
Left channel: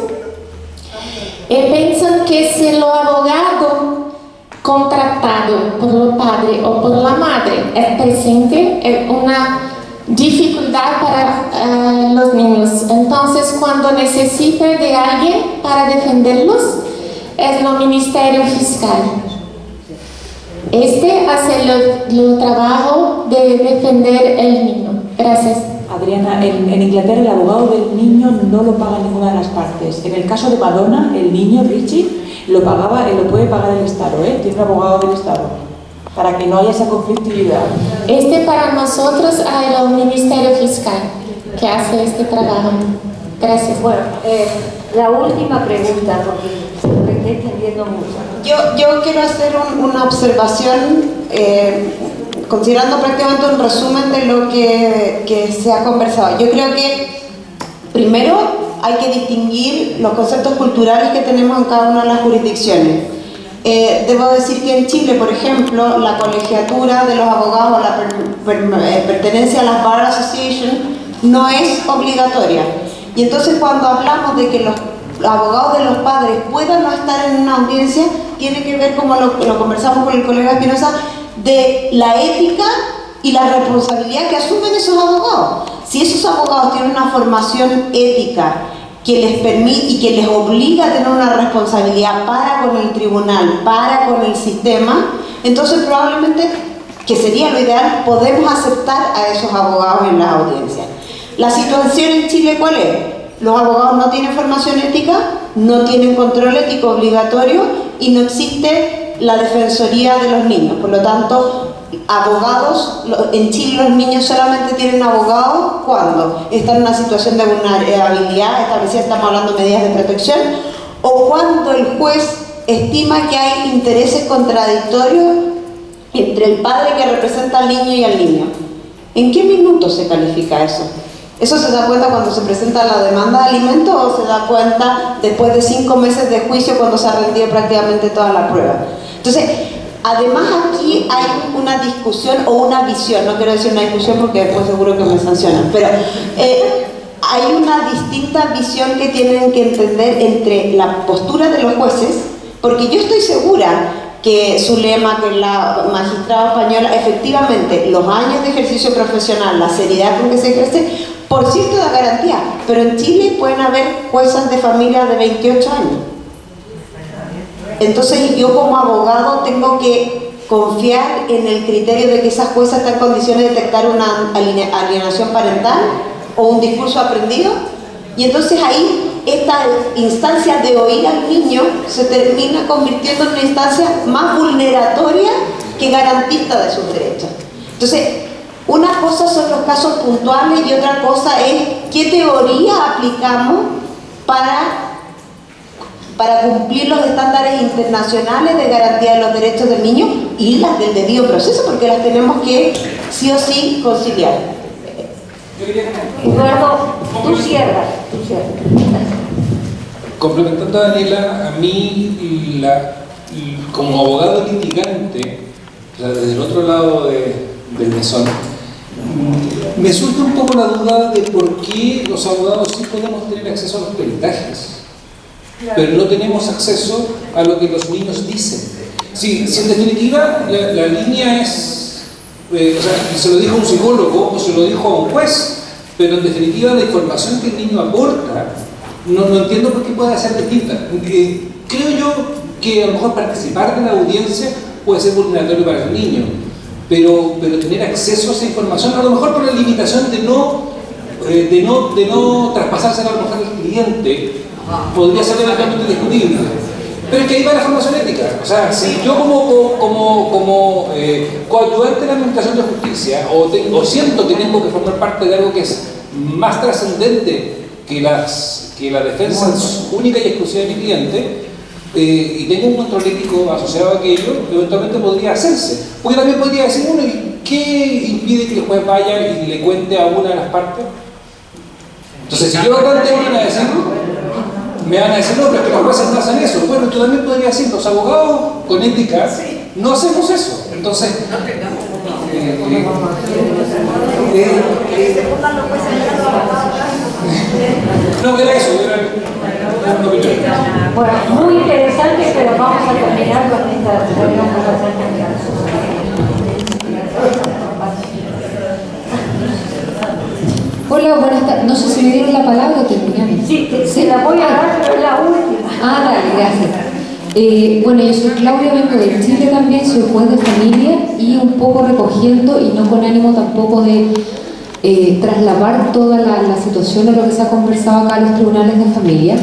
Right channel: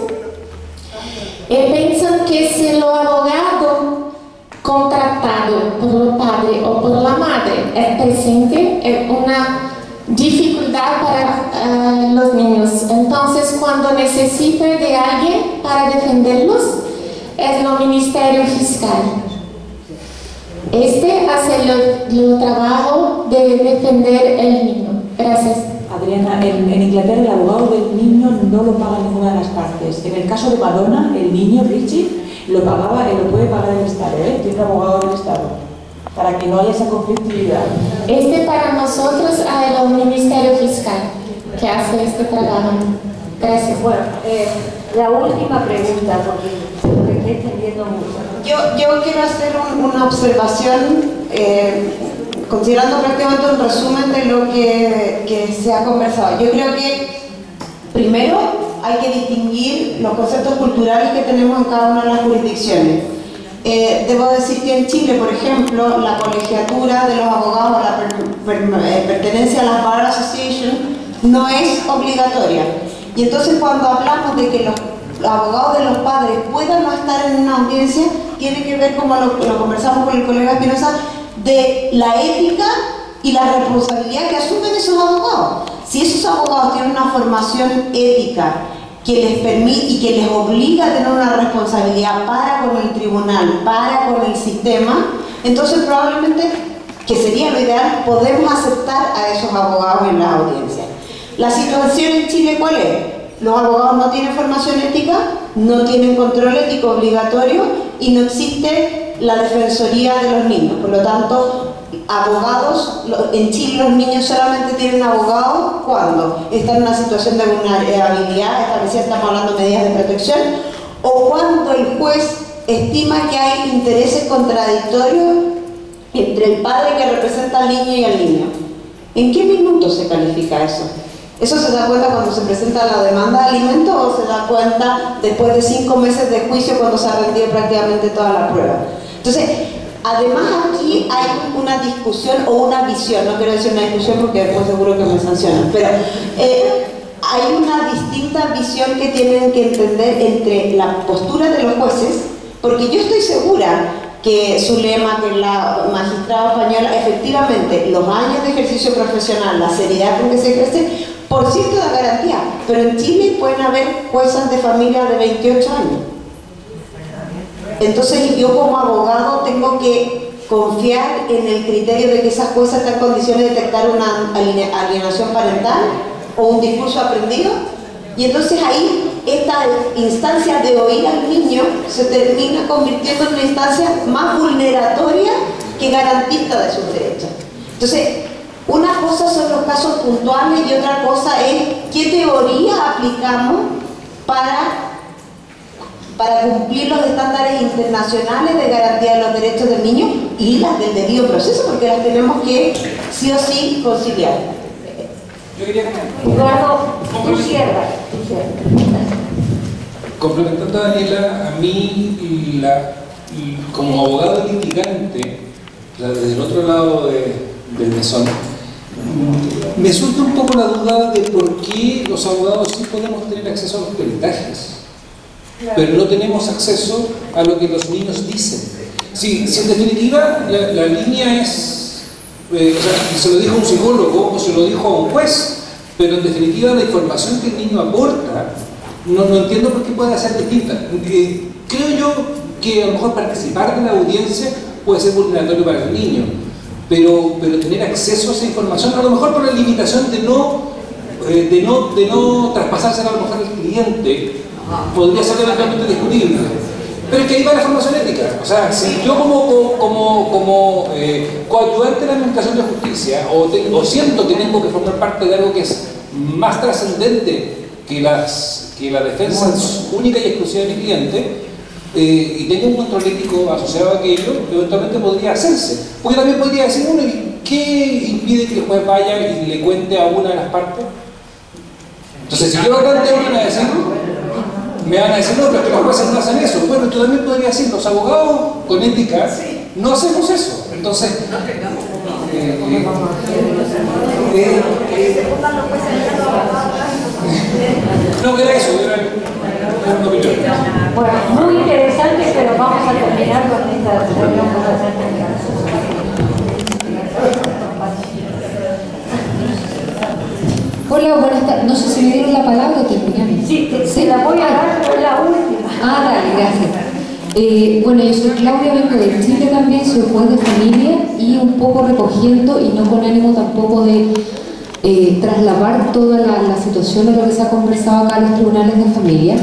Y piensan que si el abogado contratado por el padre o por la madre es presente, es una dificultad para los niños. Entonces, cuando necesita de alguien para defenderlos, es el Ministerio Fiscal. Hace el trabajo de defender el niño. Gracias. Adriana, en Inglaterra el abogado del niño no lo paga ninguna de las partes. En el caso de Madonna, el niño, Richie, lo pagaba y lo puede pagar el Estado, tiene un abogado del Estado, para que no haya esa conflictividad. Para nosotros hay el Ministerio Fiscal que hace este trabajo. Gracias. Bueno, la última pregunta, porque me estoy extendiendo mucho. Yo quiero hacer una observación, considerando prácticamente un resumen de lo que se ha conversado. Yo creo que primero hay que distinguir los conceptos culturales que tenemos en cada una de las jurisdicciones. Debo decir que en Chile, por ejemplo, la colegiatura de los abogados, la pertenencia a las Bar Association, no es obligatoria. Y entonces cuando hablamos de que los abogados de los padres puedan no estar en una audiencia, tiene que ver, como lo conversamos con el colega Espinosa, de la ética y la responsabilidad que asumen esos abogados. Si esos abogados tienen una formación ética que les permite y que les obliga a tener una responsabilidad para con el tribunal, para con el sistema, entonces probablemente, que sería lo ideal, podemos aceptar a esos abogados en las audiencias. La situación en Chile, ¿cuál es? Los abogados no tienen formación ética, no tienen control ético obligatorio y no existe la defensoría de los niños. Por lo tanto, abogados, en Chile los niños solamente tienen abogados cuando están en una situación de vulnerabilidad establecida, estamos hablando de medidas de protección, o cuando el juez estima que hay intereses contradictorios entre el padre que representa al niño y al niño. ¿En qué minuto se califica eso? ¿Eso se da cuenta cuando se presenta la demanda de alimentos o se da cuenta después de 5 meses de juicio cuando se ha rendido prácticamente toda la prueba? Entonces, además aquí hay una discusión o una visión, no quiero decir una discusión porque después seguro que me sancionan, pero hay una distinta visión que tienen que entender entre la postura de los jueces, porque yo estoy segura que Zulema, que es la magistrada española, efectivamente, los años de ejercicio profesional, la seriedad con que se ejerce, por cierto da garantía, pero en Chile pueden haber juezas de familia de 28 años. Entonces yo como abogado tengo que confiar en el criterio de que esa jueza está en condiciones de detectar una alienación parental o un discurso aprendido, y entonces ahí esta instancia de oír al niño se termina convirtiendo en una instancia más vulneratoria que garantista de sus derechos. Entonces, una cosa son los casos puntuales y otra cosa es qué teoría aplicamos para para cumplir los estándares internacionales de garantía de los derechos del niño y las del debido proceso, porque las tenemos que sí o sí conciliar. Eduardo, tú cierras. Complementando a Daniela, a mí como abogado litigante, o sea, desde el otro lado del mesón, me surge un poco la duda de por qué los abogados sí podemos tener acceso a los peritajes, pero no tenemos acceso a lo que los niños dicen. Si en definitiva la línea es, o sea, se lo dijo a un psicólogo o se lo dijo a un juez, pero en definitiva la información que el niño aporta, no entiendo por qué puede ser distinta. Creo yo que a lo mejor participar de la audiencia puede ser vulneratorio para el niño, pero tener acceso a esa información, a lo mejor por la limitación de no traspasársela a lo mejor al cliente, podría ser eventualmente discutible. Pero es que ahí va la formación ética. O sea, si yo como coadyuvante de la administración de justicia o siento que tengo que formar parte de algo que es más trascendente que la defensa única y exclusiva de mi cliente, y tengo un control ético asociado a aquello, eventualmente podría hacerse. Porque también podría decir uno, ¿qué impide que el juez vaya y le cuente a una de las partes? Entonces, si yo tanto van a decirlo, me van a decir, no, pero es que los jueces no hacen eso. Bueno, tú también podrías decir, los abogados con ética no hacemos eso. Entonces, no, era eso, era una opinión. Bueno, muy interesante, pero vamos a terminar con esta reunión. Hola, buenas tardes. No sé si me dieron la palabra o terminamos. Sí, se la voy a dar, pero es la última. Dale, gracias. Bueno, yo soy Claudia, vengo de Chile también, soy juez de familia y un poco recogiendo, y no con ánimo tampoco de trasladar toda la situación a lo que se ha conversado acá en los tribunales de familia,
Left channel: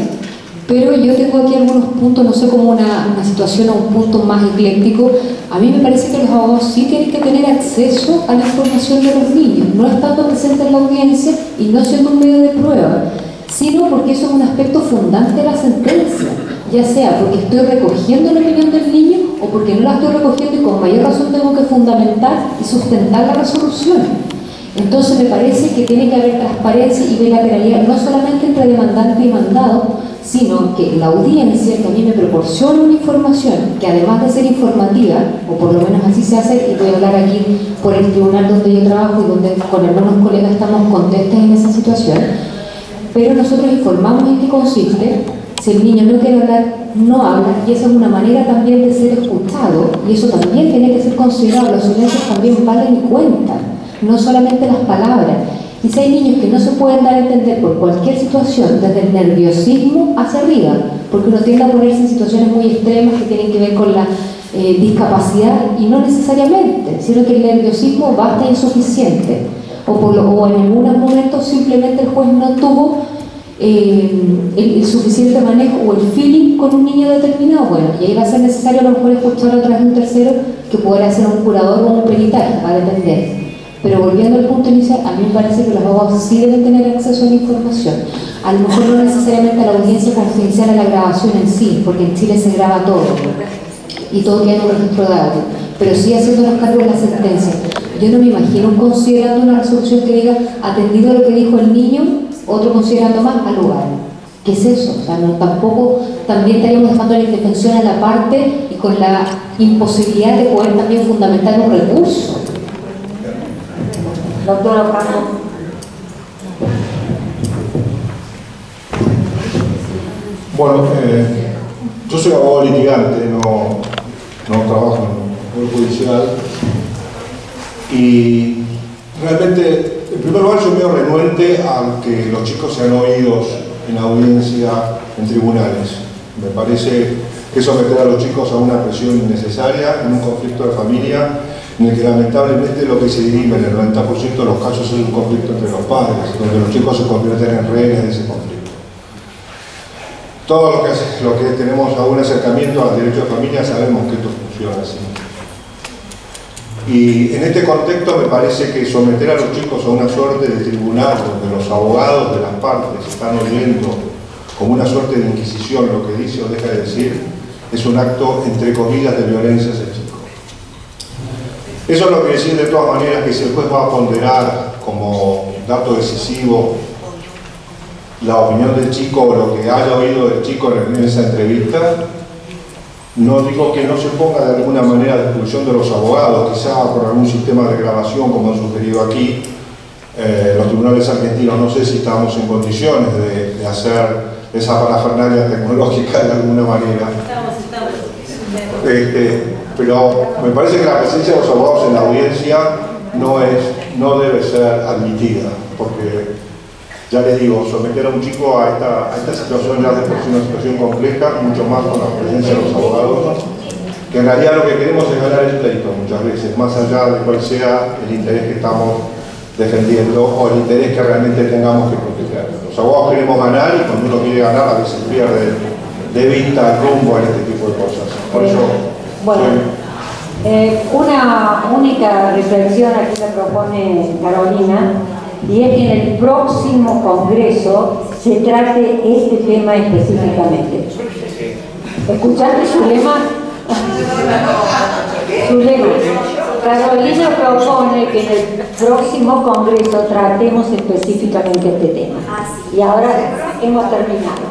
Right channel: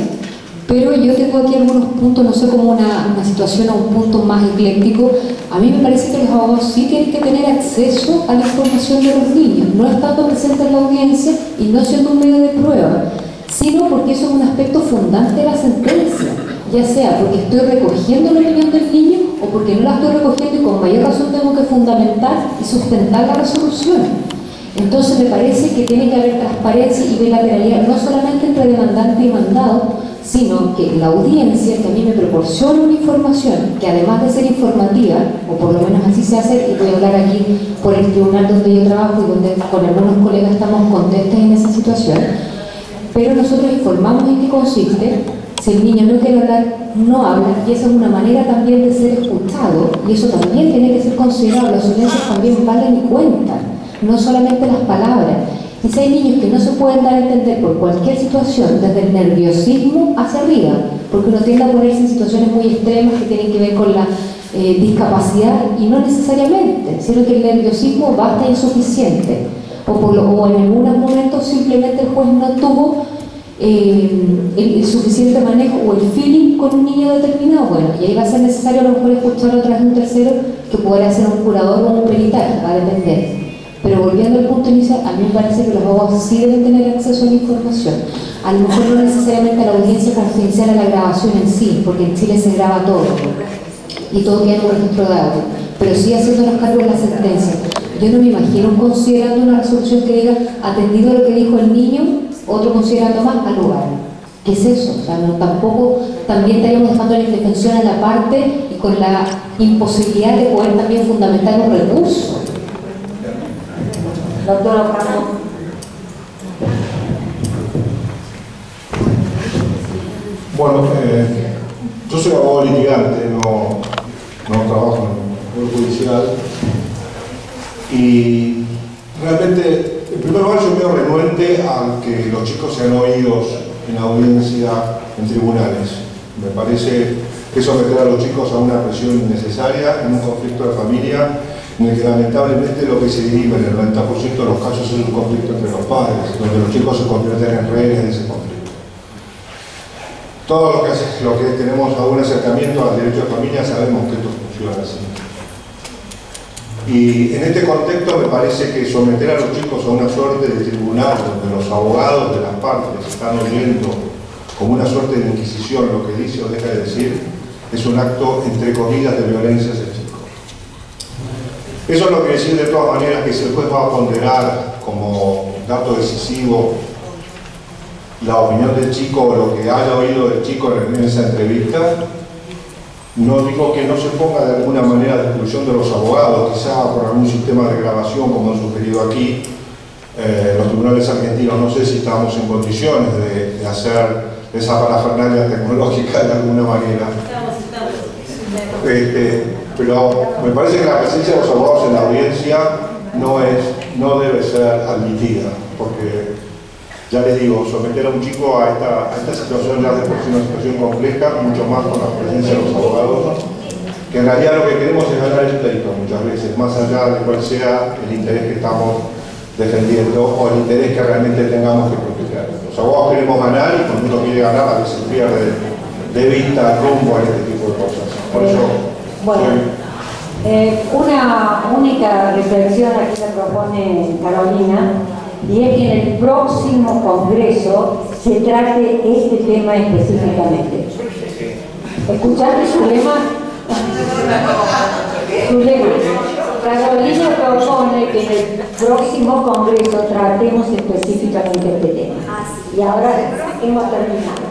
pero yo tengo aquí algunos puntos, no sé, como una situación o un punto más ecléctico. A mí me parece que los abogados sí tienen que tener acceso a la información de los niños, no estando presentes en la audiencia y no siendo un medio de prueba, sino porque eso es un aspecto fundante de la sentencia, ya sea porque estoy recogiendo la opinión del niño o porque no la estoy recogiendo y con mayor razón tengo que fundamentar y sustentar la resolución. Entonces me parece que tiene que haber transparencia y bilateralidad, no solamente entre demandante y mandado, sino que la audiencia, que a mí me proporciona una información que además de ser informativa, o por lo menos así se hace, y voy a hablar aquí por el tribunal donde yo trabajo y donde con algunos colegas estamos contestes en esa situación, pero nosotros informamos en qué consiste. Si el niño no quiere hablar, no habla, y esa es una manera también de ser escuchado, y eso también tiene que ser considerado. Los silencios también valen y cuentan, no solamente las palabras. Y si hay niños que no se pueden dar a entender por cualquier situación, desde el nerviosismo hacia arriba, porque uno tiende a ponerse en situaciones muy extremas que tienen que ver con la discapacidad, y no necesariamente, sino que el nerviosismo basta insuficiente, o en algunos momentos simplemente el juez no tuvo el suficiente manejo o el feeling con un niño determinado. Bueno, y ahí va a ser necesario a lo mejor escuchar a través de un tercero que pueda ser un curador o un peritaje, va a depender. Pero volviendo al punto inicial, a mí me parece que los abogados sí deben tener acceso a la información. A lo mejor no necesariamente a la audiencia confidencial, a la grabación en sí, porque en Chile se graba todo y todo queda en un registro de audio, pero sí haciendo los cargos de la sentencia. Yo no me imagino considerando una resolución que diga, atendido a lo que dijo el niño, otro considerando más al lugar. ¿Qué es eso? O sea, no, tampoco también estaríamos dejando la indefensión a la parte y con la imposibilidad de poder también fundamentar un recurso. Doctora Franco. Bueno, yo soy abogado litigante, no trabajo en el Poder Judicial, y realmente, en primer lugar, yo veo renuente a que los chicos sean oídos en audiencia en tribunales. Me parece que someter a los chicos a una presión innecesaria en un conflicto de familia en el que lamentablemente lo que se dirime en el 90% de los casos es un conflicto entre los padres, donde los chicos se convierten en rehenes de ese conflicto. Todos los que tenemos algún acercamiento al derecho de familia sabemos que esto funciona así. Y en este contexto me parece que someter a los chicos a una suerte de tribunal donde los abogados de las partes están oyendo como una suerte de inquisición lo que dice o deja de decir, es un acto, entre comillas, de violencia hacia el chico. Eso no quiere decir de todas maneras que si el juez va a ponderar como dato decisivo la opinión del chico o lo que haya oído del chico en esa entrevista, no digo que no se ponga de alguna manera a disposición de los abogados, quizá por algún sistema de grabación como han sugerido aquí. Los tribunales argentinos no sé si estamos en condiciones de hacer esa parafernalia tecnológica de alguna manera. Pero me parece que la presencia de los abogados en la audiencia no debe ser admitida, porque ya les digo, someter a un chico a esta situación ya de por sí una situación compleja, mucho más con la presencia de los abogados, que en realidad lo que queremos es ganar el pleito muchas veces, más allá de cuál sea el interés que estamos defendiendo o el interés que realmente tengamos que proteger. Los abogados queremos ganar y cuando uno quiere ganar a veces pierde de vista el rumbo en este tipo de cosas. Por eso, una única reflexión aquí me propone Carolina, y es que en el próximo congreso se trate este tema específicamente. ¿Escuchaste su lema? Su lema. Carolina propone que en el próximo congreso tratemos específicamente este tema. Y ahora hemos terminado.